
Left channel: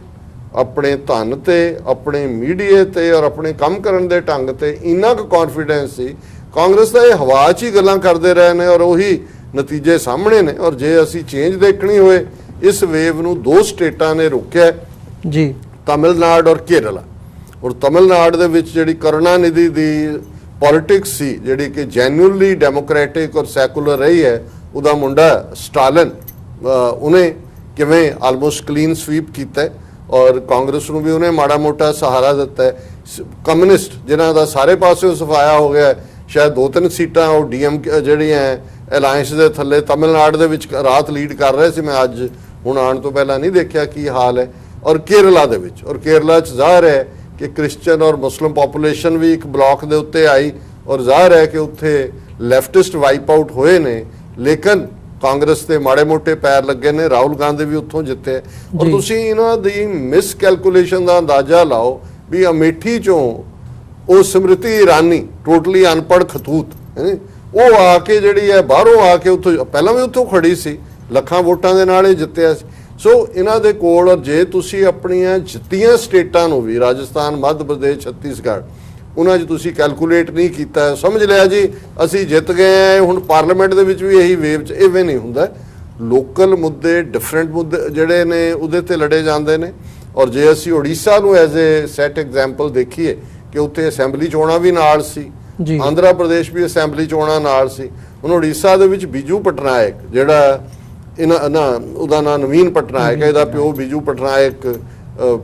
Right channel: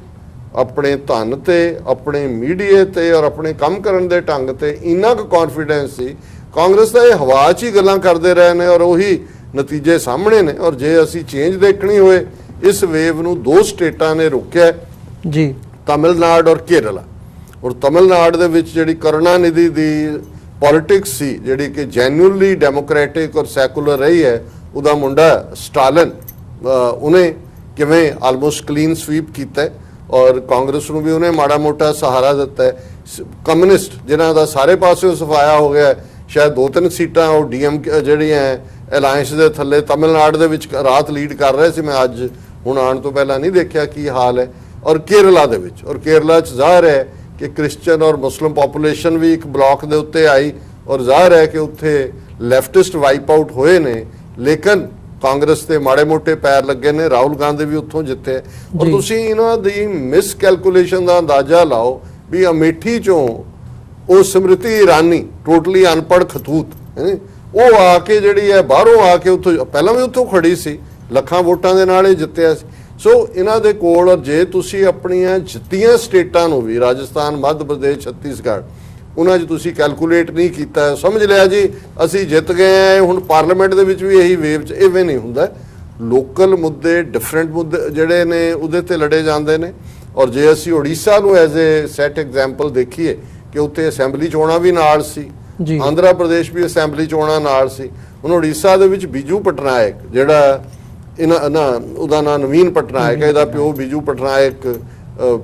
ਆਪਣੇ ਧਨ ਤੇ, ਆਪਣੇ ਮੀਡੀਆ ਤੇ ਔਰ ਆਪਣੇ ਕੰਮ ਕਰਨ ਦੇ ਢੰਗ ਤੇ ਇੰਨਾ ਕੁ ਕੌਨਫੀਡੈਂਸ ਸੀ। ਕਾਂਗਰਸ ਤਾਂ ਇਹ ਹਵਾ 'ਚ ਹੀ ਗੱਲਾਂ ਕਰਦੇ ਰਹੇ ਨੇ ਔਰ ਉਹੀ ਨਤੀਜੇ ਸਾਹਮਣੇ ਨੇ। ਔਰ ਜੇ ਅਸੀਂ ਚੇਂਜ ਦੇਖਣੀ ਹੋਏ, ਇਸ ਵੇਵ ਨੂੰ 2 ਸਟੇਟਾਂ ਨੇ ਰੋਕਿਆ ਜੀ, ਤਮਿਲਨਾਡੂ ਔਰ ਕੇਰਲਾ। ਔਰ ਤਮਿਲਨਾਡੂ ਦੇ ਵਿੱਚ ਜਿਹੜੀ ਕਰੁਣਾਨਿਧੀ ਦੀ ਪੋਲਿਟਿਕਸ ਸੀ, ਜਿਹੜੀ ਕਿ ਜੈਨੂਅਲੀ ਡੈਮੋਕ੍ਰੈਟਿਕ ਔਰ ਸੈਕੂਲਰ ਰਹੀ ਹੈ, ਉਹਦਾ ਮੁੰਡਾ ਸਟਾਲਿਨ, ਉਹਨੇ ਕਿਵੇਂ ਆਲਮੋਸਟ ਕਲੀਨ ਸਵੀਪ ਕੀਤਾ ਔਰ ਕਾਂਗਰਸ ਨੂੰ ਵੀ ਉਹਨੇ ਮਾੜਾ ਮੋਟਾ ਸਹਾਰਾ ਦਿੱਤਾ ਹੈ। ਕਮਿਊਨਿਸਟ ਜਿਨ੍ਹਾਂ ਦਾ ਸਾਰੇ ਪਾਸਿਓਂ ਸਫਾਇਆ ਹੋ ਗਿਆ, ਸ਼ਾਇਦ 2-3 ਸੀਟਾਂ ਉਹ ਡੀਐਮਕੇ ਜਿਹੜੀਆਂ ਅਲਾਇੰਸ ਦੇ ਥੱਲੇ ਤਮਿਲਨਾਡੂ ਦੇ ਵਿੱਚ ਰਾਤ ਲੀਡ ਕਰ ਰਹੇ ਸੀ। ਮੈਂ ਅੱਜ ਹੁਣ ਆਉਣ ਤੋਂ ਪਹਿਲਾਂ ਨਹੀਂ ਦੇਖਿਆ ਕੀ ਹਾਲ ਹੈ। ਔਰ ਕੇਰਲਾ ਦੇ ਵਿੱਚ, ਔਰ ਕੇਰਲਾ 'ਚ ਜ਼ਾਹਰ ਹੈ ਕਿ ਕ੍ਰਿਸਚਨ ਔਰ ਮੁਸਲਿਮ ਪਾਪੂਲੇਸ਼ਨ ਵੀ ਇੱਕ ਬਲਾਕ ਦੇ ਉੱਤੇ ਆਈ, ਔਰ ਜ਼ਾਹਰ ਹੈ ਕਿ ਉੱਥੇ ਲੈਫਟਿਸਟ ਵਾਈਪ ਆਊਟ ਹੋਏ ਨੇ, ਲੇਕਿਨ ਕਾਂਗਰਸ ਤੇ ਮਾੜੇ ਮੋਟੇ ਪੈਰ ਲੱਗੇ ਨੇ। ਰਾਹੁਲ ਗਾਂਧੀ ਵੀ ਉੱਥੋਂ ਜਿੱਤੇ। ਔਰ ਤੁਸੀਂ ਇਹਨਾਂ ਦੀ ਮਿਸ ਕੈਲਕੂਲੇਸ਼ਨ ਦਾ ਅੰਦਾਜ਼ਾ ਲਾਓ ਵੀ ਅਮੇਠੀ 'ਚੋਂ ਉਹ ਸਮ੍ਰਿਤੀ ਇਰਾਨੀ, ਟੋਟਲੀ ਅਨਪੜ੍ਹ ਖਤੂਤ, ਉਹ ਆ ਕੇ ਜਿਹੜੀ ਹੈ ਬਾਹਰੋਂ ਆ ਕੇ ਉੱਥੋਂ, ਪਹਿਲਾਂ ਵੀ ਉੱਥੋਂ ਖੜੀ ਸੀ, ਲੱਖਾਂ ਵੋਟਾਂ ਦੇ ਨਾਲ ਇਹ ਜਿੱਤਿਆ ਸੀ। ਸੋ ਇਹਨਾਂ ਦੇ ਕੋਲ ਜੇ ਤੁਸੀਂ ਆਪਣੀਆਂ ਜਿੱਤੀਆਂ ਸਟੇਟਾਂ ਨੂੰ ਵੀ, ਰਾਜਸਥਾਨ, ਮੱਧ ਪ੍ਰਦੇਸ਼, ਛੱਤੀਸਗੜ੍ਹ, ਉਹਨਾਂ 'ਚ ਤੁਸੀਂ ਕੈਲਕੂਲੇਟ ਨਹੀਂ ਕੀਤਾ, ਸਮਝ ਲਿਆ ਜੀ ਅਸੀਂ ਜਿੱਤ ਗਏ ਆ। ਹੁਣ ਪਾਰਲੀਮੈਂਟ ਦੇ ਵਿੱਚ ਵੀ ਇਹੀ ਵੇਵ 'ਚ ਇਵੇਂ ਨਹੀਂ ਹੁੰਦਾ। ਲੋਕਲ ਮੁੱਦੇ, ਡਿਫਰੈਂਟ ਮੁੱਦੇ ਜਿਹੜੇ ਨੇ ਉਹਦੇ ਤੇ ਲੜੇ ਜਾਂਦੇ ਨੇ। ਔਰ ਜੇ ਅਸੀਂ ਉੜੀਸਾ ਨੂੰ ਐਜ਼ ਏ ਸੈਟ ਐਗਜ਼ਾਮਪਲ ਦੇਖੀਏ ਕਿ ਉੱਥੇ ਅਸੈਂਬਲੀ ਚੋਣਾਂ ਵੀ ਨਾਲ ਸੀ, ਆਂਧਰਾ ਪ੍ਰਦੇਸ਼ ਵੀ ਅਸੈਂਬਲੀ ਚੋਣਾਂ ਨਾਲ ਸੀ। ਹੁਣ ਉੜੀਸਾ ਦੇ ਵਿੱਚ ਬੀਜੂ ਪਟਨਾਇਕ ਜਿਹੜਾ ਉਹਦਾ ਨਾਂ ਨਵੀਨ ਪਟਨਾਇਕ ਹੈ, ਇਹਦਾ ਪਿਓ ਬੀਜੂ ਪਟਨਾਇਕ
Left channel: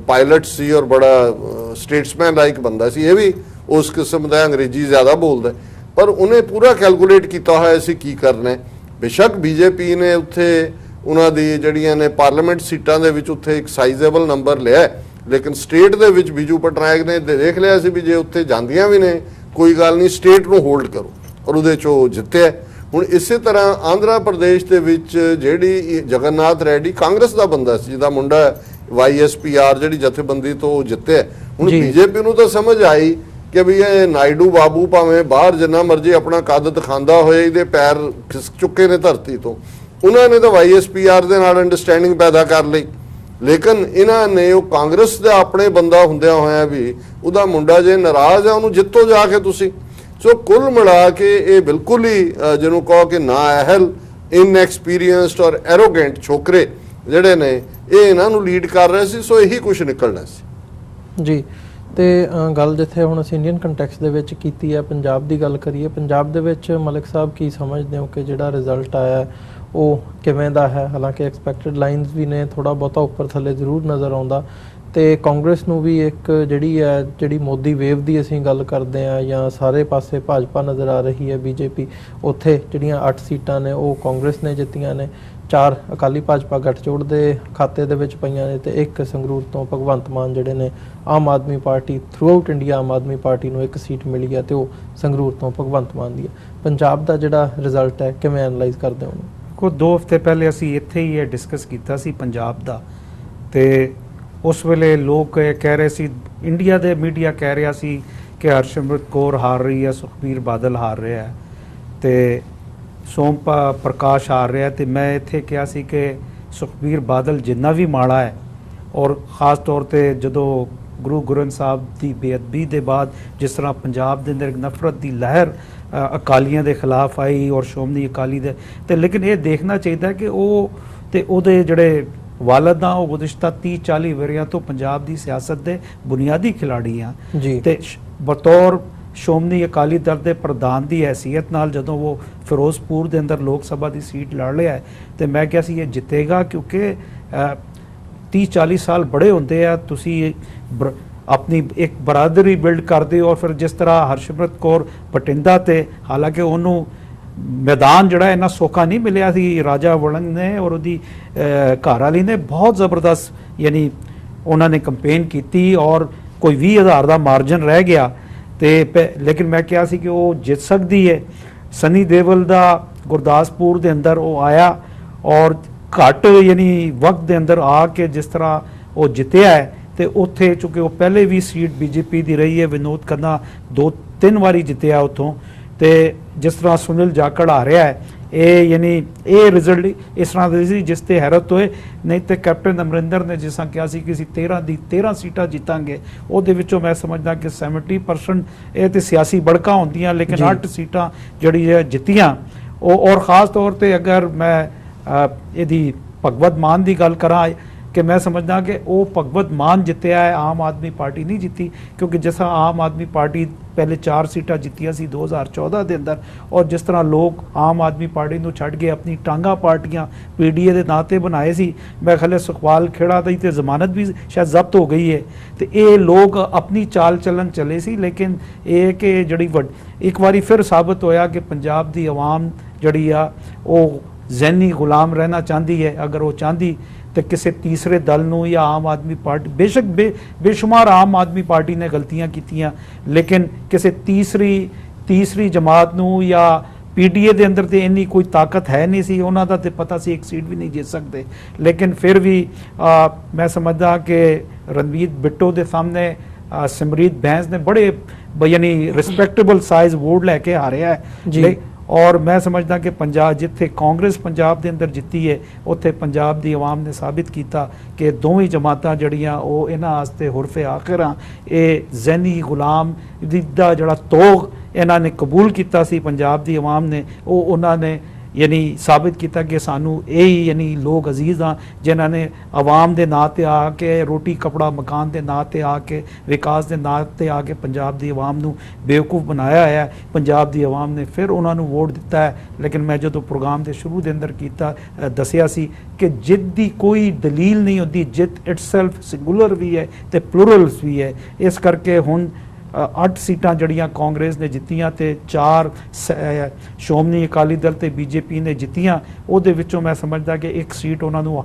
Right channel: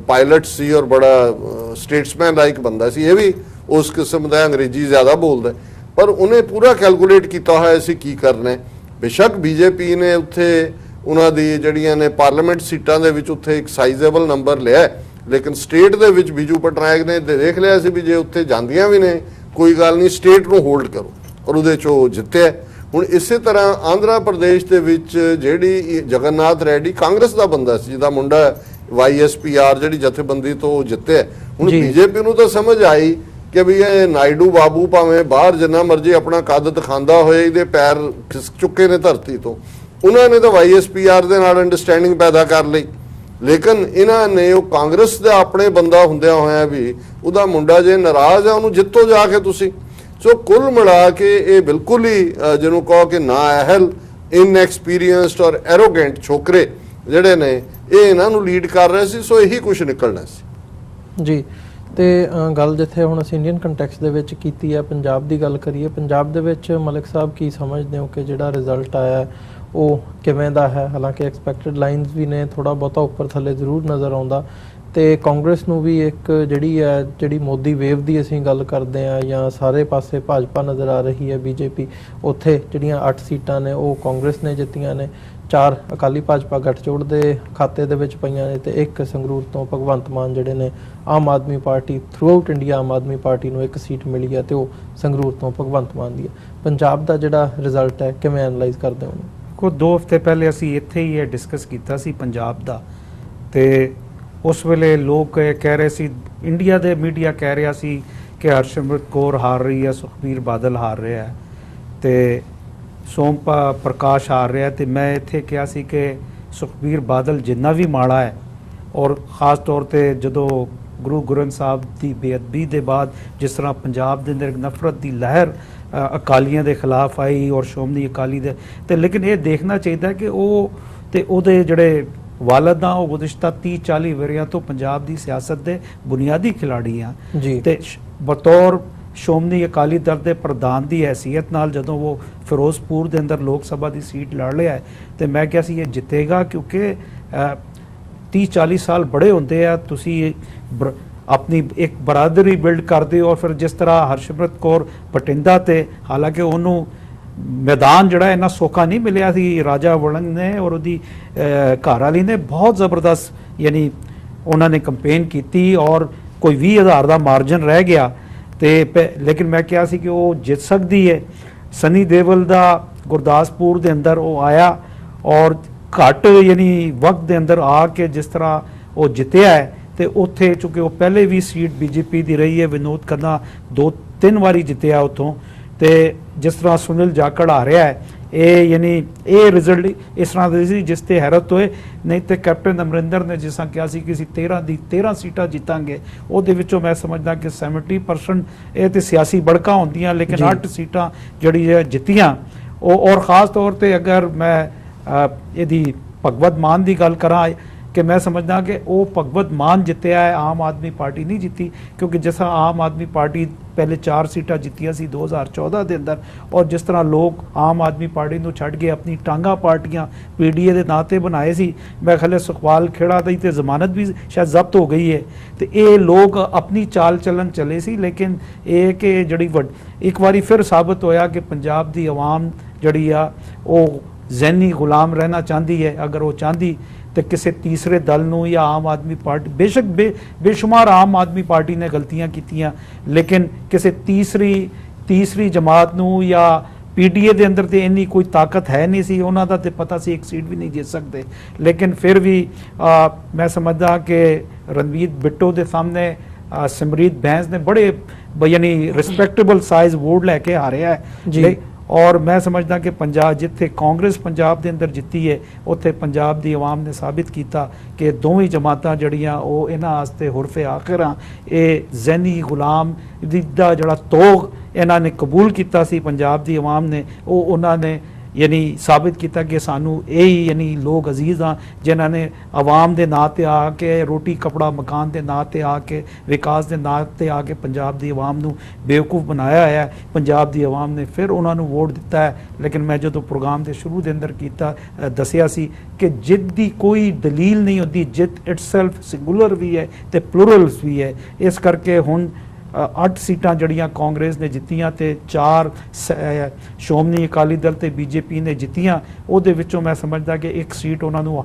ਪਾਇਲਟ ਸੀ ਔਰ ਬੜਾ ਸਟੇਟਸਮੈਨ ਲਾਈਕ ਬੰਦਾ ਸੀ। ਇਹ ਵੀ ਉਸ ਕਿਸਮ ਦਾ ਅੰਗਰੇਜ਼ੀ ਜ਼ਿਆਦਾ ਬੋਲਦਾ, ਪਰ ਉਹਨੇ ਪੂਰਾ ਕੈਲਕੂਲੇਟ ਕੀਤਾ ਹੋਇਆ ਸੀ ਕੀ ਕਰਨਾ ਹੈ। ਬੇਸ਼ੱਕ ਬੀਜੇਪੀ ਨੇ ਉੱਥੇ ਉਹਨਾਂ ਦੀ ਜਿਹੜੀਆਂ ਨੇ ਪਾਰਲੀਮੈਂਟ ਸੀਟਾਂ ਦੇ ਵਿੱਚ ਉੱਥੇ ਇੱਕ ਸਾਈਜ਼ੇਬਲ ਨੰਬਰ ਲਿਆ, ਲੇਕਿਨ ਸਟੇਟ ਦੇ ਵਿੱਚ ਬੀਜੂ ਪਟਨਾਇਕ ਨੇ ਦੇਖ ਲਿਆ ਸੀ ਵੀ ਜੇ ਉੱਥੇ ਜਾਂਦੀਆਂ ਵੀ ਨੇ ਕੋਈ ਗੱਲ ਨਹੀਂ, ਸਟੇਟ ਨੂੰ ਹੋਲਡ ਕਰੋ, ਔਰ ਉਹਦੇ 'ਚ ਉਹ ਜਿੱਤਿਆ। ਹੁਣ ਇਸੇ ਤਰ੍ਹਾਂ ਆਂਧਰਾ ਪ੍ਰਦੇਸ਼ ਦੇ ਵਿੱਚ ਜਿਹੜੀ ਜਗਨਨਾਥ ਰੈਡੀ ਕਾਂਗਰਸ ਦਾ ਬੰਦਾ ਸੀ, ਜਿਹਦਾ ਮੁੰਡਾ YSPR ਜਿਹੜੀ ਜਥੇਬੰਦੀ ਤੋਂ ਜਿੱਤਿਆ। ਹੁਣ ਬੀਜੇਪੀ ਨੂੰ ਤਾਂ ਸਮਝ ਆਈ ਕਿ ਵੀ ਇਹ ਨਾਇਡੂ ਬਾਬੂ ਭਾਵੇਂ ਬਾਹਰ ਜਿੰਨਾ ਮਰਜ਼ੀ ਆਪਣਾ ਕੱਦ ਦਿਖਾਉਂਦਾ ਹੋਏ, ਇਹਦੇ ਪੈਰ ਖਿਸਕ ਚੁੱਕੇ ਨੇ ਧਰਤੀ ਤੋਂ। ਉਹਨਾਂ ਨੇ ਤਾਂ YSPR ਦੇ ਨਾਲ ਅੰਡਰਸਟੈਂਡਿੰਗ ਪੈਦਾ ਕਰ ਲਈ, ਲੇਕਿਨ ਇਹਨਾਂ ਨੇ ਉਹ ਕਾਂਗਰਸ ਦਾ ਆਪਣੇ ਬੰਦਾ ਹੁੰਦਿਆਂ ਹੋਇਆ ਵੀ ਉਹਦਾ ਮੁੰਡਾ ਜੇ ਨਾਰਾਜ਼ ਆ ਉਹਨੂੰ ਜਿੱਤੋ ਜਾ ਕੇ ਤੁਸੀਂ। ਸੋ ਕੁੱਲ ਮਿਲਾ ਕੇ ਇਹ ਬਿਲਕੁਲ ਹੀ ਜਿਹਨੂੰ ਕਹੋ ਕਿ ਨਾਅਹਿਲ, ਇਨਐਕਸਪੀਰੀਅੰਸਡ ਔਰ ਐਰੋਗੈਂਟ ਛੋਕਰੇ ਜਿਹੜੇ ਨੇ ਇਹ ਇਹਨਾਂ ਨੂੰ ਲੀਡ ਕਰ ਰਹੇ ਸੀ। ਸੋ ਇਹੀ ਕੁਝ ਨਿਕਲਣਾ ਸੀ ਜੀ। ਤੇ ਗੱਲ ਜਿੱਥੇ ਹੁਣ ਅਸੀਂ ਇੰਡੀਅਨ ਕੰਟੈਕਸਟ ਦੇ ਵਿੱਚ ਕੀਤੀ ਹੈ, ਪੰਜਾਬ ਦੀ ਗੱਲ ਕਰੀਏ, ਪੰਜਾਬ ਦੇ ਵਿੱਚ ਮਲਿਕ ਸਾਹਿਬ ਕੀ ਸਮਝਦੇ ਹੋ ਕਿ ਜਿਹੜਾ ਰਿਜ਼ਲਟ ਆਇਆ ਉਹ ਕਿਵੇਂ ਦਾ ਹੈ? ਹਾਲਾਂਕਿ ਐਕਸਪੈਕਟਡ ਲਾਈਨਸ ਵੀ ਨੇ, ਥੋੜਾ ਬਹੁਤਾ ਉੱਪਰ ਥੱਲੇ ਜ਼ਰੂਰ ਨਜ਼ਰ ਆਉਂਦਾ, ਤੇ ਕਾਂਗਰਸ ਨੂੰ ਵੀ ਇੱਕ ਜਿਹੜੀ ਮੋਦੀ ਵੇਵ ਦੀ ਅਸੀਂ ਗੱਲ ਕਰਦੇ ਆ ਜਾਂ ਸਾਰੇ ਪਾਸੇ ਭਾਜਪਾ ਨਜ਼ਰ ਆ ਰਹੀ ਹੈ, ਬੀਜੇਪੀ, ਉੱਥੇ ਜਿਹੜੀਆਂ 8 ਸੀਟਾਂ ਨੇ ਉਹ ਕਾਂਗਰਸ ਨੇ ਜਿੱਤੀਆਂ ਨੇ, 4 ਅਕਾਲੀ ਭਾਜਪਾ ਗੱਠਜੋੜ ਦੇ ਖਾਤੇ ਦੇ ਵਿੱਚ ਪਈਆਂ ਨੇ, ਤੇ 1 ਸੰਗਰੂਰ ਤੋਂ ਭਗਵੰਤ ਮਾਨ ਜਿਹੜੇ ਨੇ Aam Aadmi party through out India Aam Aadmi party ਨੂੰ 1 ਸੀਟ ਮਿਲੀ ਹੈ ਤੇ ਉਹ ਸੰਗਰੂਰ ਤੋਂ ਭਗਵੰਤ ਮਾਨ ਦੀ ਹੈ। ਪੰਜਾਬ ਦਾ ਜਿਹੜਾ ਰਿਜ਼ਲਟ ਹੈ ਕਿਵੇਂ ਐਨਲਾਈਜ਼ ਕਰਦੇ ਹੋ? ਕੋ 2 ਹਫ਼ਤੇ ਪਹਿਲੇ ਅਸੀਂ ਇੱਥੇ ਹੀ ਇਹ ਡਿਸਕਸ ਕੀਤਾ ਸੀ ਪੰਜਾਬ ਦਾ, ਤੇ ਉਸ ਵੇਲੇ ਲੋਕ ਕਹਿ ਰਹੇ ਸੀ, ਇੰਡੀਆ ਦੇ ਮੀਡੀਆ ਕਹਿ ਰਿਹਾ ਸੀ ਕਿ ਹਰਸਿਮਰਤ ਕੌਰ ਹਾਰ ਰਹੀ ਹੈ, ਸੁਖਬੀਰ ਬਾਦਲ ਹਾਰ ਰਿਹਾ ਹੈ, ਤੇ ਸੋਮ ਪ੍ਰਕਾਸ਼ ਹਾਰ ਰਿਹਾ। ਤੇ ਮੈਂ ਇੱਥੇ ਕਿਹਾ ਸੀ ਕਿ ਸੁਖਬੀਰ ਬਾਦਲ ਜਿੰਨਾ ਵੀ ਮਾੜਾ ਹੈ, ਔਰ ਖਾਸ ਤੌਰ ਤੇ ਜਦੋਂ ਗੁਰੂ ਗ੍ਰੰਥ ਸਾਹਿਬ ਦੀ ਬੇਅਦਬੀ ਦੇ ਬਾਅਦ ਜਿਸ ਤਰ੍ਹਾਂ ਪੰਜਾਬ ਦੇ ਅੰਦਰ ਨਫ਼ਰਤ ਦੀ ਲਹਿਰ ਅਕਾਲੀਆਂ ਦੇ ਖਿਲਾਫ ਆਈ ਔਰ ਸ਼੍ਰੋਮਣੀ ਅਕਾਲੀ ਦੇ, ਤੇ ਲੇਕਿਨ ਇਹ ਦੇਖਣਾ ਚਾਹੀਦਾ ਕਿ ਉਹ ਤੇ ਉਹਦੇ ਜਿਹੜੇ ਵਾਲਦ ਆ ਉਹ ਗੁਜ਼ਸ਼ਤਾ 30-40 ਵਰ੍ਹਿਆਂ ਤੋਂ ਪੰਜਾਬ ਦੀ ਸਿਆਸਤ ਦੇ ਬੁਨਿਆਦੀ ਖਿਲਾੜੀ ਆ। ਤੇ ਬਤੌਰ ਸ਼੍ਰੋਮਣੀ ਅਕਾਲੀ ਦਲ ਦੇ ਪ੍ਰਧਾਨ ਦੀ ਹੈਸੀਅਤ ਨਾਲ ਜਦੋਂ ਉਹ ਫਿਰੋਜ਼ਪੁਰ ਦੇ ਅੰਦਰ ਲੋਕ ਸਭਾ ਦੀ ਸੀਟ ਲੜ ਲਿਆ ਤੇ ਮੈਂ ਕਿਹਾ ਸੀ ਇਹ ਜਿੱਤੇਗਾ, ਕਿਉਂਕਿ 30-40 ਸਾਲ ਬੜੇ ਹੁੰਦੇ ਆ, ਤੁਸੀਂ ਆਪਣੀ ਇੱਕ ਬਰਾਦਰੀ ਬਿਲਡ ਕਰਦੇ ਹੋ। ਫਿਰ ਜਿਸ ਤਰ੍ਹਾਂ ਹਰਸਿਮਰਤ ਕੌਰ ਬਠਿੰਡਾ ਤੇ, ਹਾਲਾਂਕਿ ਉਹਨੂੰ ਮੈਦਾਨ ਜਿਹੜਾ ਇੰਨਾ ਸੌਖਾ ਨਹੀਂ ਮਿਲਿਆ ਸੀ, ਰਾਜਾ ਵੜਿੰਗ ਨੇ ਔਰ ਉਹਦੀ ਘਰ ਵਾਲੀ ਨੇ ਬਹੁਤ ਜ਼ਬਰਦਸਤ ਯਾਨੀ ਉਹਨਾਂ ਨੇ ਕੰਪੇਨ ਕੀਤੀ ਔਰ ਕੋਈ 20,000 ਦਾ ਮਾਰਜਨ ਰਹਿ ਗਿਆ, ਤੇ ਲੇਕਿਨ ਮੈਂ ਕਿਹਾ ਸੀ ਕਿ ਉਹ ਜਿੱਤ ਸਕਦੀ ਹੈ। ਸਨੀ ਦੇਵਲ ਦਾ ਗੁਰਦਾਸਪੁਰ ਦੇ ਅੰਦਰ ਉਹ ਆਇਆ ਔਰ ਘੱਟ ਯਾਨੀ ਵਕਤ ਦੇ ਅੰਦਰ ਆ ਕੇ ਜਿਸ ਤਰ੍ਹਾਂ ਉਹ ਜਿੱਤਿਆ ਹੈ, ਤੇ ਉੱਥੇ ਚੁੱਕੇ ਉਹ ਪਹਿਲੇ ਵੀ ਸੀਟ ਬੀਜੇਪੀ ਦੀ ਰਹੀ ਹੈ, ਵਿਨੋਦ ਖੰਨਾ 2-3 ਵਾਰੀ ਜਿੱਤਿਆ ਉੱਥੋਂ, ਤੇ ਜਿਸ ਤਰ੍ਹਾਂ ਸੁਨੀਲ ਜਾਖੜ ਆ ਰਿਹਾ ਹੈ, ਇਹ ਯਾਨੀ ਇਹ ਰਿਜ਼ਲਟ ਇਸ ਤਰ੍ਹਾਂ ਦੇ ਸੀ ਜਿਸ ਤੇ ਹੈਰਤ ਹੋਏ। ਨਹੀਂ ਤੇ ਕੈਪਟਨ ਅਮਰਿੰਦਰ ਨੇ ਜਿਸ ਤਰ੍ਹਾਂ ਕਿਹਾ ਸੀ ਕਿ ਅਸੀਂ 13 ਸੀਟਾਂ ਜਿੱਤਾਂਗੇ, ਉਹਦੇ ਵਿੱਚੋਂ ਮੈਂ ਸਮਝਦਾ ਕਿ 70% ਇਹ ਤੇ ਸਿਆਸੀ ਬੜਕਾ ਹੁੰਦੀਆਂ, ਲੇਕਿਨ 8 ਸੀਟਾਂ ਜਿਹੜੀ ਜਿੱਤੀਆਂ ਉਹ। ਔਰ ਖਾਸ ਤੌਰ ਤੇ ਅਗਰ ਮੈਂ ਇਹਦੀ ਭਗਵੰਤ ਮਾਨ ਦੀ ਗੱਲ ਕਰਾਂ ਕਿ ਮੈਂ ਸਮਝਦਾ ਕਿ ਉਹ ਭਗਵੰਤ ਮਾਨ ਜਿੱਤਿਆ ਹੈ, ਆਮ ਆਦਮੀ ਪਾਰਟੀ ਨਹੀਂ ਜਿੱਤੀ, ਕਿਉਂਕਿ ਜਿਸ ਤਰ੍ਹਾਂ ਆਮ ਆਦਮੀ ਪਾਰਟੀ ਪਹਿਲੇ 4 ਸੀਟਾਂ ਜਿੱਤੀਆਂ ਸੀ 2014 ਦੇ ਅੰਦਰ, ਔਰ ਜਿਸ ਤਰ੍ਹਾਂ ਲੋਕ ਆਮ ਆਦਮੀ ਪਾਰਟੀ ਨੂੰ ਛੱਡ ਕੇ ਆਪਣੀ ਟਾਂਗਾ ਪਾਰਟੀਆਂ PDA ਦੇ ਨਾਂ ਤੇ ਬਣਾਏ ਸੀ, ਮੈਂ ਖਲੇ ਸੁਖਪਾਲ ਖੇੜਾ ਦੀ ਤੇ ਜ਼ਮਾਨਤ ਵੀ ਸ਼ਾਇਦ ਜ਼ਬਤ ਹੋ ਗਈ ਹੈ, ਤੇ ਇਹ ਲੋਕ ਆਪਣੀ ਚਾਲ ਚੱਲਣ ਚਲੇ ਸੀ। ਲੇਕਿਨ ਇਹ ਕਿ ਜਿਹੜੀ ਇੱਕ ਵਾਰੀ ਫਿਰ ਸਾਬਤ ਹੋਇਆ ਕਿ ਪੰਜਾਬ ਦੀ ਆਵਾਮ ਜਿਹੜੀ ਆ ਉਹ ਜ਼ਹਿਨੀ ਗੁਲਾਮ ਰਹਿਣਾ ਚਾਹੁੰਦੀ ਹੈ। ਅਗਰ ਉਹ ਚਾਹੁੰਦੀ ਤੇ ਕਿਸੇ ਤੀਸਰੇ ਦਲ ਨੂੰ ਜਾਂ ਆਮ ਆਦਮੀ ਪਾਰਟੀ, ਬੇਸ਼ੱਕ ਬੇਸ਼ੁਮਾਰ ਆਮ ਆਦਮੀ ਪਾਰਟੀ ਨੇ ਗਲਤੀਆਂ ਕੀਤੀਆਂ, ਲੇਕਿਨ ਕਿਸੇ ਤੀਸਰੀ ਜਮਾਤ ਨੂੰ ਜਾਂ PDA ਦੇ ਅੰਦਰ ਤੇ ਇੰਨੀ ਕੋਈ ਤਾਕਤ ਹੈ ਨਹੀਂ ਸੀ, ਉਹਨਾਂ ਦਾ ਤੇ ਪਤਾ ਸੀ 1 ਸੀਟ ਵੀ ਨਹੀਂ ਜਿੱਤ ਸਕਦੇ। ਲੇਕਿਨ ਫਿਰ ਵੀ ਮੈਂ ਸਮਝਦਾ ਕਿ ਰਣਵੀਰ ਬਿੱਟੂ ਦੇ ਸਾਹਮਣੇ ਸਿਮਰੀਤ ਬੈਂਸ ਨੇ ਬੜੇ ਯਾਨੀ ਰਿਸਪੈਕਟੇਬਲ ਸਾਈਜ਼ ਵੋਟ ਲੈ ਕੇ ਆ ਰਿਹਾ ਹੈ, ਔਰ ਮੈਂ ਸਮਝਦਾ ਕਿ ਪੰਜਾਬ ਜਿੱਥੇ ਕਾਂਗਰਸ ਪੰਜਾਬ ਦੇ ਅੰਦਰ ਜਿੱਤੀ ਹੈ ਉੱਥੇ ਪੰਜਾਬ ਦੀ ਆਵਾਮ ਨੇ ਸਾਬਿਤ ਕੀਤਾ ਕਿ ਦੋਵੇਂ ਜਮਾਤਾਂ ਜਿਹੜੀਆਂ ਉਹ ਇਹਨਾਂ ਵਾਸਤੇ ਹੁਰਫੇ ਆਖਰ ਆ। ਇਹ ਜ਼ਹਿਨੀ ਗੁਲਾਮ ਦਾ ਜਿਹੜਾ ਤੋਗ ਇਹਨਾਂ ਨੇ ਕਬੂਲ ਕੀਤਾ ਸੀ ਪੰਜਾਬ ਦੀ ਆਵਾਮ ਨੇ, ਉਹ ਉਹਨਾਂ ਨੇ ਯਾਨੀ ਸਾਬਿਤ ਕੀਤਾ ਕਿ ਸਾਨੂੰ ਇਹ ਹੀ ਯਾਨੀ ਲੋਕ ਅਜ਼ੀਜ਼ ਆ ਜਿਨ੍ਹਾਂ ਨੇ ਆਵਾਮ ਦੇ ਨਾਂ ਤੇ ਆ ਕੇ, ਰੋਟੀ ਕਪੜਾ ਮਕਾਨ ਦੇ ਨਾਂ ਤੇ ਆ ਕੇ, ਵਿਕਾਸ ਦੇ ਨਾਂ ਤੇ ਆ ਕੇ ਪੰਜਾਬ ਦੀ ਆਵਾਮ ਨੂੰ ਬੇਵਕੂਫ ਬਣਾਇਆ ਹੈ। ਪੰਜਾਬ ਦੀ ਆਵਾਮ ਨੇ ਫਿਰ ਉਹਨਾਂ ਨੂੰ ਵੋਟ ਦਿੱਤਾ ਹੈ। ਲੇਕਿਨ ਮੈਂ ਜਦੋਂ ਪ੍ਰੋਗਰਾਮ ਦੇ ਸ਼ੁਰੂ ਦੇ ਅੰਦਰ ਦੱਸਿਆ ਸੀ ਕਿ ਜਿੱਤ ਦੀ ਕੋਈ ਦਲੀਲ ਨਹੀਂ ਹੁੰਦੀ, ਜਿੱਤ ਇਟਸੈਲਫ ਸਿੰਗੂਲਰ ਵੀ ਹੈ ਤੇ ਪਲੂਰਲਸ ਵੀ ਹੈ। ਇਸ ਕਰਕੇ ਹੁਣ 8 ਸੀਟਾਂ ਜਿਹੜੀਆਂ ਕਾਂਗਰਸ ਨੇ ਜਿੱਤੀਆਂ ਤੇ 4 ਸ਼੍ਰੋਮਣੀ ਅਕਾਲੀ ਦਲ ਤੇ ਬੀਜੇਪੀ ਨੇ ਜਿੱਤੀਆਂ, ਉਹਦੇ ਵਿੱਚੋਂ ਮੈਂ ਸਮਝਦਾ ਕਿ ਇੱਕ ਸੀਟ ਉਹਨਾਂ ਨੂੰ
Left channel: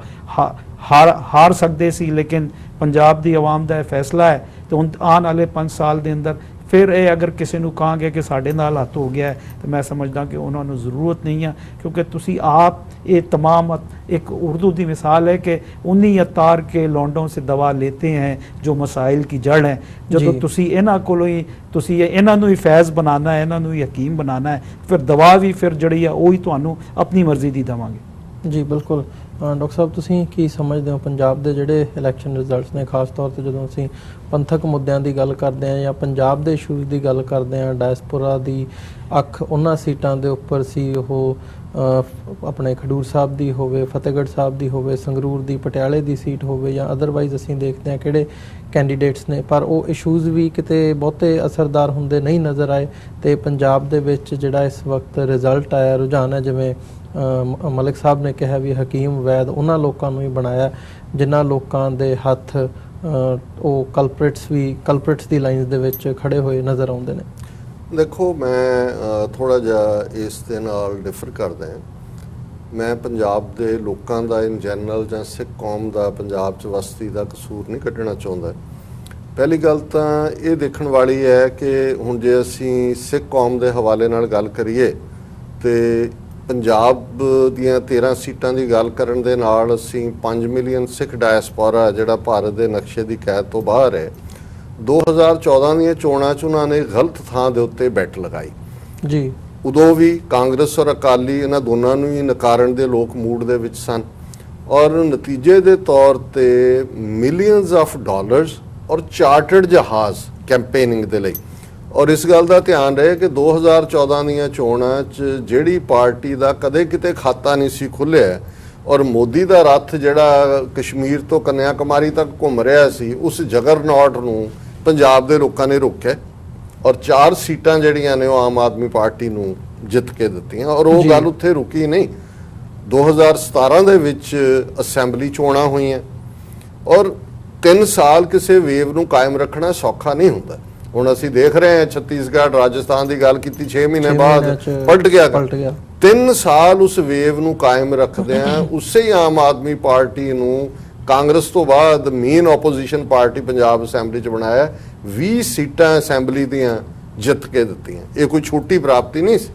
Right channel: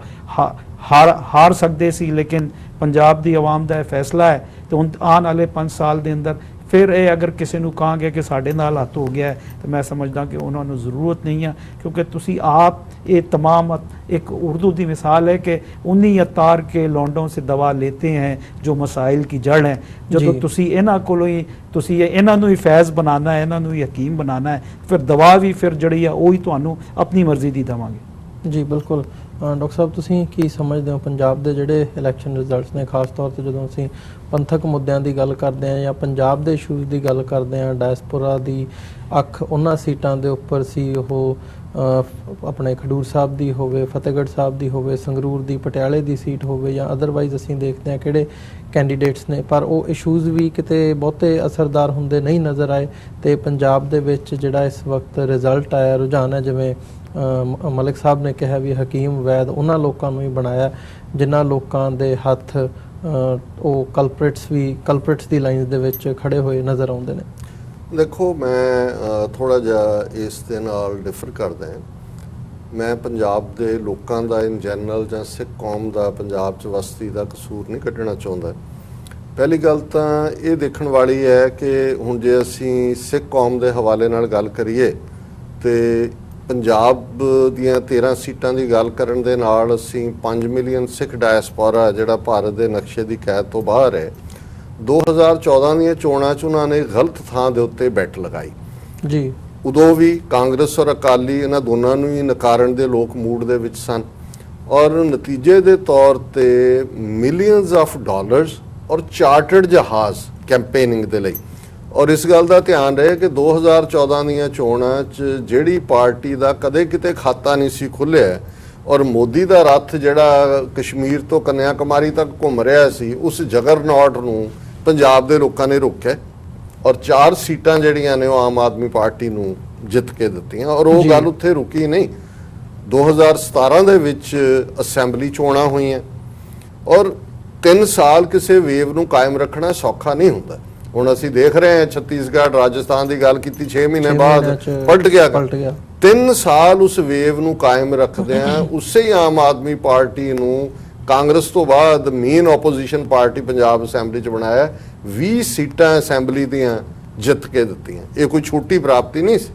ਹਾਰ ਸਕਦੇ ਸੀ। ਲੇਕਿਨ ਪੰਜਾਬ ਦੀ ਆਵਾਮ ਦਾ ਇਹ ਫੈਸਲਾ ਹੈ ਤੇ ਹੁਣ ਆਉਣ ਵਾਲੇ 5 ਸਾਲ ਦੇ ਅੰਦਰ ਫਿਰ ਇਹ ਅਗਰ ਕਿਸੇ ਨੂੰ ਕਹਾਂਗੇ ਕਿ ਸਾਡੇ ਨਾਲ ਹੱਥ ਹੋ ਗਿਆ ਤਾਂ ਮੈਂ ਸਮਝਦਾ ਕਿ ਉਹਨਾਂ ਨੂੰ ਜ਼ਰੂਰਤ ਨਹੀਂ ਹੈ, ਕਿਉਂਕਿ ਤੁਸੀਂ ਆਪ ਇਹ तमाम एक उर्दू की मिसाल है कि उन्हीं अतार के लौंडों से दवा लेते हैं जो मसाइल की जड़ है। जो तुसी इन्हां कोलों ही तुसी इन्हां नूं ही फैज़ बनाना है, इन्हां नूं ही हकीम बनाना है, फिर दवा भी फिर जड़ी है ਉਹੀ ਤੁਹਾਨੂੰ अपनी मर्जी दी देवांगे। जी बिल्कुल। ਡਾਕਟਰ ਸਾਹਿਬ ਤੁਸੀਂ ਕੀ ਸਮਝਦੇ ਹੋ ਪੰਜਾਬ ਦੇ ਜਿਹੜੇ ਇਲੈਕਸ਼ਨ ਰਿਜ਼ਲਟਸ ਨੇ, ਖਾਸ ਤੌਰ ਤੇ ਜਦੋਂ ਅਸੀਂ ਪੰਥਕ ਮੁੱਦਿਆਂ ਦੀ ਗੱਲ ਕਰਦੇ ਹਾਂ ਜਾਂ ਪੰਜਾਬ ਦੇ ਇਸ਼ੂਜ਼ ਦੀ ਗੱਲ ਕਰਦੇ ਹਾਂ, ਡਾਇਸਪੋਰਾ ਦੀ ਅੱਖ ਉਹਨਾਂ ਸੀਟਾਂ ਦੇ ਉੱਪਰ ਸੀ, ਉਹ ਆਪਣੇ ਖਡੂਰ ਸਾਹਿਬ ਦੀ ਹੋਵੇ, ਫਤਿਹਗੜ੍ਹ ਸਾਹਿਬ ਦੀ ਹੋਵੇ, ਸੰਗਰੂਰ ਦੀ, ਪਟਿਆਲੇ ਦੀ ਸੀਟ ਹੋਵੇ ਜਾਂ ਅਦਰਵਾਈਜ਼ ਅਸੀਂ ਦੇਖਦੇ ਹਾਂ ਕਿਹੜੇ ਕੈਂਡੀਡੇਟਸ ਨੇ, ਪਰ ਉਹ ਇਸ਼ੂਜ਼ ਵੀ ਕਿਤੇ ਬਹੁਤੇ ਅਸਰਦਾਰ ਹੁੰਦੇ ਨਹੀਂ ਨਜ਼ਰ ਆਏ। ਤੇ ਪੰਜਾਬ ਦੇ ਵਿੱਚ ਜਿਹੜਾ ਇਸ ਵਕਤ ਰਿਜ਼ਲਟ ਆਇਆ, ਰੁਝਾਨ ਹੈ, ਜਿਵੇਂ ਮਲਿਕ ਸਾਹਿਬ ਨੇ ਕਿਹਾ ਵੀ ਹਕੀਮ ਵੈਦ ਉਹਨਾਂ ਲੋਕਾਂ ਨੂੰ ਹੀ ਬਣਾਇਆ ਜਿਨ੍ਹਾਂ ਲੋਕਾਂ ਦੇ ਹੱਥ ਉਹ ਕਲਪ੍ਰਿਟਸ ਦੀ ਲਾਈਨਸ ਦੇ ਵਿੱਚ ਖੜੇ ਹੋਏ ਨਜ਼ਰ ਆਉਂਦੇ ਨੇ। ਦੇਖੋ, ਮੈਂ ਥੋੜਾ ਜਿਹਾ ਇਸ ਦੇ ਨਾਲ ਡਿਫਰ ਕਰਦਾ ਹਾਂ। ਮੈਂ ਪੰਜਾਬ ਦੇ ਲੋਕਾਂ ਦਾ ਇਨ ਜਨਰਲ ਜਾਂ ਸਿੱਖ ਕੌਮ ਦਾ ਪੰਜਾਬ 'ਚ ਵਸਤੀ ਦਾ ਕਸੂਰ ਨਹੀਂ ਕੱਢਣਾ ਚਾਹੁੰਦਾ। ਪਹਿਲੀ ਗੱਲ ਤਾਂ ਇਹ ਦੇਖਣ ਵਾਲੀ ਹੈ ਕਿ ਹੁਣ ਜੇ ਅਸੀਂ ਸਿੱਖ ਕੌਮ ਦੇ ਹਵਾਲੇ ਨਾਲ ਗੱਲ ਕਰੀਏ ਤੇ ਪੰਜਾਬ ਦੀਆਂ 13 ਸੀਟਾਂ ਦੀ ਗੱਲ ਕਰਨ ਦੇ ਨਾਲ ਅਸੀਂ 5 ਮਿਲੀਅਨ ਸਿੱਖ ਡਾਇਸਪੋਰਾ ਜਿਹੜਾ ਭਾਰਤ ਦੇ ਨਕਸ਼ੇ ਦੀ ਕੈਦ ਤੋਂ ਬਾਹਰ ਹੈ। 2014 ਦੀਆਂ ਚੋਣਾਂ 'ਚ ਉਹਨਾਂ ਨੇ ਗਲਤ ਥਾਂ ਦੇ ਉੱਤੇ ਬੈਟ ਲਗਾਈ ਜੀ। ਉਦੋਂ ਵੀ ਕਾਂਗਰਸ ਔਰ ਅਕਾਲੀ ਇਹਨਾਂ ਦੋਨਾਂ ਨੂੰ ਹੀ ਨਕਾਰਨ ਦੇ ਲੋਕ ਮੂਡ ਦੇ ਵਿੱਚ ਸਨ ਔਰ ਨਤੀਜੇ ਦੇ ਤੌਰ ਤੇ ਮਿਲੀਅਨਸ ਆਫ ਡਾਲਰਸ ਔਰ ਚਾਰਟਰਡ ਜਹਾਜ਼ ਕੈਂਪੇਨਿੰਗ ਦੇ ਲਈ। ਔਰ ਇਸ ਗੱਲ ਦਾ ਧਿਆਨ ਰਹੇ ਕਿ 2014 ਦੀਆਂ ਚੋਣਾਂ 'ਚ ਜਿਹੜੀ ਪਾਰਟੀ ਦਾ ਕਦੇ ਕਿਤੇ ਖਾਤਾ ਨਹੀਂ ਸੀ ਖੁੱਲ੍ਹਿਆ ਔਰ ਮੋਦੀ ਦਾ ਰੱਥ ਜਿਹੜਾ ਕਸ਼ਮੀਰ ਤੋਂ ਕੰਨਿਆ ਕੁਮਾਰੀ ਤੱਕ ਘੁੰਮ ਰਿਹਾ ਸੀ, ਉਸ ਜਗਰਨੌਟ ਨੂੰ ਪੰਜਾਬ ਦੇ ਲੋਕਾਂ ਨੇ ਰੋਕਿਆ ਔਰ 4 ਸੀਟਾਂ ਜਿਹੜੀਆਂ ਨੇ ਉਹ ਆਮ ਆਦਮੀ ਪਾਰਟੀ ਨੂੰ ਜਿੱਤ ਕੇ ਦਿੱਤੀਆਂ। ਔਰ ਉਹ ਗੱਲ ਉੱਥੇ ਰੁਕੀ ਨਹੀਂ। 2017 ਦੇ ਵਿੱਚ ਅਸੈਂਬਲੀ ਚੋਣਾਂ ਹੋਈਆਂ ਔਰ 3 ਸਾਲ ਕਿਸੇ ਵੇਵ ਨੂੰ ਕਾਇਮ ਰੱਖਣਾ ਸੌਖਾ ਨਹੀਂ ਹੁੰਦਾ। ਹੁਣ ਅਸੀਂ ਦੇਖ ਰਹੇ ਹਾਂ ਛੱਤੀਸਗੜ੍ਹ, ਰਾਜਸਥਾਨ ਦੀ ਗੱਲ ਕੀਤੀ, 6 ਮਹੀਨੇ ਬਾਅਦ ਪਲਟ ਗਿਆ। 3 ਸਾਲ ਉਸ ਵੇਵ ਨੂੰ ਕਾਇਮ ਰੱਖਦੇ ਆ ਉਸੇ ਹੀ ਆਮ ਆਦਮੀ ਪਾਰਟੀ ਨੂੰ ਕਾਂਗਰਸ ਤੋਂ ਬਾਅਦ main opposition party Punjab assembly 'ਚ ਬਣਾਇਆ। 20 ਸੀਟਾਂ ਅਸੈਂਬਲੀ ਦੀਆਂ ਜਿੱਤ ਕੇ ਦਿੱਤੀਆਂ। ਇਹ ਕੋਈ ਛੋਟੀ ਪ੍ਰਾਪਤੀ ਨਹੀਂ ਸੀ।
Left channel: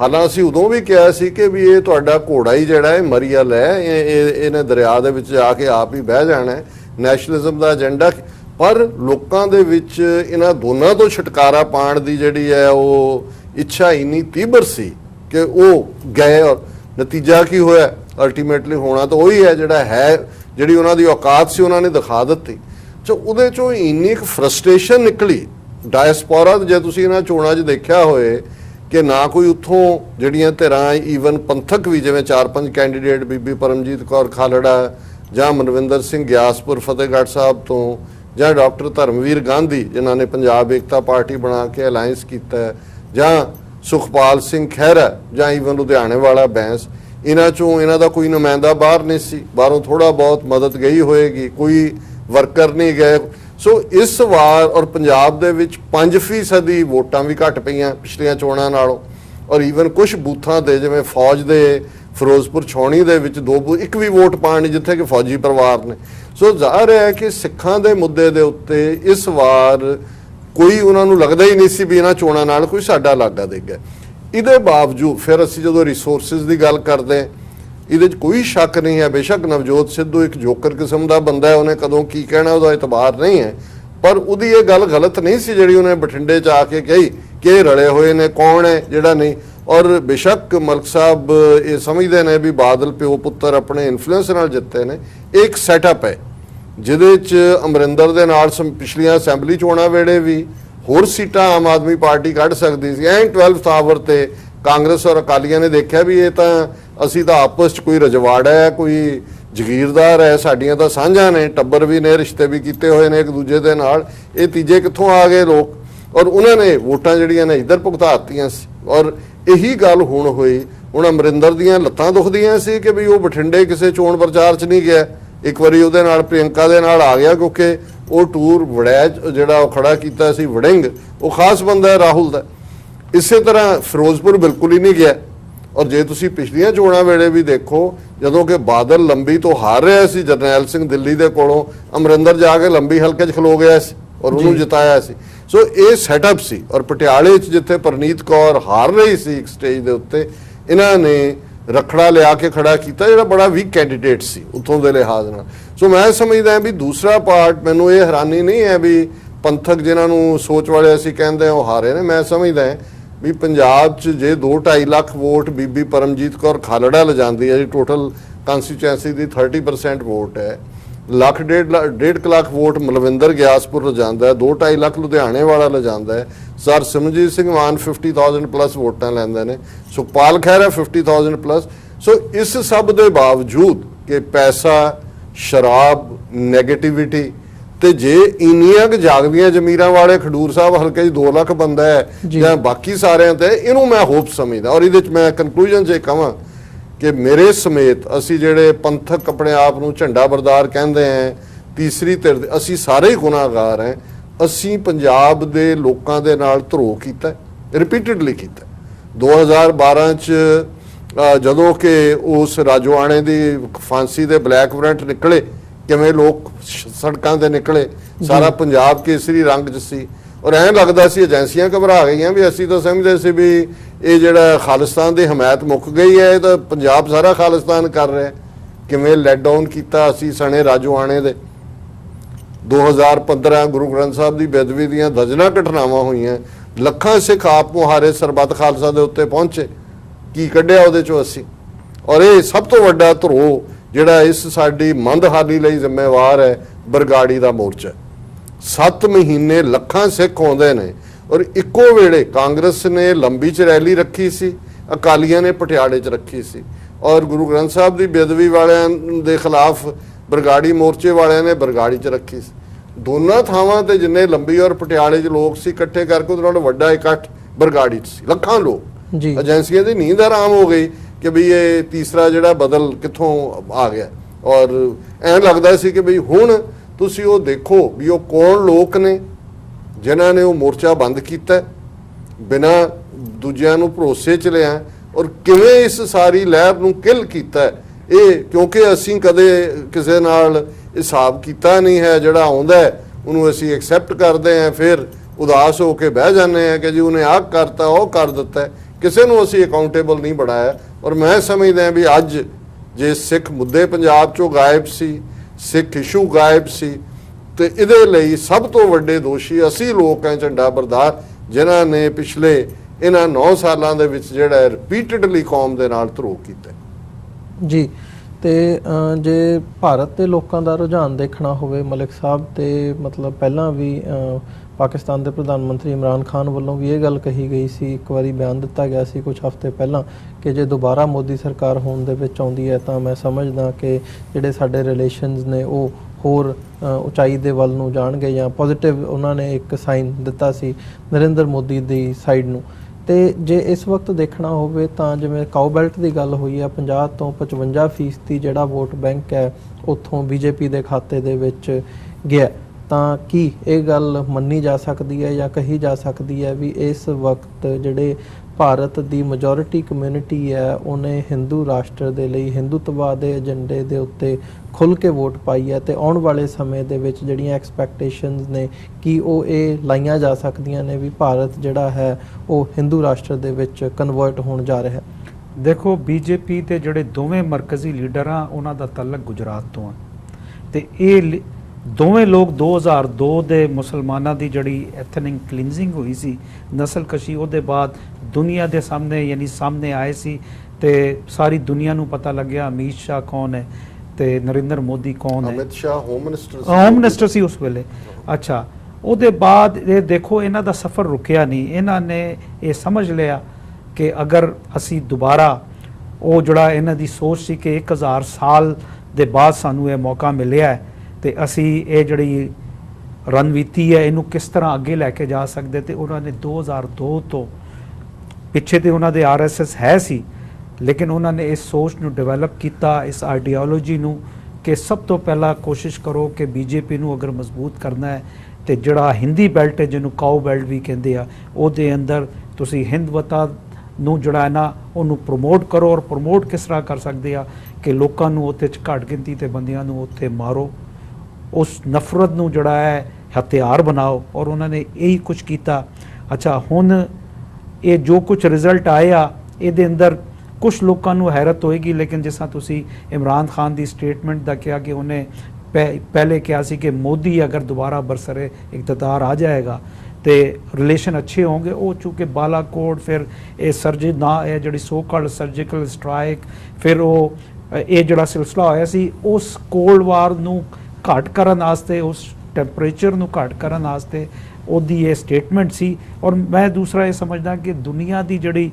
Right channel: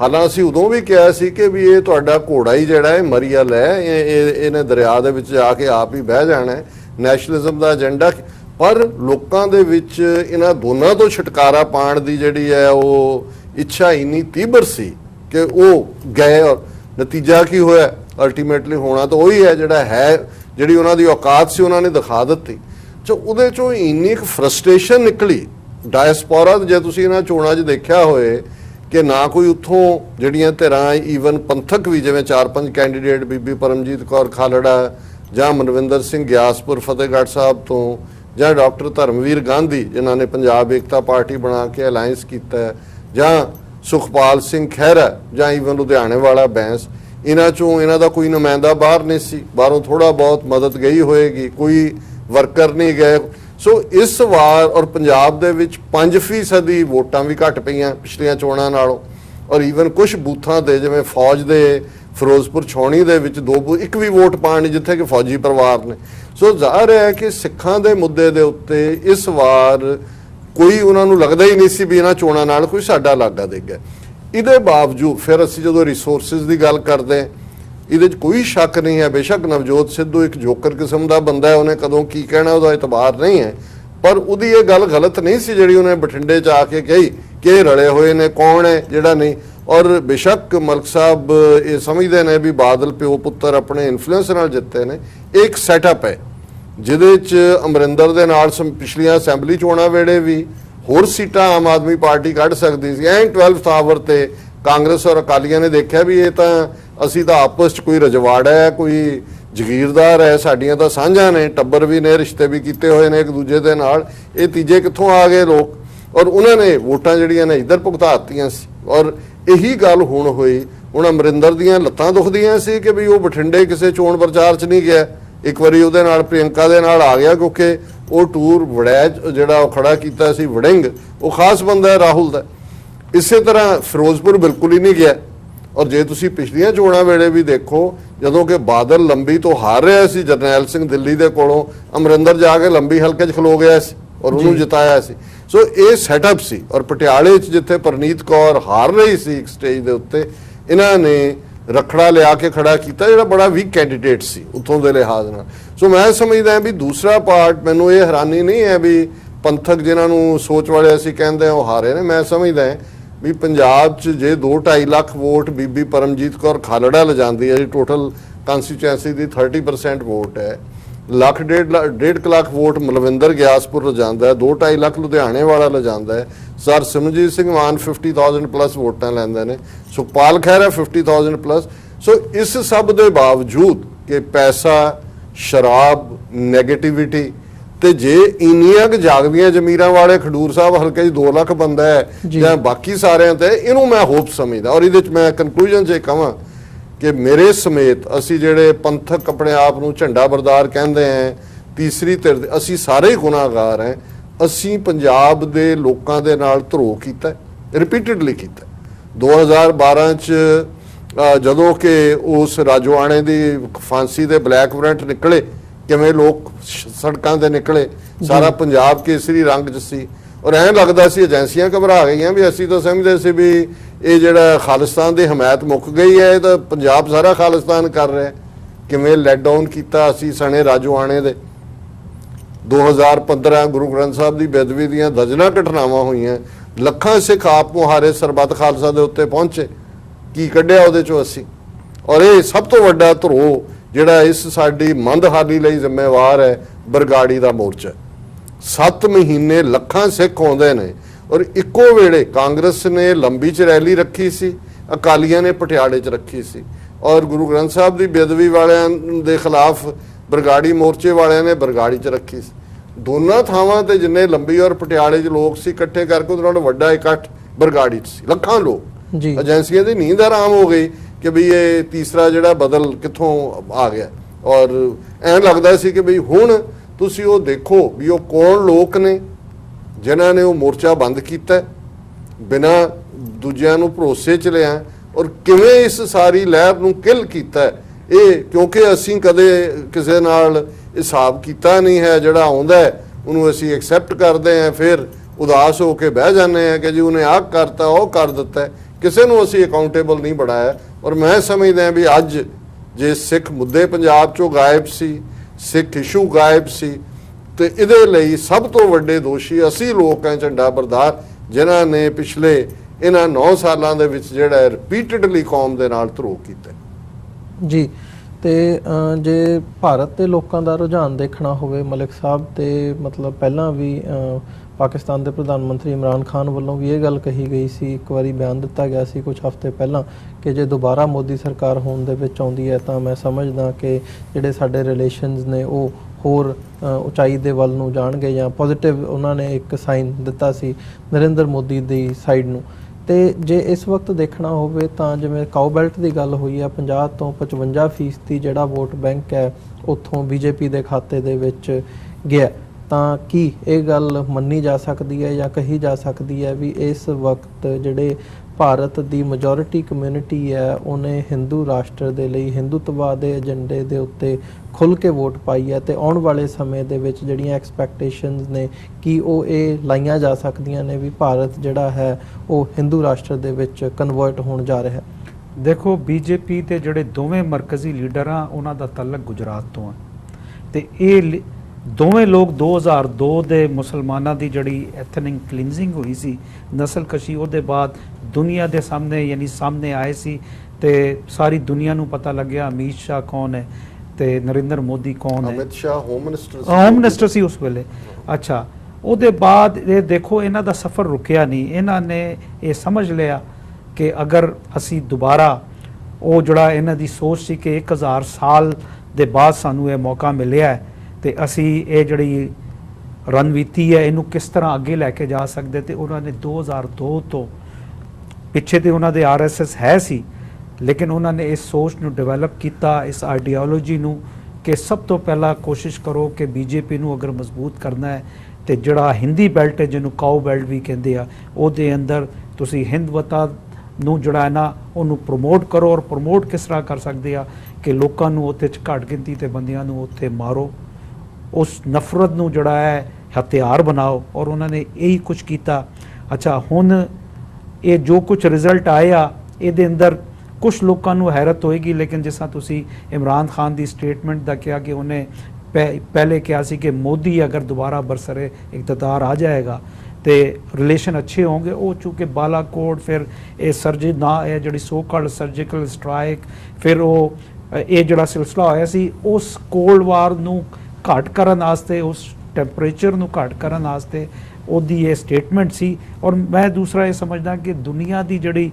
ਹਾਲਾਂਕਿ ਅਸੀਂ ਉਦੋਂ ਵੀ ਕਿਹਾ ਸੀ ਕਿ ਵੀ ਇਹ ਤੁਹਾਡਾ ਘੋੜਾ ਹੀ ਜਿਹੜਾ ਹੈ ਮਰੀਅਲ ਹੈ, ਇਹਨੇ ਦਰਿਆ ਦੇ ਵਿੱਚ ਜਾ ਕੇ ਆਪ ਹੀ ਬਹਿ ਜਾਣਾ ਹੈ। ਨੈਸ਼ਨਲਿਜ਼ਮ ਦਾ ਏਜੰਡਾ, ਪਰ ਲੋਕਾਂ ਦੇ ਵਿੱਚ ਇਹਨਾਂ ਦੋਨਾਂ ਤੋਂ ਛੁਟਕਾਰਾ ਪਾਉਣ ਦੀ ਜਿਹੜੀ ਹੈ ਉਹ ਇੱਛਾ ਇੰਨੀ ਤੀਬਰ ਸੀ ਕਿ ਉਹ ਗਏ ਔਰ ਨਤੀਜਾ ਕੀ ਹੋਇਆ? ਅਲਟੀਮੇਟਲੀ ਹੋਣਾ ਤਾਂ ਉਹੀ ਹੈ ਜਿਹੜਾ ਹੈ, ਜਿਹੜੀ ਉਹਨਾਂ ਦੀ ਔਕਾਤ ਸੀ ਉਹਨਾਂ ਨੇ ਦਿਖਾ ਦਿੱਤੀ। ਉਹਦੇ ਚੋਂ ਇੰਨੀ ਕੁ ਫਰਸਟ੍ਰੇਸ਼ਨ ਨਿਕਲੀ ਡਾਇਸਪੋਰਾ। ਜੇ ਤੁਸੀਂ ਇਹਨਾਂ ਚੋਣਾਂ 'ਚ ਦੇਖਿਆ ਹੋਏ ਕਿ ਨਾ ਕੋਈ ਉੱਥੋਂ ਜਿਹੜੀਆਂ ਧਿਰਾਂ, ਈਵਨ ਪੰਥਕ ਵੀ, ਜਿਵੇਂ 4-5 ਕੈਂਡੀਡੇਟ, ਬੀਬੀ ਪਰਮਜੀਤ ਕੌਰ ਖਾਲੜਾ ਜਾਂ ਮਨਵਿੰਦਰ ਸਿੰਘ ਗਿਆਸਪੁਰ ਫਤਿਹਗੜ੍ਹ ਸਾਹਿਬ ਤੋਂ, ਜਾਂ ਡਾਕਟਰ ਧਰਮਵੀਰ ਗਾਂਧੀ ਜਿਨ੍ਹਾਂ ਨੇ ਪੰਜਾਬ ਏਕਤਾ ਪਾਰਟੀ ਬਣਾ ਕੇ ਅਲਾਇੰਸ ਕੀਤਾ, ਜਾਂ ਸੁਖਪਾਲ ਸਿੰਘ ਖਹਿਰਾ, ਜਾਂ ਈਵਨ ਲੁਧਿਆਣੇ ਵਾਲਾ ਬੈਂਸ, ਇਹਨਾਂ ਚੋਂ ਇਹਨਾਂ ਦਾ ਕੋਈ ਨੁਮਾਇੰਦਾ ਬਾਹਰ ਨਹੀਂ ਸੀ। ਬਾਹਰੋਂ ਥੋੜਾ ਬਹੁਤ ਮਦਦ ਗਈ ਹੋਏਗੀ, ਕੋਈ ਵਰਕਰ ਨਹੀਂ ਗਏ। ਸੋ ਇਸ ਵਾਰ ਔਰ ਪੰਜਾਬ ਦੇ ਵਿੱਚ 5% ਵੋਟਾਂ ਵੀ ਘੱਟ ਪਈਆਂ ਪਿਛਲੀਆਂ ਚੋਣਾਂ ਨਾਲੋਂ। ਔਰ ਈਵਨ ਕੁਝ ਬੂਥਾਂ ਤੇ ਜਿਵੇਂ ਫੌਜ ਦੇ ਫਿਰੋਜ਼ਪੁਰ ਛਾਉਣੀ ਦੇ ਵਿੱਚ ਇੱਕ ਵੀ ਵੋਟ ਪਾਣੀ ਜਿੱਥੇ ਕਿ ਫੌਜੀ ਪਰਿਵਾਰ ਨੇ। ਸੋ ਜ਼ਾਹਰ ਹੈ ਕਿ ਸਿੱਖਾਂ ਦੇ ਮੁੱਦੇ ਦੇ ਉੱਤੇ ਇਸ ਵਾਰ ਕੋਈ ਉਹਨਾਂ ਨੂੰ ਲੱਗਦਾ ਹੀ ਨਹੀਂ ਸੀ ਵੀ ਇਹਨਾਂ ਚੋਣਾਂ ਨਾਲ ਕੋਈ ਸਾਡਾ ਲਾਗਾ ਦੇਗਾ। ਇਹਦੇ ਬਾਵਜੂਦ ਫਿਰ ਅਸੀਂ ਜਦੋਂ ਰਿਸੋਰਸਿਸ ਦੀ ਗੱਲ ਕਰਦੇ ਹਾਂ, ਇਹਦੇ 'ਚ ਕੋਈ ਸ਼ੱਕ ਨਹੀਂ ਹੈ, ਬੇਸ਼ੱਕ ਨਵਜੋਤ ਸਿੱਧੂ ਇੱਕ ਜੋਕਰ ਕਿਸਮ ਦਾ ਬੰਦਾ ਹੈ, ਉਹਨੇ ਕਦੋਂ ਕੀ ਕਹਿਣਾ ਉਹਦਾ ਇਤਬਾਰ ਨਹੀਂ ਹੈ, ਪਰ ਉਹਦੀ ਇਹ ਗੱਲ ਗਲਤ ਨਹੀਂ ਸੀ ਜਿਹੜੀ ਉਹਨੇ ਬਠਿੰਡੇ 'ਚ ਆ ਕੇ ਕਹੀ ਕਿ ਇਹ ਰਲੇ ਹੋਏ ਨੇ, ਕੌਣ ਹੈ ਜਿਹੜਾ ਨਹੀਂ। ਔਰ ਬੇਸ਼ੱਕ ਮਲਕ ਸਾਹਿਬ ਇਹ ਸਮਝਦੇ ਨੇ ਵੀ ਬਾਦਲ ਪਿਓ ਪੁੱਤਰ ਆਪਣੇ ਇਨਫਲੂਐਂਸ ਨਾਲ ਜਿੱਤੇ ਨੇ, ਇਹ ਇੱਕ ਸੈਟਅਪ ਹੈ ਜਿਹਦੇ 'ਚ ਅਮਰਿੰਦਰ ਦੇ ਨਾਲ ਪਿਛਲੀਆਂ ਅਸੈਂਬਲੀ ਚੋਣਾਂ ਵੇਲੇ ਵੀ ਹੋਰ ਸੀਟਾਂ ਆਮ ਆਦਮੀ ਪਾਰਟੀ ਕੱਢ ਸਕਦੀ ਸੀ। ਐਂ 12th ਆਵਰ ਤੇ ਕਾਂਗਰਸ ਔਰ ਅਕਾਲੀਆਂ ਨੇ ਦੇਖਿਆ ਵੀ ਇਹ ਤਾਂ ਅਸੀਂ ਤਾਂ ਆਪਸ 'ਚ ਕੋਈ ਰਜਵਾੜਾ ਹੈ, ਕੋਈ ਜ਼ਗੀਰਦਾਰ ਹੈ, ਸਾਡੀਆਂ ਤਾਂ ਸਾਂਝਾਂ ਨੇ, ਟੱਬਰ ਵੀ ਨੇ, ਰਿਸ਼ਤੇ ਵੀ ਕੀਤੇ ਹੋਏ ਨੇ ਇੱਕ ਦੂਜੇ ਦੇ ਨਾਲ, ਇਹ ਤੀਜੇ ਕਿੱਥੋਂ ਆ ਗਏ ਲੋਕ। ਔਰ ਉਹਨਾਂ ਨੇ ਵੋਟਾਂ ਜਿਹੜੀਆਂ ਨੇ ਇੱਧਰ ਭੁਗਤਾਤੀਆਂ ਸੀ। ਔਰ ਇਹੀ ਗੱਲ ਹੁਣ ਹੋਈ। ਹੁਣ ਅਮਰਿੰਦਰ ਦੀਆਂ ਲੱਤਾਂ ਦੁਖਦੀਆਂ ਸੀ ਕਿ ਵੀ ਉਹ ਬਠਿੰਡੇ ਕਿਸੇ ਚੋਣ ਪ੍ਰਚਾਰ 'ਚ ਨਹੀਂ ਗਿਆ। ਇੱਕ ਵਾਰੀ ਉਹਦੇ ਨਾਲ ਪ੍ਰਿਯੰਕਾ ਦੇ ਨਾਲ ਆ ਗਿਆ ਕਿਉਂਕਿ ਉਹ ਟੂਰ ਵੜੈਚ ਜਿਹੜਾ ਉਹ ਖੜਾ ਕੀਤਾ ਸੀ ਵੜਿੰਗ, ਉਹ ਖਾਸ ਬੰਦਾ ਹੈ ਰਾਹੁਲ ਦਾ। ਇਸੇ ਤਰ੍ਹਾਂ ਫਿਰੋਜ਼ਪੁਰ ਬਿਲਕੁਲ ਹੀ ਨਹੀਂ ਗਿਆ। ਔਰ ਜੇ ਤੁਸੀਂ ਪਿਛਲੀਆਂ ਚੋਣਾਂ ਵੇਲੇ ਵੀ ਦੇਖੋ, ਜਦੋਂ ਕਿ ਬਾਦਲ ਲੰਬੀ ਤੋਂ ਹਾਰ ਰਿਹਾ ਸੀ ਜਰਨੈਲ ਸਿੰਘ ਦਿੱਲੀ ਦੇ ਕੋਲੋਂ, ਅਮਰਿੰਦਰ ਜਾ ਕੇ ਲੰਬੀ ਹਲਕੇ 'ਚ ਖਲੋ ਗਿਆ ਸੀ ਔਰ ਉਹਨੂੰ ਜਿਤਾਇਆ ਸੀ। ਸੋ ਇਹ ਸੈਟਅਪ ਸੀ। ਔਰ ਪਟਿਆਲੇ 'ਚ ਜਿੱਥੇ ਪਰਨੀਤ ਕੌਰ ਹਾਰ ਰਹੀ ਸੀ ਇੱਕ ਸਟੇਜ ਦੇ ਉੱਤੇ, ਇਹਨਾਂ ਨੇ ਰਖੜਾ ਲਿਆ ਕੇ ਖੜਾ ਕੀਤਾ ਜਿਹੜਾ ਬੜਾ ਵੀਕ ਕੈਂਡੀਡੇਟ ਸੀ ਉੱਥੋਂ ਦੇ ਲਿਹਾਜ਼ ਨਾਲ। ਸੋ ਮੈਂ ਸਮਝਦਾ ਵੀ ਦੂਸਰਾ ਪਾਰਟ, ਮੈਨੂੰ ਇਹ ਹੈਰਾਨੀ ਨਹੀਂ ਹੈ ਵੀ ਪੰਥਕ ਜਿਨ੍ਹਾਂ ਨੂੰ ਸੋਚ ਵਾਲੇ ਅਸੀਂ ਕਹਿੰਦੇ ਉਹ ਹਾਰੇ ਨੇ। ਮੈਂ ਸਮਝਦਾ ਵੀ ਪੰਜਾਬ 'ਚ ਜੇ 2-2.5 ਲੱਖ ਵੋਟ ਬੀਬੀ ਪਰਮਜੀਤ ਕੌਰ ਖਾਲੜਾ ਲਿਜਾਂਦੀ ਹੈ ਜੀ, ਟੋਟਲ ਕੰਸਟੀਚੁਐਂਸੀ ਦੀ 30% ਵੋਟ ਹੈ, 1.5 ਲੱਖ ਵੋਟ ਮਲਵਿੰਦਰ ਗਿਆਸਪੁਰ ਲਿਜਾਂਦਾ ਹੈ, 2-2.5 ਲੱਖ ਲੁਧਿਆਣੇ ਵਾਲਾ ਲਿਜਾਂਦਾ ਹੈ, ਸਰ ਸਿਮਰਜੀਤ ਸਿੰਘ ਮਾਨ 50,000 ਪਲੱਸ ਵੋਟਾਂ ਲੈਂਦੇ ਨੇ, ਸੁਖਪਾਲ ਖਹਿਰਾ 50,000 ਪਲੱਸ। ਸੋ ਇਸ ਸਭ ਦੇ ਬਾਵਜੂਦ ਕਿ ਪੈਸਾ, ਸ਼ਰਾਬ, ਨੈਗੇਟਿਵਿਟੀ ਤੇ ਜੇ ਇੰਨੀਆਂ ਕੁ ਜਾਗਦੀਆਂ ਜ਼ਮੀਰਾਂ ਵਾਲੇ ਖਡੂਰ ਸਾਹਿਬ ਹਲਕੇ 'ਚ 2 ਲੱਖ ਬੰਦਾ ਹੈ ਜਾਂ ਬਾਕੀ ਸਾਰਿਆਂ ਤੇ, ਇਹਨੂੰ ਮੈਂ ਹੋਪ ਸਮਝਦਾ। ਔਰ ਇਹਦੇ 'ਚ ਮੈਂ ਕਨਕਲੂਜਨ 'ਚ ਕਹਾਂ ਕਿ ਮੇਰੇ ਸਮੇਤ ਅਸੀਂ ਜਿਹੜੇ ਪੰਥਕ ਆਪਣੇ ਆਪ ਨੂੰ ਝੰਡਾ ਬਰਦਾਰ ਕਹਿੰਦੇ ਆਂ, ਤੀਸਰੀ ਧਿਰ, ਅਸੀਂ ਸਾਰੇ ਹੀ ਗੁਨਾਹਗਾਰ ਹਾਂ। ਅਸੀਂ ਪੰਜਾਬ ਦੇ ਲੋਕਾਂ ਦੇ ਨਾਲ ਧਰੋਹ ਕੀਤਾ, ਰਿਪੀਟਡਲੀ ਕੀਤਾ। 2012 'ਚ ਜਦੋਂ ਕਿ ਉਸ ਰਾਜੋਆਣੇ ਦੀ ਫਾਂਸੀ ਦੇ ਬਲੈਕ ਵਾਰੰਟ ਨਿਕਲੇ, ਕਿਵੇਂ ਲੋਕ ਸੜਕਾਂ ਤੇ ਨਿਕਲੇ, ਸਾਰਾ ਪੰਜਾਬ ਕੇਸਰੀ ਰੰਗ 'ਚ ਸੀ। ਔਰ ਐਂ ਲੱਗਦਾ ਸੀ ਏਜੰਸੀਆਂ ਘਬਰਾ ਗਈਆਂ ਵੀ ਅਸੀਂ ਤਾਂ ਸਮਝਦੇ ਸੀ ਵੀ ਇਹ ਜਿਹੜਾ ਖਾਲਿਸਤਾਨ ਦੀ ਹਮਾਇਤ ਮੁੱਕ ਗਈ ਹੈ, ਇਹ ਤਾਂ ਪੰਜਾਬ ਸਾਰਾ ਖਾਲਿਸਤਾਨ ਕਰ ਰਿਹਾ। ਕਿਵੇਂ ਲੈਟ ਡਾਊਨ ਕੀਤਾ ਅਸੀਂ ਸਣੇ ਰਾਜੋਆਣੇ ਦੇ। 2015 ਗੁਰੂ ਗ੍ਰੰਥ ਸਾਹਿਬ ਦੀ ਬੇਅਦਬੀ ਦੀਆਂ ਦਰਜਨਾਂ ਘਟਨਾਵਾਂ ਹੋਈਆਂ, ਲੱਖਾਂ ਸਿੱਖ ਆਪ ਮੁਹਾਰੇ ਸਰਬੱਤ ਖਾਲਸਾ ਦੇ ਉੱਤੇ ਪਹੁੰਚੇ, ਕੀ ਕੱਢਿਆ ਉਹਦੇ ਚੋਂ ਅਸੀਂ। ਔਰ ਇਹ ਸਭ ਤੋਂ ਵੱਡਾ ਧਰੋਹ ਜਿਹੜਾ ਇਸ ਸਾਡੀ ਮੰਦਹਾਲੀ ਲਈ ਜ਼ਿੰਮੇਵਾਰ ਹੈ, ਬਰਗਾੜੀ ਦਾ ਮੋਰਚਾ। 7 ਮਹੀਨੇ ਲੱਖਾਂ ਸਿੱਖ ਆਉਂਦੇ ਨੇ ਔਰ ਇੱਕੋ ਵੇਲੇ ਕਾਂਗਰਸ ਨੇ ਲੰਬੀ 'ਚ ਰੈਲੀ ਰੱਖੀ ਸੀ, ਅਕਾਲੀਆਂ ਨੇ ਪਟਿਆਲੇ 'ਚ ਰੱਖੀ ਸੀ, ਔਰ ਗੁਰੂ ਗ੍ਰੰਥ ਸਾਹਿਬ ਦੀ ਬੇਅਦਬੀ ਵਾਲਿਆਂ ਦੇ ਖਿਲਾਫ ਬਰਗਾੜੀ ਮੋਰਚੇ ਵਾਲਿਆਂ ਨੇ ਬਰਗਾੜੀ 'ਚ ਰੱਖੀ ਸੀ। ਦੋਨਾਂ ਥਾਵਾਂ ਤੇ ਜਿੰਨੇ ਲੰਬੀ ਔਰ ਪਟਿਆਲੇ 'ਚ ਲੋਕ ਸੀ ਇਕੱਠੇ ਕਰਕੇ, ਉਹਨਾਂ ਦਾ ਵੱਡਾ ਇਕੱਠ ਬਰਗਾੜੀ 'ਚ ਸੀ, ਲੱਖਾਂ ਲੋਕ। ਏਜੰਸੀਆਂ ਦੀ ਨੀਂਦ ਆਰਾਮ ਹੋ ਗਈ ਕਿ ਵੀ ਇਹ ਤੀਸਰਾ ਜਿਹੜਾ ਬਦਲ ਕਿੱਥੋਂ ਆ ਗਿਆ। ਔਰ ਐਂ ਲੱਗਦਾ ਸੀ ਕਿ ਵੀ ਹੁਣ ਤੁਸੀਂ ਉਹ ਦੇਖੋ ਵੀ ਉਹ ਕੌਣ ਲੋਕ ਨੇ ਜਿਨ੍ਹਾਂ ਨੇ ਉਹ ਮੋਰਚਾ ਬੰਦ ਕੀਤਾ, ਬਿਨਾਂ ਦੂਜਿਆਂ ਨੂੰ ਭਰੋਸੇ 'ਚ ਲਿਆ, ਔਰ ਕਿਵੇਂ ਇਸ ਸਾਰੀ ਲਹਿਰ ਨੂੰ ਕਿਲ ਕੀਤਾ। ਇਹ ਕਿਉਂਕਿ ਅਸੀਂ ਕਦੇ ਕਿਸੇ ਨਾਲ ਹਿਸਾਬ ਕੀਤਾ ਨਹੀਂ ਹੈ, ਜਿਹੜਾ ਆਉਂਦਾ ਉਹਨੂੰ ਅਸੀਂ ਐਕਸੈਪਟ ਕਰਦੇ ਹਾਂ, ਫਿਰ ਉਦਾਸ ਹੋ ਕੇ ਬਹਿ ਜਾਂਦੇ ਹਾਂ ਕਿ ਜੀ ਉਹਨੇ ਆਹ ਕਰਤਾ, ਉਹ ਕਰ ਦਿੱਤਾ। ਕਿਸੇ ਨੂੰ ਅਸੀਂ ਅਕਾਊਂਟੇਬਲ ਨਹੀਂ ਬਣਾਇਆ। ਔਰ ਮੈਂ ਸਮਝਦਾ ਵੀ ਅੱਜ ਜੇ ਸਿੱਖ ਮੁੱਦੇ ਪੰਜਾਬ 'ਚੋਂ ਗਾਇਬ ਸੀ, ਸਿੱਖ ਇਸ਼ੂ ਗਾਇਬ ਸੀ, ਤੇ ਇਹਦੇ ਲਈ ਸਭ ਤੋਂ ਵੱਡੇ ਦੋਸ਼ੀ ਅਸੀਂ ਲੋਕ ਹਾਂ, ਝੰਡਾ ਬਰਦਾਰ, ਜਿਨ੍ਹਾਂ ਨੇ ਪਿਛਲੇ ਇਹਨਾਂ 9 ਸਾਲਾਂ ਦੇ ਵਿੱਚ ਜਿਹੜਾ ਰਿਪੀਟਡਲੀ ਕੌਮ ਦੇ ਨਾਲ ਧਰੋਹ ਕੀਤਾ ਜੀ। ਤੇ ਜੇ ਭਾਰਤ ਦੇ ਲੋਕਾਂ ਦਾ ਰੁਝਾਨ ਦੇਖਣਾ ਹੋਵੇ ਮਲਿਕ ਸਾਹਿਬ, ਤੇ ਮਤਲਬ ਪਹਿਲਾਂ ਵੀ ਪਾਕਿਸਤਾਨ ਦੇ ਪ੍ਰਧਾਨ ਮੰਤਰੀ ਇਮਰਾਨ ਖਾਨ ਵੱਲੋਂ ਵੀ ਇਹ ਗੱਲ ਕਹੀ ਗਈ ਸੀ, ਇੱਕ ਵਾਰੀ ਬਿਆਨ ਦਿੱਤਾ ਗਿਆ ਸੀ ਕੁਝ ਹਫ਼ਤੇ ਪਹਿਲਾਂ ਕਿ ਜੇ ਦੁਬਾਰਾ ਮੋਦੀ ਸਰਕਾਰ ਹੋਣ ਦੇ ਵਿੱਚ ਆਉਂਦੀ ਹੈ ਤਾਂ ਮੈਂ ਸਮਝਦਾ ਕਿ ਜਿਹੜੇ ਸਾਡੇ ਰਿਲੇਸ਼ਨਸ ਨੇ ਉਹ ਹੋਰ ਉਚਾਈ ਦੇ ਵੱਲ ਨੂੰ ਜਾਣਗੇ, ਜਾਂ ਪੋਜ਼ਿਟਿਵ ਉਹਨਾਂ ਨੇ ਇੱਕ ਸਾਈਨ ਦਿੱਤਾ ਸੀ ਨਰਿੰਦਰ ਮੋਦੀ ਦੀ ਸਾਈਡ ਨੂੰ। ਤੇ ਜੇ ਇਸ ਵਕਤ ਦੇਖਣਾ ਹੋਵੇ ਤਾਂ ਜਿਵੇਂ ਕਾਓ ਬੈਲਟ ਦੀ ਗੱਲ ਹੋਈ ਹੈ, 50 ਤੋਂ 55% ਜਿਹੜਾ ਵੋਟ ਬੈਂਕ ਹੈ ਉੱਥੋਂ ਬੀਜੇਪੀ ਦੇ ਖਾਤੇ ਦੇ ਵਿੱਚ ਗਿਆ, ਤਾਂ ਕੀ ਇਹ ਗੱਲ ਮੰਨੀ ਜਾ ਸਕਦੀ ਹੈ ਜਾਂ ਕਹੀ ਜਾ ਸਕਦੀ ਹੈ ਵੀ ਇਸ ਵਕਤ ਜਿਹੜੇ ਭਾਰਤ ਦੀ ਮੈਜੋਰਿਟੀ ਕਮਿਊਨਿਟੀ ਹੈ ਉਹਨੇ ਹਿੰਦੂ ਰਾਸ਼ਟਰ ਦੇ ਲਈ, ਹਿੰਦੂਤਵਾ ਦੇ ਏਜੰਡੇ ਦੇ ਉੱਤੇ ਖੁੱਲ੍ਹ ਕੇ ਵੋਟ ਪਾਈ ਹੈ, ਤੇ ਆਉਣ ਵਾਲੇ ਸਮੇਂ ਦੇ ਵਿੱਚ ਜਿਹੜੀਆਂ ਐਕਸਪੈਕਟੇਸ਼ਨਸ ਨੇ ਕੀ ਉਹ ਇਹ ਲਾਈਆਂ ਜਾ ਸਕਦੀਆਂ ਨੇ ਵੀ ਭਾਰਤ ਜਿਹੜਾ ਹੈ ਉਹ ਹਿੰਦੂ ਰਾਸ਼ਟਰ ਦੇ ਵਿੱਚ ਕਨਵਰਟ ਹੋਣ ਜਾ ਰਿਹਾ ਹੈ? ਦੇਖੋ, ਬੀਜੇਪੀ ਤੇ ਜਿਹੜੇ ਦੋਵੇਂ ਮਰਕਜ਼ੀ ਲੀਡਰ ਆ ਉਹਨਾਂ ਦਾ ਤਾਲੁਕ ਗੁਜਰਾਤ ਤੋਂ ਆ, ਤੇ ਇਹ ਦੋਵੇਂ ਲੋਕ 2002 ਦੇ ਮੁਸਲਮਾਨਾਂ ਦੀ ਜਿਹੜੀ ਐਥਨਿਕ ਕਲੀਨਜ਼ਿੰਗ ਹੋਈ ਸੀ, ਨਸਲਕਸ਼ੀ, ਉਹਦੇ ਬਾਅਦ ਦੁਨੀਆ ਦੇ ਸਾਹਮਣੇ ਯਾਨੀ ਸਾਹਮਣੇ ਆਏ ਸੀ ਤੇ ਸਾਰੀ ਦੁਨੀਆ ਨੂੰ ਪਤਾ ਲੱਗਿਆ ਅਮੀਤ ਸ਼ਾਹ ਕੌਣ ਹੈ ਤੇ ਨਰਿੰਦਰ ਮੋਦੀ ਕੌਣ ਹੈ। ਅਮਿਤ ਸ਼ਾਹ ਹੋਮ ਮਿਨਿਸਟਰ ਸੀ ਉਸ ਵੇਲੇ। ਅੱਛਾ, ਉਹਦੇ ਬਾਅਦ ਇਹ ਦੇਖੋ ਇਹਨਾਂ ਦਾ ਸਫ਼ਰ ਰੁਕਿਆ ਨਹੀਂ। ਇਹਨਾਂ ਨੇ ਇਹ ਸਮਝ ਲਿਆ ਕਿ ਅਗਰ ਅਸੀਂ ਦੁਬਾਰਾ ਉਹ ਜਿਹੜਾ ਇਹਨਾਂ ਦੀ ਸੋਚ ਸੀ ਕਿ 1000 ਸਾਲ ਦੇ ਬਾਅਦ ਸਾਨੂੰ ਇਹ ਮੌਕਾ ਮਿਲਿਆ ਹੈ ਤੇ ਅਸੀਂ ਇਹ ਜਿਹੜੀ ਰਣਨੀਤੀ ਹੈ ਇਹਨੂੰ ਕਿਸ ਤਰ੍ਹਾਂ ਅੱਗੇ ਲੈ ਕੇ ਜਾ ਸਕਦੇ, ਤੇ ਉਹਨਾਂ ਨੇ 2002 ਤੋਂ ਪਿੱਛੇ ਤੇ ਉਹਨਾਂ ਦੇ RSS ਹੈ ਸੀ, ਲੇਕਿਨ ਉਹਨਾਂ ਨੇ ਇਸ ਸੋਚ ਨੂੰ ਡਿਵੈਲਪ ਕੀਤਾ, ਇਸ ਆਈਡੀਓਲੋਜੀ ਨੂੰ, ਕਿ ਸਭ ਤੋਂ ਪਹਿਲਾਂ ਕੋਸ਼ਿਸ਼ ਕਰੋ ਕਿ ਬੀਜੇਪੀ ਨੂੰ ਅਗਰ ਮਜ਼ਬੂਤ ਕਰਨਾ ਹੈ ਤੇ ਜਿਹੜਾ ਹਿੰਦੀ ਬੈਲਟ ਹੈ ਜਿਹਨੂੰ ਕਾਊ ਬੈਲਟ ਵੀ ਕਹਿੰਦੇ ਆ, ਉਹਦੇ ਅੰਦਰ ਤੁਸੀਂ ਹਿੰਦਵਤਾ ਨੂੰ ਜਿਹੜਾ ਹੈ ਨਾ ਉਹਨੂੰ ਪ੍ਰਮੋਟ ਕਰੋ। ਔਰ ਪ੍ਰਮੋਟ ਕਿਸ ਤਰ੍ਹਾਂ ਕਰ ਸਕਦੇ ਆ ਕਿ ਲੋਕਾਂ ਨੂੰ ਉੱਥੇ ਚ ਘੱਟ ਗਿਣਤੀ ਤੇ ਬੰਦਿਆਂ ਨੂੰ ਉੱਥੇ ਮਾਰੋ, ਉਸ ਨਫ਼ਰਤ ਨੂੰ ਜਿਹੜਾ ਹੈ ਹਥਿਆਰ ਬਣਾਓ, ਔਰ ਉਹਨਾਂ ਨੇ ਇਹੀ ਕੁਝ ਕੀਤਾ। ਅੱਛਾ, ਹੁਣ ਇਹ ਜੋ ਕੁਝ ਰਿਜ਼ਲਟ ਆਇਆ ਇਹਦੇ ਅੰਦਰ ਕੁਝ ਲੋਕਾਂ ਨੂੰ ਹੈਰਤ ਹੋਏਗੀ, ਲੇਕਿਨ ਜਿਸ ਤਰ੍ਹਾਂ ਤੁਸੀਂ ਇਮਰਾਨ ਖਾਨ ਦੀ ਸਟੇਟਮੈਂਟ ਦਾ ਕਿਹਾ ਕਿ ਉਹਨੇ ਪਹਿਲੇ ਕਿਹਾ ਸੀ ਕਿ ਮੋਦੀ ਅਗਰ ਦੁਬਾਰਾ ਬਰਸਰੇ ਇਕਤਦਾਰ ਆ ਜਾਏਗਾ ਤੇ ਰਿਲੇਸ਼ਨ ਅੱਛੇ ਹੋਣਗੇ। ਉਹ ਚੂੰਕਿ ਬਾਲਾਕੋਟ ਫਿਰ ਇਹ ਇਹ ਜਿਹੜੀ ਸੋ ਕਾਲਡ ਸਰਜੀਕਲ ਸਟ੍ਰਾਈਕ, ਫਿਰ ਉਹ ਇਹ ਜਿਹੜਾ ਸਿਲਸਿਲਾ ਹੋਇਆ ਸੀ ਉਸ ਕੋਲਡ ਵਾਰ ਨੂੰ ਘੱਟ ਕਰਨ ਵਾਸਤੇ, ਉਸ ਟੈਂਪਰੇਚਰ ਨੂੰ ਘੱਟ ਕਰਨ ਵਾਸਤੇ ਉਹਦੀ ਇਹ ਸਟੇਟਮੈਂਟ ਸੀ। ਔਰ ਮੈਂ ਦੂਸਰਾ ਇਹ ਸਮਝਦਾ ਕਿ ਦੁਨੀਆ ਦੀ ਜਿਹੜੀ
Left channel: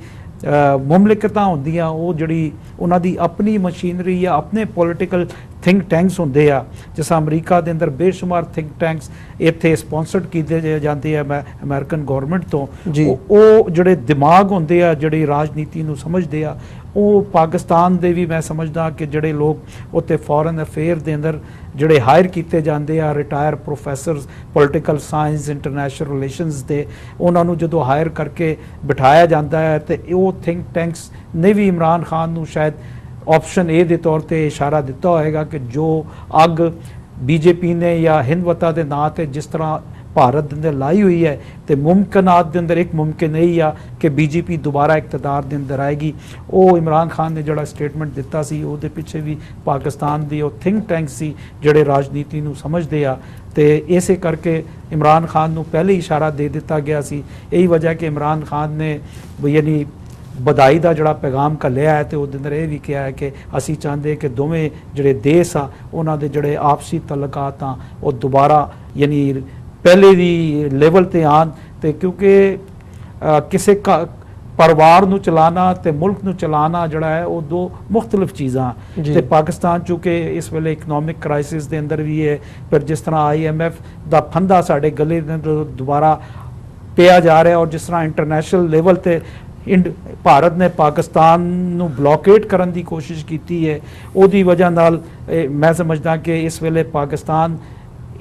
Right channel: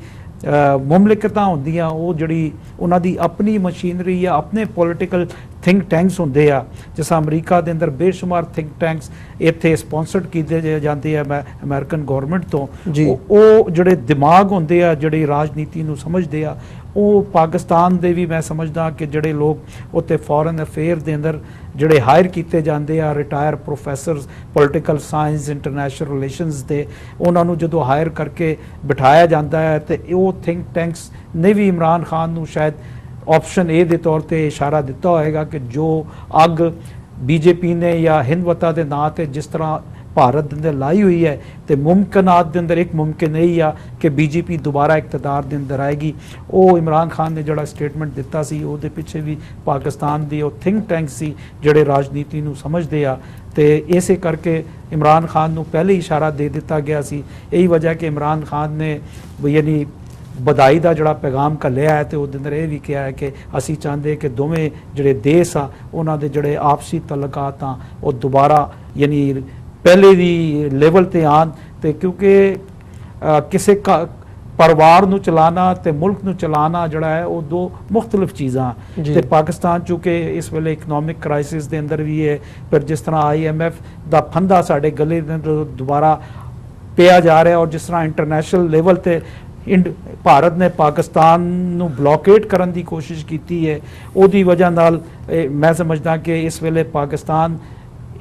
ਮੁਮਲਿਕਤਾਂ ਹੁੰਦੀਆਂ ਉਹ ਜਿਹੜੀ ਉਹਨਾਂ ਦੀ ਆਪਣੀ ਮਸ਼ੀਨਰੀ ਜਾਂ ਆਪਣੇ ਪੋਲੀਟੀਕਲ ਥਿੰਕ ਟੈਂਕਸ ਹੁੰਦੇ ਆ, ਜਿਸ ਅਮਰੀਕਾ ਦੇ ਅੰਦਰ ਬੇਸ਼ੁਮਾਰ ਥਿੰਕ ਟੈਂਕਸ ਇੱਥੇ ਸਪਾਂਸਰਡ ਕੀਤੇ ਜਾਂਦੇ ਆ ਅਮਰੀਕਨ ਗਵਰਨਮੈਂਟ ਤੋਂ। ਉਹ ਜਿਹੜੇ ਦਿਮਾਗ ਹੁੰਦੇ ਆ ਜਿਹੜੇ ਰਾਜਨੀਤੀ ਨੂੰ ਸਮਝਦੇ ਆ, ਉਹ ਪਾਕਿਸਤਾਨ ਦੇ ਵੀ ਮੈਂ ਸਮਝਦਾ ਕਿ ਜਿਹੜੇ ਲੋਕ ਉੱਥੇ ਫੋਰਨ ਅਫੇਅਰ ਦੇ ਅੰਦਰ ਜਿਹੜੇ ਹਾਇਰ ਕੀਤੇ ਜਾਂਦੇ ਆ retire professors political science international relations ਦੇ, ਉਹਨਾਂ ਨੂੰ ਜਦੋਂ ਹਾਇਰ ਕਰਕੇ ਬਿਠਾਇਆ ਜਾਂਦਾ ਹੈ ਤੇ ਉਹ ਥਿੰਕ ਟੈਂਕਸ ਨੇ ਵੀ ਇਮਰਾਨ ਖਾਨ ਨੂੰ ਸ਼ਾਇਦ ਆਪਸ਼ਨ ਏ ਦੇ ਤੌਰ ਤੇ ਇਸ਼ਾਰਾ ਦਿੱਤਾ ਹੋਏਗਾ ਕਿ ਜੋ ਅੱਗ ਬੀਜੇਪੀ ਨੇ ਜਾਂ ਹਿੰਦਵਤਾ ਦੇ ਨਾਂ ਤੇ ਜਿਸ ਤਰ੍ਹਾਂ ਭਾਰਤ ਦੇ ਅੰਦਰ ਲਾਈ ਹੋਈ ਹੈ ਤੇ ਮੁਮਕਿਨਾਤ ਦੇ ਅੰਦਰ ਇੱਕ ਮੁਮਕਿਨ ਇਹ ਆ ਕਿ ਬੀਜੇਪੀ ਦੁਬਾਰਾ ਇਕਤਦਾਰ ਦੇ ਅੰਦਰ ਆਏਗੀ। ਉਹ ਇਮਰਾਨ ਖਾਨ ਨੇ ਜਿਹੜਾ ਸਟੇਟਮੈਂਟ ਦਿੱਤਾ ਸੀ ਉਹਦੇ ਪਿੱਛੇ ਵੀ ਪਾਕਿਸਤਾਨ ਦੀ ਉਹ ਥਿੰਕ ਟੈਂਕ ਸੀ ਜਿਹੜੇ ਰਾਜਨੀਤੀ ਨੂੰ ਸਮਝਦੇ ਆ, ਤੇ ਇਸੇ ਕਰਕੇ ਇਮਰਾਨ ਖਾਨ ਨੂੰ ਪਹਿਲੇ ਇਸ਼ਾਰਾ ਦੇ ਦਿੱਤਾ ਗਿਆ ਸੀ। ਇਹੀ ਵਜ੍ਹਾ ਕਿ ਇਮਰਾਨ ਖਾਨ ਨੇ ਯਾਨੀ ਵਧਾਈ ਦਾ ਜਿਹੜਾ ਪੈਗਾਮ ਘੱਲਿਆ ਹੈ ਤੇ ਉਹਦੇ ਅੰਦਰ ਇਹ ਵੀ ਕਿਹਾ ਹੈ ਕਿ ਅਸੀਂ ਚਾਹੁੰਦੇ ਕਿ ਦੋਵੇਂ ਜਿਹੜੇ ਦੇਸ਼ ਆ ਉਹਨਾਂ ਦੇ ਜਿਹੜੇ ਆਪਸੀ ਤਲਕਾਤ ਆ ਉਹ ਦੁਬਾਰਾ ਯਾਨੀ ਪਹਿਲੇ ਦੀ ਲੈਵਲ ਤੇ ਆਣ, ਤੇ ਕਿਉਂਕਿ ਕਿਸੇ ਪਰਿਵਾਰ ਨੂੰ ਚਲਾਣਾ ਤੇ ਮੁਲਕ ਨੂੰ ਚਲਾਣਾ ਜਿਹੜਾ ਹੈ ਉਹ ਦੋ ਮੁxtਲਿਫ ਚੀਜ਼ਾਂ। ਤੇ ਪਾਕਿਸਤਾਨ ਚੂੰਕਿ ਇਸ ਵੇਲੇ ਇਕਨੋਮਿਕ ਕ੍ਰਾਈਸਿਸ ਦੇ ਅੰਦਰ ਵੀ ਹੈ, ਪਰ ਜਿਸ ਤਰ੍ਹਾਂ IMF ਦਾ ਫੰਦਾ ਸਾਡੇ ਗਲੇ ਦੇ ਅੰਦਰ ਦੁਬਾਰਾ ਪਿਆ ਜਾ ਰਿਹਾ, ਔਰ ਜਿਸ ਤਰ੍ਹਾਂ ਇੰਟਰਨੈਸ਼ਨਲ ਲੈਵਲ ਤੇ ਭਾਰਤ ਨੇ ਪਾਕਿਸਤਾਨ ਨੂੰ ਬਲੋਕੇਟ ਕਰਨ ਦੀ ਕੋਸ਼ਿਸ਼ ਕੀਤੀ ਹੈ, ਉਹਦੀ ਵਜ੍ਹਾ ਨਾਲ ਮੈਂ ਸਮਝਦਾ ਕਿ ਇਸ ਵੇਲੇ ਪਾਕਿਸਤਾਨ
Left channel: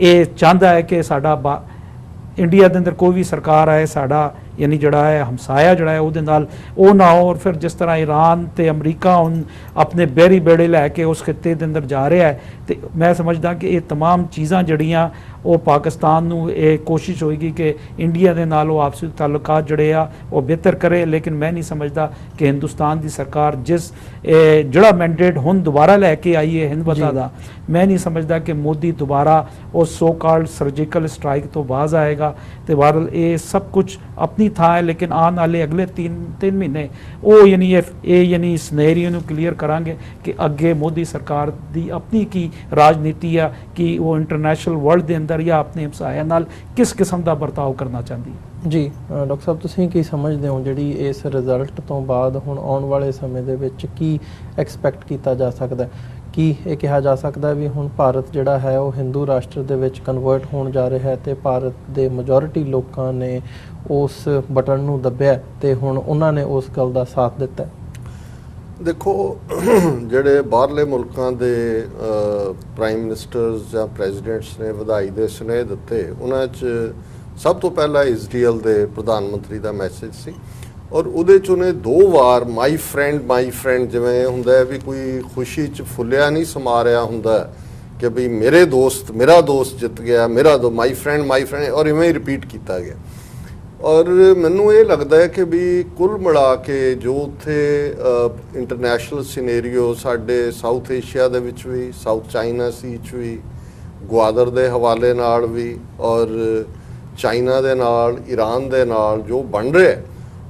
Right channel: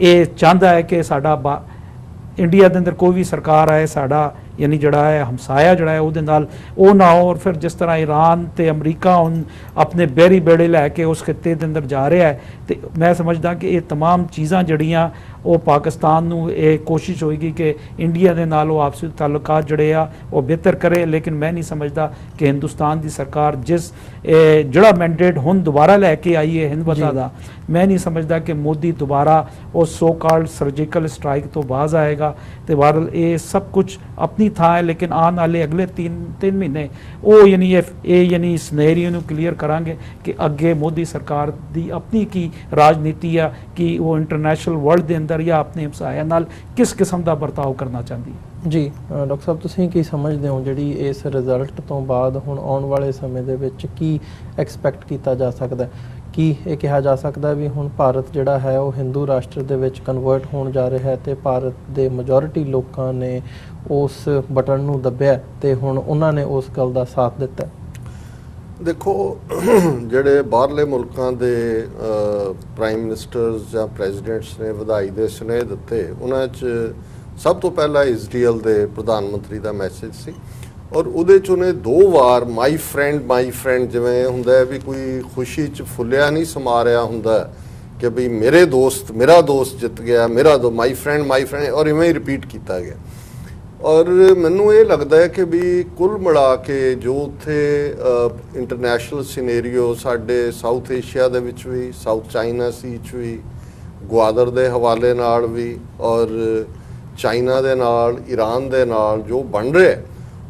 ਇਹ ਚਾਹੁੰਦਾ ਹੈ ਕਿ ਸਾਡਾ ਇੰਡੀਆ ਦੇ ਅੰਦਰ ਕੋਈ ਵੀ ਸਰਕਾਰ ਆਏ ਸਾਡਾ ਯਾਨੀ ਜਿਹੜਾ ਹੈ ਹਮਸਾਇਆ ਜਿਹੜਾ ਹੈ ਉਹਦੇ ਨਾਲ ਉਹ ਨਾ ਹੋ। ਔਰ ਫਿਰ ਜਿਸ ਤਰ੍ਹਾਂ ਈਰਾਨ ਤੇ ਅਮਰੀਕਾ ਹੁਣ ਆਪਣੇ ਬੇੜੀ ਬੇੜੇ ਲੈ ਕੇ ਉਸ ਖਿੱਤੇ ਦੇ ਅੰਦਰ ਜਾ ਰਿਹਾ ਹੈ, ਤੇ ਮੈਂ ਸਮਝਦਾ ਕਿ ਇਹ तमाम ਚੀਜ਼ਾਂ ਜਿਹੜੀਆਂ ਉਹ ਪਾਕਿਸਤਾਨ ਨੂੰ ਇਹ ਕੋਸ਼ਿਸ਼ ਹੋਏਗੀ ਕਿ ਇੰਡੀਆ ਦੇ ਨਾਲ ਉਹ ਆਪਸੀ ਤਾਲੁਕਾਤ ਜਿਹੜੇ ਆ ਉਹ ਬਿਹਤਰ ਕਰੇ। ਲੇਕਿਨ ਮੈਂ ਨਹੀਂ ਸਮਝਦਾ ਕਿ ਹਿੰਦੁਸਤਾਨ ਦੀ ਸਰਕਾਰ ਜਿਸ ਜਿਹੜਾ ਮੈਂਡੇਟ ਹੁਣ ਦੁਬਾਰਾ ਲੈ ਕੇ ਆਈ ਹੈ ਹਿੰਦਵਤਾ ਦਾ, ਮੈਂ ਨਹੀਂ ਸਮਝਦਾ ਕਿ ਮੋਦੀ ਦੁਬਾਰਾ ਉਹ ਸੋ ਕਾਲਡ ਸਰਜੀਕਲ ਸਟ੍ਰਾਈਕ ਤੋਂ ਬਾਜ਼ ਆਏਗਾ। ਤੇ ਬਹਰਹਾਲ ਇਹ ਸਭ ਕੁਝ ਆਪਣੀ ਥਾਂ ਹੈ, ਲੇਕਿਨ ਆਉਣ ਵਾਲੇ ਅਗਲੇ 3 ਮਹੀਨੇ ਉਹ ਯਾਨੀ ਸਿਨੈਰੀਓ ਨੂੰ ਕਲੀਅਰ ਕਰਾਂਗੇ ਕਿ ਅੱਗੇ ਮੋਦੀ ਸਰਕਾਰ ਦੀ ਆਪਣੀ ਕੀ ਰਾਜਨੀਤੀ ਆ, ਕਿ ਉਹ ਇੰਟਰਨੈਸ਼ਨਲ ਵਰਲਡ ਦੇ ਅੰਦਰ ਜਾਂ ਆਪਣੇ ਹਮਸਾਇਆ ਨਾਲ ਕਿਸ ਕਿਸਮ ਦਾ ਵਰਤਾਓ ਕਰਨਾ ਚਾਹੁੰਦੀ ਹੈ। ਜੀ ਡਾਕਟਰ ਸਾਹਿਬ, ਤੁਸੀਂ ਕੀ ਸਮਝਦੇ ਹੋ ਜਿਹੜੀ ਇਸ ਰਿਜ਼ਲਟ ਤੋਂ ਬਾਅਦ ਹੁਣ ਆਉਣ ਵਾਲੇ ਸਮੇਂ ਦੇ ਵਿੱਚ ਕੀ ਐਕਸਪੈਕਟ ਕੀਤਾ ਜਾ ਸਕਦਾ ਹੈ? ਕੀ ਇਹ ਕਿਹਾ ਜਾ ਸਕਦਾ ਵੀ ਹੁਣ ਭਾਰਤ ਜਿਹੜਾ ਹੈ ਉਹ ਹਿੰਦੂ ਰਾਸ਼ਟਰ ਦੇ ਵਿੱਚ ਕਨਵਰਟ ਹੋਣ ਜਾ ਰਿਹਾ ਹੈ ਤੇ ਭਾਰਤ ਦੇ ਮੈਜੋਰਿਟੀ ਲੋਕਾਂ ਨੇ ਉਸ ਬਟਨ ਨੂੰ ਦੱਬਿਆ ਤੇ ਹੁਣ ਉਹਨਾਂ ਨੇ ਉਸ ਗੱਲ ਦਾ ਸਾਥ ਦਿੱਤਾ? ਦੇਖੋ, ਜਿਹੜੇ ਬਾਹਰਲੇ ਮੁਲਕਾਂ ਦੇ ਪ੍ਰਾਈਮ ਮਿਨਿਸਟਰਸ ਜਾਂ ਪ੍ਰੈਜ਼ੀਡੈਂਟਸ ਨੇ ਵਧਾਈ ਦੇ ਸੁਨੇਹੇ ਦਿੱਤੇ, ਉਹਨਾਂ 'ਚ ਸਭ ਤੋਂ ਪਹਿਲਾਂ ਇਜ਼ਰਾਈਲ ਦੇ ਪ੍ਰਧਾਨ ਮੰਤਰੀ ਦਾ ਮੈਸੇਜ ਸੀ, ਔਰ ਉਹਦੇ 'ਚ ਉਹਨੇ 2 ਵਾਰ ਮਾਈ ਫਰੈਂਡ ਜਿਵੇਂ ਹੁੰਦਾ ਹੈ ਵੀ ਕੋਈ ਖੁਸ਼ੀ 'ਚ ਫੁੱਲਿਆ ਨਹੀਂ ਸਮਾ ਰਿਹਾ ਹੁੰਦਾ ਕਿ ਵੀ ਮੇਰਾ ਦੋਸਤ ਜਿੱਤ ਗਿਆ, ਮਾਈ ਫਰੈਂਡ ਔਰ ਇਵੇਂ ਹੀ ਰਿਪੀਟ ਕੀਤਾ ਗਿਆ। ਔਰ ਮੈਨੂੰ ਇਹ ਲੱਗਦਾ ਹੈ ਕਿ ਵੀ ਕੁੱਲ ਮਿਲਾ ਕੇ ਜੋ ਉੱਥੇ ਇੰਟਰਨੈਸ਼ਨਲ ਸਿਨੈਰੀਓ ਸਾਡੇ ਸਾਊਥ ਏਸ਼ੀਆ ਦੇ ਵਿੱਚ ਵੀ, ਸਾਊਥ ਚਾਈਨਾ ਸੀ 'ਚ ਵੀ, ਗਵਾਦਰ ਦੇ ਹਵਾਲੇ ਨਾਲ ਵੀ, ਔਰ ਚਾਈਨਾ ਦੇ ਨਾਲ, ਈਰਾਨ ਦੇ ਨਾਲ ਜੋ ਬਣ ਰਿਹਾ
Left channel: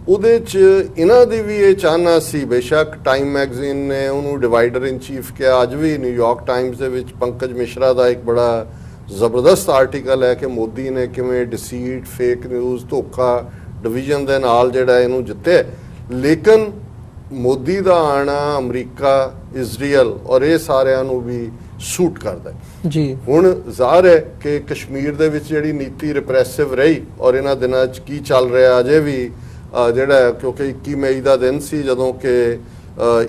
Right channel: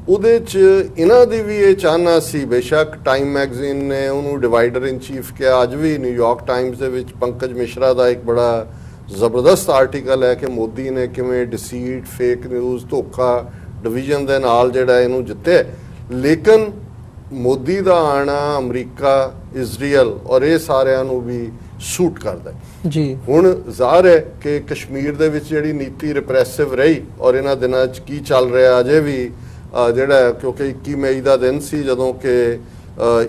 ਉਹਦੇ 'ਚ ਇਹਨਾਂ ਦੀ ਵੀ ਇਹ ਚਾਹਨਾ ਸੀ। ਬੇਸ਼ੱਕ ਟਾਈਮ ਮੈਗਜ਼ੀਨ ਨੇ ਉਹਨੂੰ ਡਿਵਾਈਡਰ ਇਨ ਚੀਫ ਕਿਹਾ, ਅੱਜ ਵੀ ਨਿਊਯਾਰਕ ਟਾਈਮਜ਼ ਦੇ ਵਿੱਚ ਪੰਕਜ ਮਿਸ਼ਰਾ ਦਾ ਇੱਕ ਬੜਾ ਜ਼ਬਰਦਸਤ ਆਰਟੀਕਲ ਹੈ ਕਿ ਮੋਦੀ ਨੇ ਕਿਵੇਂ ਡਿਸੀਟ, ਫੇਕ ਨਿਊਜ਼, ਧੋਖਾ, ਡਿਵੀਜ਼ਨ ਦੇ ਨਾਲ ਜਿਹੜਾ ਇਹਨੂੰ ਜਿੱਤਿਆ। ਲੇਕਿਨ ਮੋਦੀ ਦਾ ਆਣਾ ਅਮਰੀਕਾ, ਇਜ਼ਰਾਈਲ ਔਰ ਇਹ ਸਾਰਿਆਂ ਨੂੰ ਵੀ ਸੂਟ ਕਰਦਾ ਜੀ। ਹੁਣ ਜ਼ਾਹਰ ਹੈ ਕਿ ਕਸ਼ਮੀਰ ਦੇ ਵਿੱਚ ਜਿਹੜੀ ਨੀਤੀ ਰਿਪਰੈਸਿਵ ਰਹੀ ਔਰ ਇਹਨਾਂ ਦਿਨਾਂ 'ਚ ਕੀ ਚੱਲ ਰਿਹਾ ਅਜੇ ਵੀ ਜਿਹੜਾ, ਕਿਉਂਕਿ 21 ਮਈ ਦਾ ਦਿਨ ਸੀ ਜਦੋਂ ਕਿ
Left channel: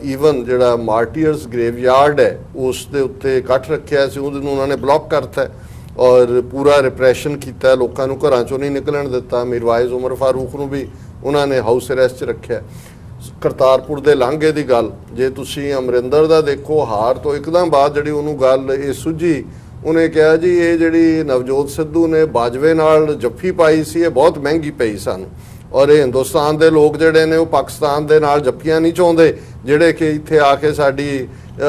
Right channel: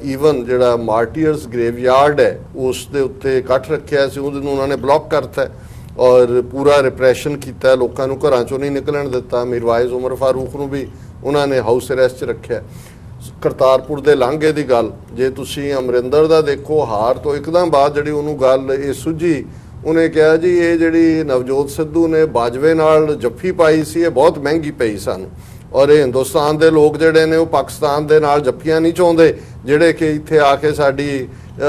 ਈਵਨ ਜਿਹੜਾ ਮਾਰਟੀਅਰਸ ਗ੍ਰੇਵਯਾਰਡ ਹੈ ਉਸ ਦੇ ਉੱਤੇ ਇਕੱਠ ਰੱਖਿਆ ਸੀ, ਉਹਨੂੰ ਉਹਨਾਂ ਨੇ ਬਲੌਕ ਕਰਤਾ ਔਰ ਪੂਰਾ ਰਿਪਰੈਸ਼ਨ ਕੀਤਾ, ਲੋਕਾਂ ਨੂੰ ਘਰਾਂ ਚੋਂ ਨਹੀਂ ਨਿਕਲਣ ਦਿੱਤਾ। ਮਿਰਵਾਇਜ਼ ਉਮਰ ਫਾਰੂਕ ਨੂੰ ਵੀ ਉਹਨਾਂ ਨੇ ਹਾਊਸ ਅਰੈਸਟ 'ਚ ਰੱਖਿਆ। ਕਰਤਾਰਪੁਰ ਦੇ ਲਾਂਘੇ ਦੀ ਗੱਲ ਜੇ ਤੁਸੀਂ ਅਮਰਿੰਦਰ ਦਾ ਦੇਖੋ, ਹਾਰ ਤੋਂ ਇੱਕਦਮ ਬਾਅਦ ਜਿਹੜੀ ਉਹਨੂੰ ਗੱਲ ਇਹ ਸੁੱਝੀ, ਉਹਨੇ ਕਿਹਾ ਜੀ ਇਹ ਜਿਹੜੀ ਨਵਜੋਤ ਸਿੱਧੂ ਨੇ ਬਾਜਵੇ ਨਾਲ ਜੱਫੀ ਪਾਈ ਸੀ ਇਹ ਬਹੁਤ ਮਹਿੰਗੀ ਪਈ ਸਾਨੂੰ, ਔਰ ਇਹ ਹਿੰਦੁਸਤਾਨ ਦੇ ਲੋਕ ਜਿਹੜੇ ਨੇ ਉਹ ਪਾਕਿਸਤਾਨ ਦੇ ਨਾਲ ਜੱਫੀਆਂ ਨਹੀਂ ਚਾਹੁੰਦੇ ਜਿਹੜੇ ਕਿ ਇੱਥੇ ਆ ਕੇ ਸਾਡੀ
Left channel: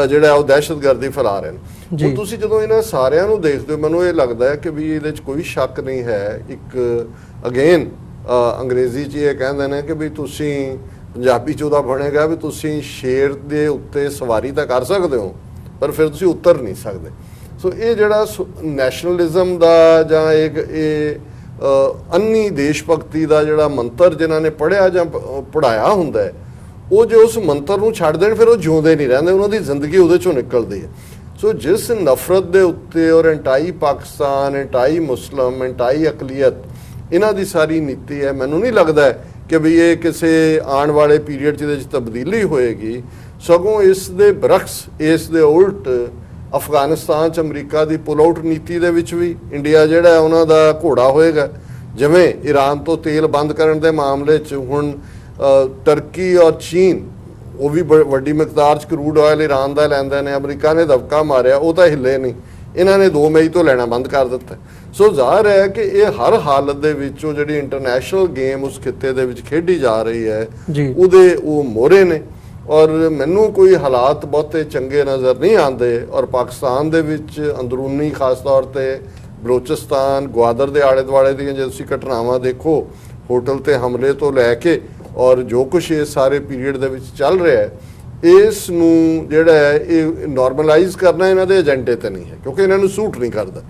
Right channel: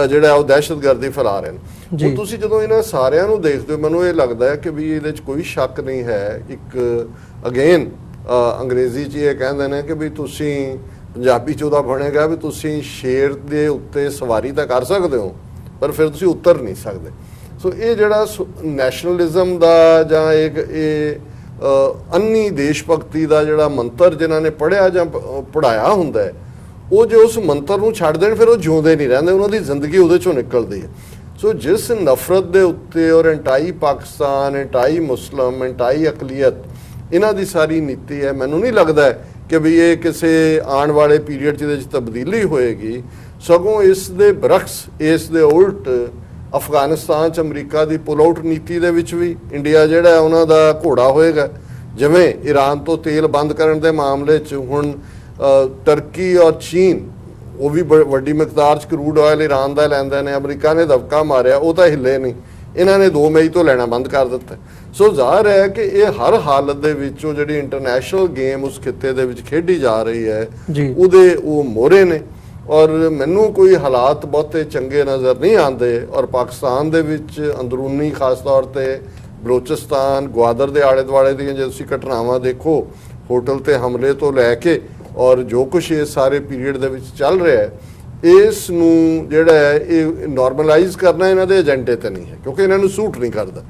ਜਿਹੜਾ ਉਹ ਦਹਿਸ਼ਤਗਰਦੀ ਫੈਲਾ ਰਹੇ ਨੇ। ਹੁਣ ਤੁਸੀਂ ਜਦੋਂ ਇਹਨਾਂ ਸਾਰਿਆਂ ਨੂੰ ਦੇਖਦੇ ਹੋ ਮੈਨੂੰ ਇਹ ਲੱਗਦਾ ਹੈ ਕਿ ਵੀ ਇਹਦੇ 'ਚ ਕੋਈ ਸ਼ੱਕ ਨਹੀਂ ਹੈ। ਇੱਕ ਅਗੇਨ ਅੰਗਰੇਜ਼ੀ 'ਚ ਇਹ ਕਹਿੰਦੇ ਨੇ ਕਿ ਵੀ ਤੁਸੀਂ, ਪੰਜਾਬੀ 'ਚ ਉਹਦਾ ਬਣੇਗਾ ਵੀ ਤੁਸੀਂ ਸ਼ੇਰ ਦੇ ਉੱਤੇ ਸਵਾਰੀ ਤਾਂ ਕਰ ਸਕਦੇ ਹੋ ਪਰ ਫਿਰ ਤੁਸੀਂ ਉਤਰ ਨਹੀਂ ਸਕਦੇ। ਸੋ ਇਹ ਜਿਹੜਾ ਨੈਸ਼ਨਲਿਜ਼ਮ ਦਾ ਜਾਂ ਇਹ ਅੰਨੀ ਦੇਸ਼ ਭਗਤੀ ਦਾ ਜਿਹੜਾ ਮੰਤਰ ਜਿਨ੍ਹਾਂ ਨੇ ਪੜ੍ਹਿਆ ਜਾਂ ਪੜ੍ਹਾਇਆ ਹੁੰਦਾ ਹੈ, ਉਹ ਜੇ ਉਸ ਮੰਤਰ ਨੂੰ ਛੱਡ ਦੇਣ ਫਿਰ ਉਹ ਜਿਉਂਦੇ ਨਹੀਂ ਰਹਿੰਦੇ, ਉਹਨਾਂ ਦੀ ਜ਼ਿੰਦਗੀ ਉਹਦੇ ਚੋਂ ਨਿਕਲਦੀ ਹੈ। ਸੋ ਜਿਸ ਨਫ਼ਰਤ ਦੇ ਉੱਤੇ ਔਰ ਐਂਟਾਈ ਪਾਕਿਸਤਾਨ, ਐਂਟਾਈ ਮੁਸਲਮ, ਐਂਟਾਈ ਅਕਲੀਅਤ ਇਹਨਾਂ ਦੀ ਸਾਰੀ ਨੀਤੀ ਹੈ, ਮੈਨੂੰ ਨਹੀਂ ਲੱਗਦਾ ਕਿ ਵੀ ਇਹ ਕਿਸੇ ਆਉਣ ਵਾਲੇ ਪੀਰੀਅਡ 'ਚ ਇਹਦੇ 'ਚ ਤਬਦੀਲੀ ਹੋਏਗੀ। ਸਗੋਂ ਇਸ ਦੇ ਬਰਖਸ, ਇਸ ਦੇ ਉਲਟ ਅਫਗਾਨਿਸਤਾਨ 'ਚ ਅਮਰੀਕਾ ਦੀ ਪੁਲ ਆਊਟ ਨੀਤੀ ਦੇ ਵਿੱਚ ਵੀ ਇੰਡੀਆ ਜਿਹੜਾ ਉਹਨਾਂ ਦਾ ਘੋੜਾ ਹੋਏਗਾ। ਜਿਵੇਂ ਈਰਾਨ ਤੋਂ ਤੇਲ ਬੰਦ ਕਰਨ ਦੇ ਮਾਮਲੇ 'ਚ ਹੁਣ ਟਰਕੀ ਔਰ ਚੀਨ ਉਹ ਵੀ ਵੱਡੀ ਮਿਕਦਾਰ 'ਚ ਕਰੂਡ ਆਇਲ ਈਰਾਨ ਦਾ ਲੈਂਦੇ ਨੇ, ਅਮਰੀਕਾ ਨੇ ਦਬਕਾ ਮਾਰਿਆ, ਉਹ ਤਾਂ ਹਿੱਲੇ ਨਹੀਂ, ਇਹਨਾਂ ਨੇ 2 ਮਈ ਤੋਂ ਲੈਣਾ ਬੰਦ ਕਰ ਦਿੱਤਾ। ਸੋ ਜ਼ਾਹਰ ਹੈ ਕਿ ਇਹ ਹਰ ਹਾਲਤ ਦੇ ਵਿੱਚ ਉਹ ਜਿਹੜੀ ਇੰਟਰਨੈਸ਼ਨਲ ਗੇਮ ਉਸ ਖਿੱਤੇ ਦੇ ਵਿੱਚ ਖੇਡੀ ਜਾ ਰਹੀ ਹੈ ਉਹਦੇ ਉਹ ਮੋਹਰੇ ਨੇ, ਔਰ ਮੈਨੂੰ ਕੋਈ ਹਾਲਾਤ ਬਹੁਤੇ ਚੰਗੇ ਨਜ਼ਰ ਨਹੀਂ ਆਉਂਦੇ। ਔਰ ਪਾਕਿਸਤਾਨ ਦੇ ਵਿੱਚ ਅੰਦਰੂਨੀ ਖਾਸ ਤੌਰ ਤੇ ਬਲੋਚਿਸਤਾਨ, ਗਵਾਦਰ ਦੇ ਆਲੇ ਦੁਆਲੇ ਦੀਆਂ ਜੇ ਤੁਸੀਂ ਘਟਨਾਵਾਂ ਦੇਖੋ, ਹੋਟਲ ਤੇ ਹਮਲੇ ਤੋਂ ਲੈ ਕੇ ਔਰ ਜੋ ਕੁਝ ਇਹ ਸਾਰੇ ਪੀਰੀਅਡ ਦੇ ਵਿੱਚ ਚੱਲ ਰਿਹਾ ਹੈ, ਇਸ ਨੂੰ ਜਿਹੜਾ ਹੈ ਇਹ ਨਾਰਮਲਾਈਜ਼ ਕਰਨਾ ਇਹਨਾਂ ਦੇ ਏਜੰਡੇ ਤੇ ਨਹੀਂ ਹੈ, ਕਿਉਂਕਿ ਇਹਨਾਂ ਨੂੰ ਸੂਟ ਨਹੀਂ ਕਰਦਾ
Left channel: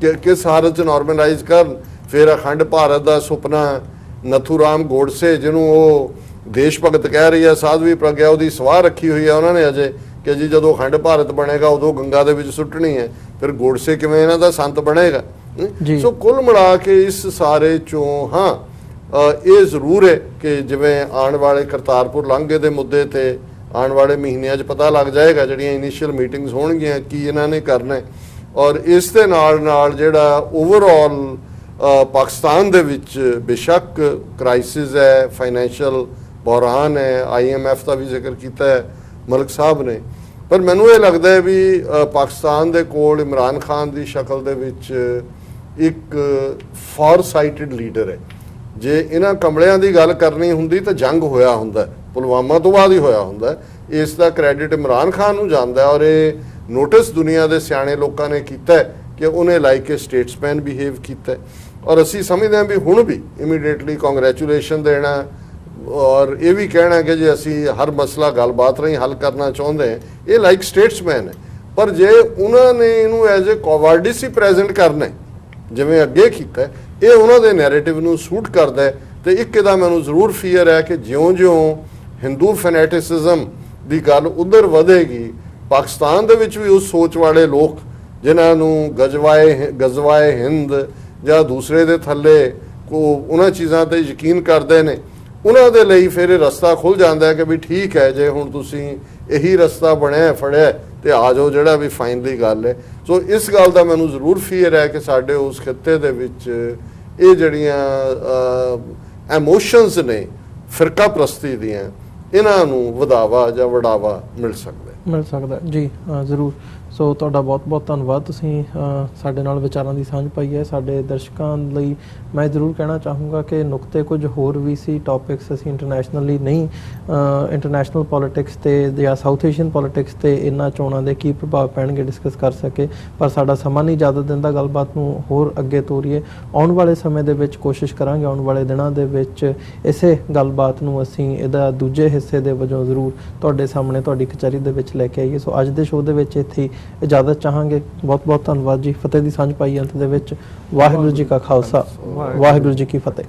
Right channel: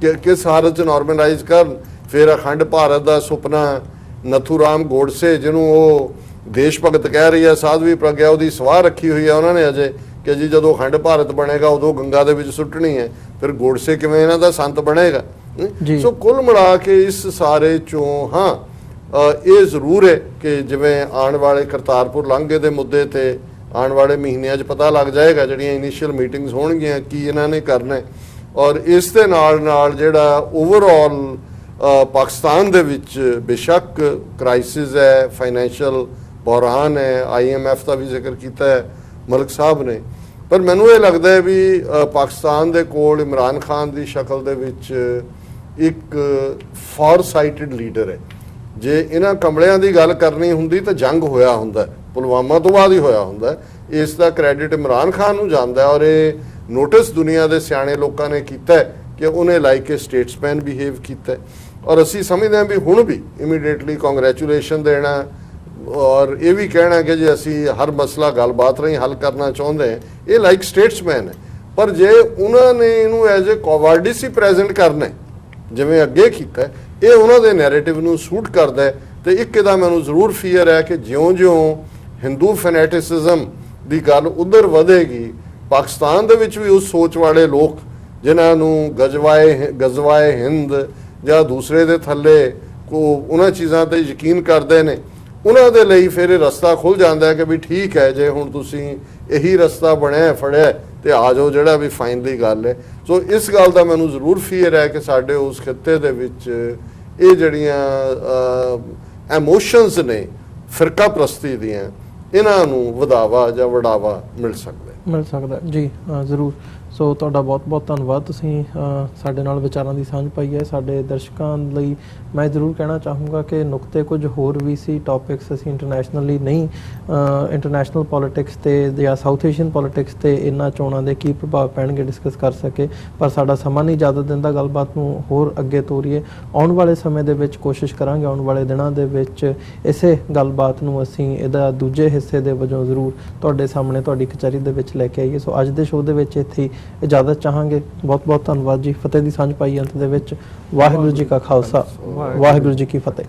ਕਿ ਕਿਸ ਹਾਲਤ 'ਚ ਨਾਰਮਲਾਈਜ਼ ਕਰਨ। ਫਿਰ ਅਖੰਡ ਭਾਰਤ ਦਾ ਸੁਪਨਾ ਨਥੂਰਾਮ ਗੋਡਸੇ, ਜਿਹਨੂੰ ਉਹ ਦੇਸ਼ ਭਗਤ ਕਹਿ ਰਹੀ ਹੈ, ਸਾਧਵੀ ਪ੍ਰਗਿਆ ਉਹਦੀ ਸਵਾਹ ਰੱਖੀ ਹੋਈ ਹੈ ਉਹਨਾਂ ਨੇ ਅਜੇ ਕਿ ਜੀ ਜਦੋਂ ਅਖੰਡ ਭਾਰਤ ਬਣੇਗਾ ਉਦੋਂ ਗੰਗਾ ਦੇ ਵਿੱਚ ਸੁੱਟਣੀ ਹੈ, ਫਿਰ ਗੋਡਸੇ ਕਿਵੇਂ ਇਹਨਾਂ ਦਾ ਸੰਤ ਬਣੇਗਾ। ਸੋ ਕੁੱਲ ਮਿਲਾ ਕੇ ਇਸ ਸਾਰੇ ਚੋਂ ਹਾਂ ਇਹ ਜ਼ਰੂਰ ਹੈ ਕਿ ਜਿਵੇਂ ਆਉਣ ਵਾਲੇ ਕਰਤਾਰਪੁਰ ਲਾਂਘੇ ਦੇ ਮੁੱਦੇ ਤੇ ਆਉਣ ਵਾਲੇ ਮਹੀਨਿਆਂ 'ਚ ਪਤਾ ਲੱਗ ਜਾਏਗਾ, ਜਿਹੜੀਆਂ ਇਨੀਸ਼ੀਅਲ ਮੀਟਿੰਗਸ ਹੋਣਗੀਆਂ ਕੀ ਇਹਨਾਂ ਨੇ ਕਰਨਾ, ਔਰ ਇਸ ਦੇ ਨਾਲ ਜਿਹੜਾ ਓਵਰਆਲ ਪਾਕਿਸਤਾਨ ਦੇ ਵਿੱਚ ਬੇਸ਼ੱਕ ਕ੍ਰਾਈਸਿਸ ਹੈ, ਫਾਈਨੈਂਸ਼ੀਅਲ ਬੁਹਰਾਨ ਹੈ, IMF ਦਾ ਵੀ ਜ਼ਿਕਰ ਕੀਤਾ ਹੈ ਮਲਕ ਸਾਹਿਬ ਨੇ, ਪਰ ਮੈਨੂੰ ਇਹ ਲੱਗਦਾ ਹੈ ਵੀ ਪਾਕਿਸਤਾਨ ਦੇ ਕੋਲ ਇਮਰਾਨ ਖਾਨ ਦੀ ਸ਼ਕਲ ਦੇ ਵਿੱਚ ਇੱਕ ਫਾਰਸਾਈਟਡ ਲੀਡਰ ਹੈ। ਜੇ ਇਹਨਾਂ ਕਮਲਿਆਂ ਦੀ ਗੱਲ ਕਰਨੀ ਹੁੰਦੀ ਤਾਂ ਜੰਗ ਹੋਇਆ ਹੁੰਦਾ, ਪੁਲਵਾਮਾ ਤੋਂ ਬਾਅਦ ਹੀ ਹੋਇਆ ਹੁੰਦਾ। ਇਸ ਦਾ ਕ੍ਰੈਡਿਟ ਇਮਰਾਨ ਖਾਨ ਨੂੰ ਜਾਂਦਾ ਔਰ ਇਹ ਨੋਟਿਸ ਦੁਨੀਆ ਦੇ ਸਿਆਣੇ ਲੋਕਾਂ ਨੇ ਕੀਤਾ ਕਿ ਉਹਨੇ ਲਾਈਕ ਏ ਸਟੇਟਸਮੈਨ ਬਿਹੇਵ ਕੀਤਾ, ਔਰ ਅਸੀਂ ਸਮਝਦੇ ਹਾਂ ਵੀ ਹੁਣ ਵੀ ਇਮੀਡੀਏਟਲੀ ਕੰਗ੍ਰੈਚੁਲੇਸ਼ਨ ਦੇਣਾ ਔਰ ਇਹ ਵੀ ਕਹਿਣਾ ਕਿ ਜੇ ਅਸੀਂ ਹਰ ਮਸਲਾ ਗੱਲਬਾਤ ਰਾਹੀਂ ਹੱਲ ਕਰਨਾ ਚਾਹੁੰਦੇ ਹਾਂ, ਇਹ ਲਾਈਕ ਸਟੇਟਸਮੈਨ ਹੈ। ਪਰ ਜੇ ਉਹਨਾਂ ਨੇ ਇਹਨੂੰ ਐਜ਼ ਏ ਕੋਵਾਰਡਿਸ ਹੀ ਪ੍ਰੈਜ਼ੈਂਟ ਕਰਨਾ ਜਿਵੇਂ ਅੱਗੇ ਕੀਤਾ, ਇਹ ਉਹਨਾਂ ਦੇ ਨੈਰੇਟਿਵ ਨੂੰ ਸੂਟ ਕਰਦਾ। ਤੇ ਇੱਕ ਇਹਦਾ ਮੈਨੂੰ ਜ਼ਰੂਰ ਫੀਅਰ ਹੈ ਕਿ ਜਿਉਂ-ਜਿਉਂ ਹਿੰਦੂ ਫੈਨੇਟਿਸਿਜ਼ਮ ਦੀ ਗੱਲ ਉਧਰ ਵਧੇਗੀ, ਪਾਕਿਸਤਾਨ ਦੇ ਵਿੱਚ ਵੀ ਉਸ ਸੋਚ ਵਾਲੇ ਲੋਕ ਜਿਨ੍ਹਾਂ ਨੂੰ ਗਜ਼ਵਾਏ ਹਿੰਦ ਜਾਂ ਦੂਸਰੇ ਦੇ ਥੱਲੇ ਉਹਨਾਂ ਚੀਜ਼ਾਂ ਤੇ ਯਕੀਨ ਕਰਦੇ ਨੇ, ਉਹਨਾਂ ਦੇ ਲਈ ਫਿਰ ਇਹ ਰਸਤਾ ਖੁੱਲ ਜਾਂਦਾ ਕਿ ਵੀ ਠੀਕ ਹੈ ਜੇ ਹੁਣ ਤੁਸੀਂ ਇਹੀ ਰਸਤਾ ਬਣਿਆ ਫੜਿਆ ਤੇ ਆ ਜਾਓ, ਜਿਹੜਾ ਵੀ ਫਾਈਨਲੀ ਗੱਲ ਹੈ। ਸੋ ਇਸ ਗੱਲ ਦਾ ਮੈਨੂੰ ਜ਼ਰੂਰ ਫੀਅਰ ਹੈ ਕਿ ਸਾਡੇ ਉਸ ਖਿੱਤੇ ਦੇ ਵਿੱਚ ਇਹ ਜਿਹੜੀਆਂ ਐਮੋਸ਼ਨਸ ਨੇ ਫਿਰਕਾ ਪ੍ਰਸਤੀ ਦੀਆਂ, ਇਹਨਾਂ ਨੂੰ ਵਧਾਵਾ ਜਾਂ ਵਡਾਵਾ ਮਿਲ ਸਕਦਾ ਜੀ। ਜ਼ਰੂਰ। ਸੋ ਤੁਹਾਡਾ ਬਹੁਤ ਬਹੁਤ ਧੰਨਵਾਦ, ਤੁਸੀਂ ਸਾਡੇ ਨਾਲ ਵਿਚਾਰਾਂ ਦੀ ਸਾਂਝ ਪਾਈ ਹੈ। ਸਾਡੇ ਦਰਸ਼ਕਾਂ ਲਈ ਮੈਂ ਜ਼ਰੂਰ ਕਹਿਣਾ ਚਾਹੂੰਗਾ ਕਿ ਨੁਕਤੇ ਕੁਝ ਹੋਰ ਵੀ ਸੀ, ਟੌਪਿਕਸ ਅਸੀਂ ਇੰਟਰਨੈਸ਼ਨਲੀ ਨਹੀਂ, ਇੰਟਰਨੈਸ਼ਨਲ ਪੋਲਿਟਿਕਸ ਤੇ ਜਾਂ ਸਾਊਥ ਏਸ਼ੀਅਨ ਪੋਲਿਟਿਕਸ ਤੇ ਇਹਨਾਂ ਚੋਣਾਂ ਦੇ ਕੀ ਪ੍ਰਭਾਵ ਪੈਣਗੇ ਡਿਸਕਸ ਕਰ ਸਕੇ, ਪਰ ਸਾਡਾ ਸਮਾਂ ਨਹੀਂ ਇਜਾਜ਼ਤ ਦਿੰਦਾ ਗੱਲਬਾਤ ਨੂੰ ਹੋਰ ਅੱਗੇ ਤੋਰੀਏ। ਆਉਣ ਵਾਲੇ ਸਮੇਂ ਦੇ ਵਿੱਚ ਕੋਸ਼ਿਸ਼ ਕਰਾਂਗੇ, ਆਉਣ ਵਾਲੇ ਦਿਨਾਂ ਦੇ ਵਿੱਚ ਇਸੇ ਗੱਲਬਾਤ ਨੂੰ ਅਸੀਂ ਇਹਦਾ ਦੂਜੇ ਹਿੱਸੇ ਦੇ ਵਜੋਂ ਜ਼ਰੂਰ ਤੁਹਾਡੇ ਸਾਹਮਣੇ ਤੁਹਾਡੀ ਕਚਹਿਰੀ ਦੇ ਵਿੱਚ ਲੈ ਕੇ ਆਈਏ। ਸੋ ਅੱਜ ਦੇ ਸ਼ੋਅ ਦੇ ਵਿੱਚ ਇੱਥੇ ਹੀ ਇਜਾਜ਼ਤ ਚਾਹਾਂਗੇ। ਬਹੁਤ ਬਹੁਤ ਧੰਨਵਾਦ ਜੀ। ਫਤਿਹ ਦੀ ਸਾਂਝ ਪਾਈ ਅੰਤ ਦੇ ਵਿੱਚ। ਵਾਹਿਗੁਰੂ ਜੀ ਕਾ ਖਾਲਸਾ, ਵਾਹਿਗੁਰੂ ਜੀ ਕੀ ਫਤਿਹ।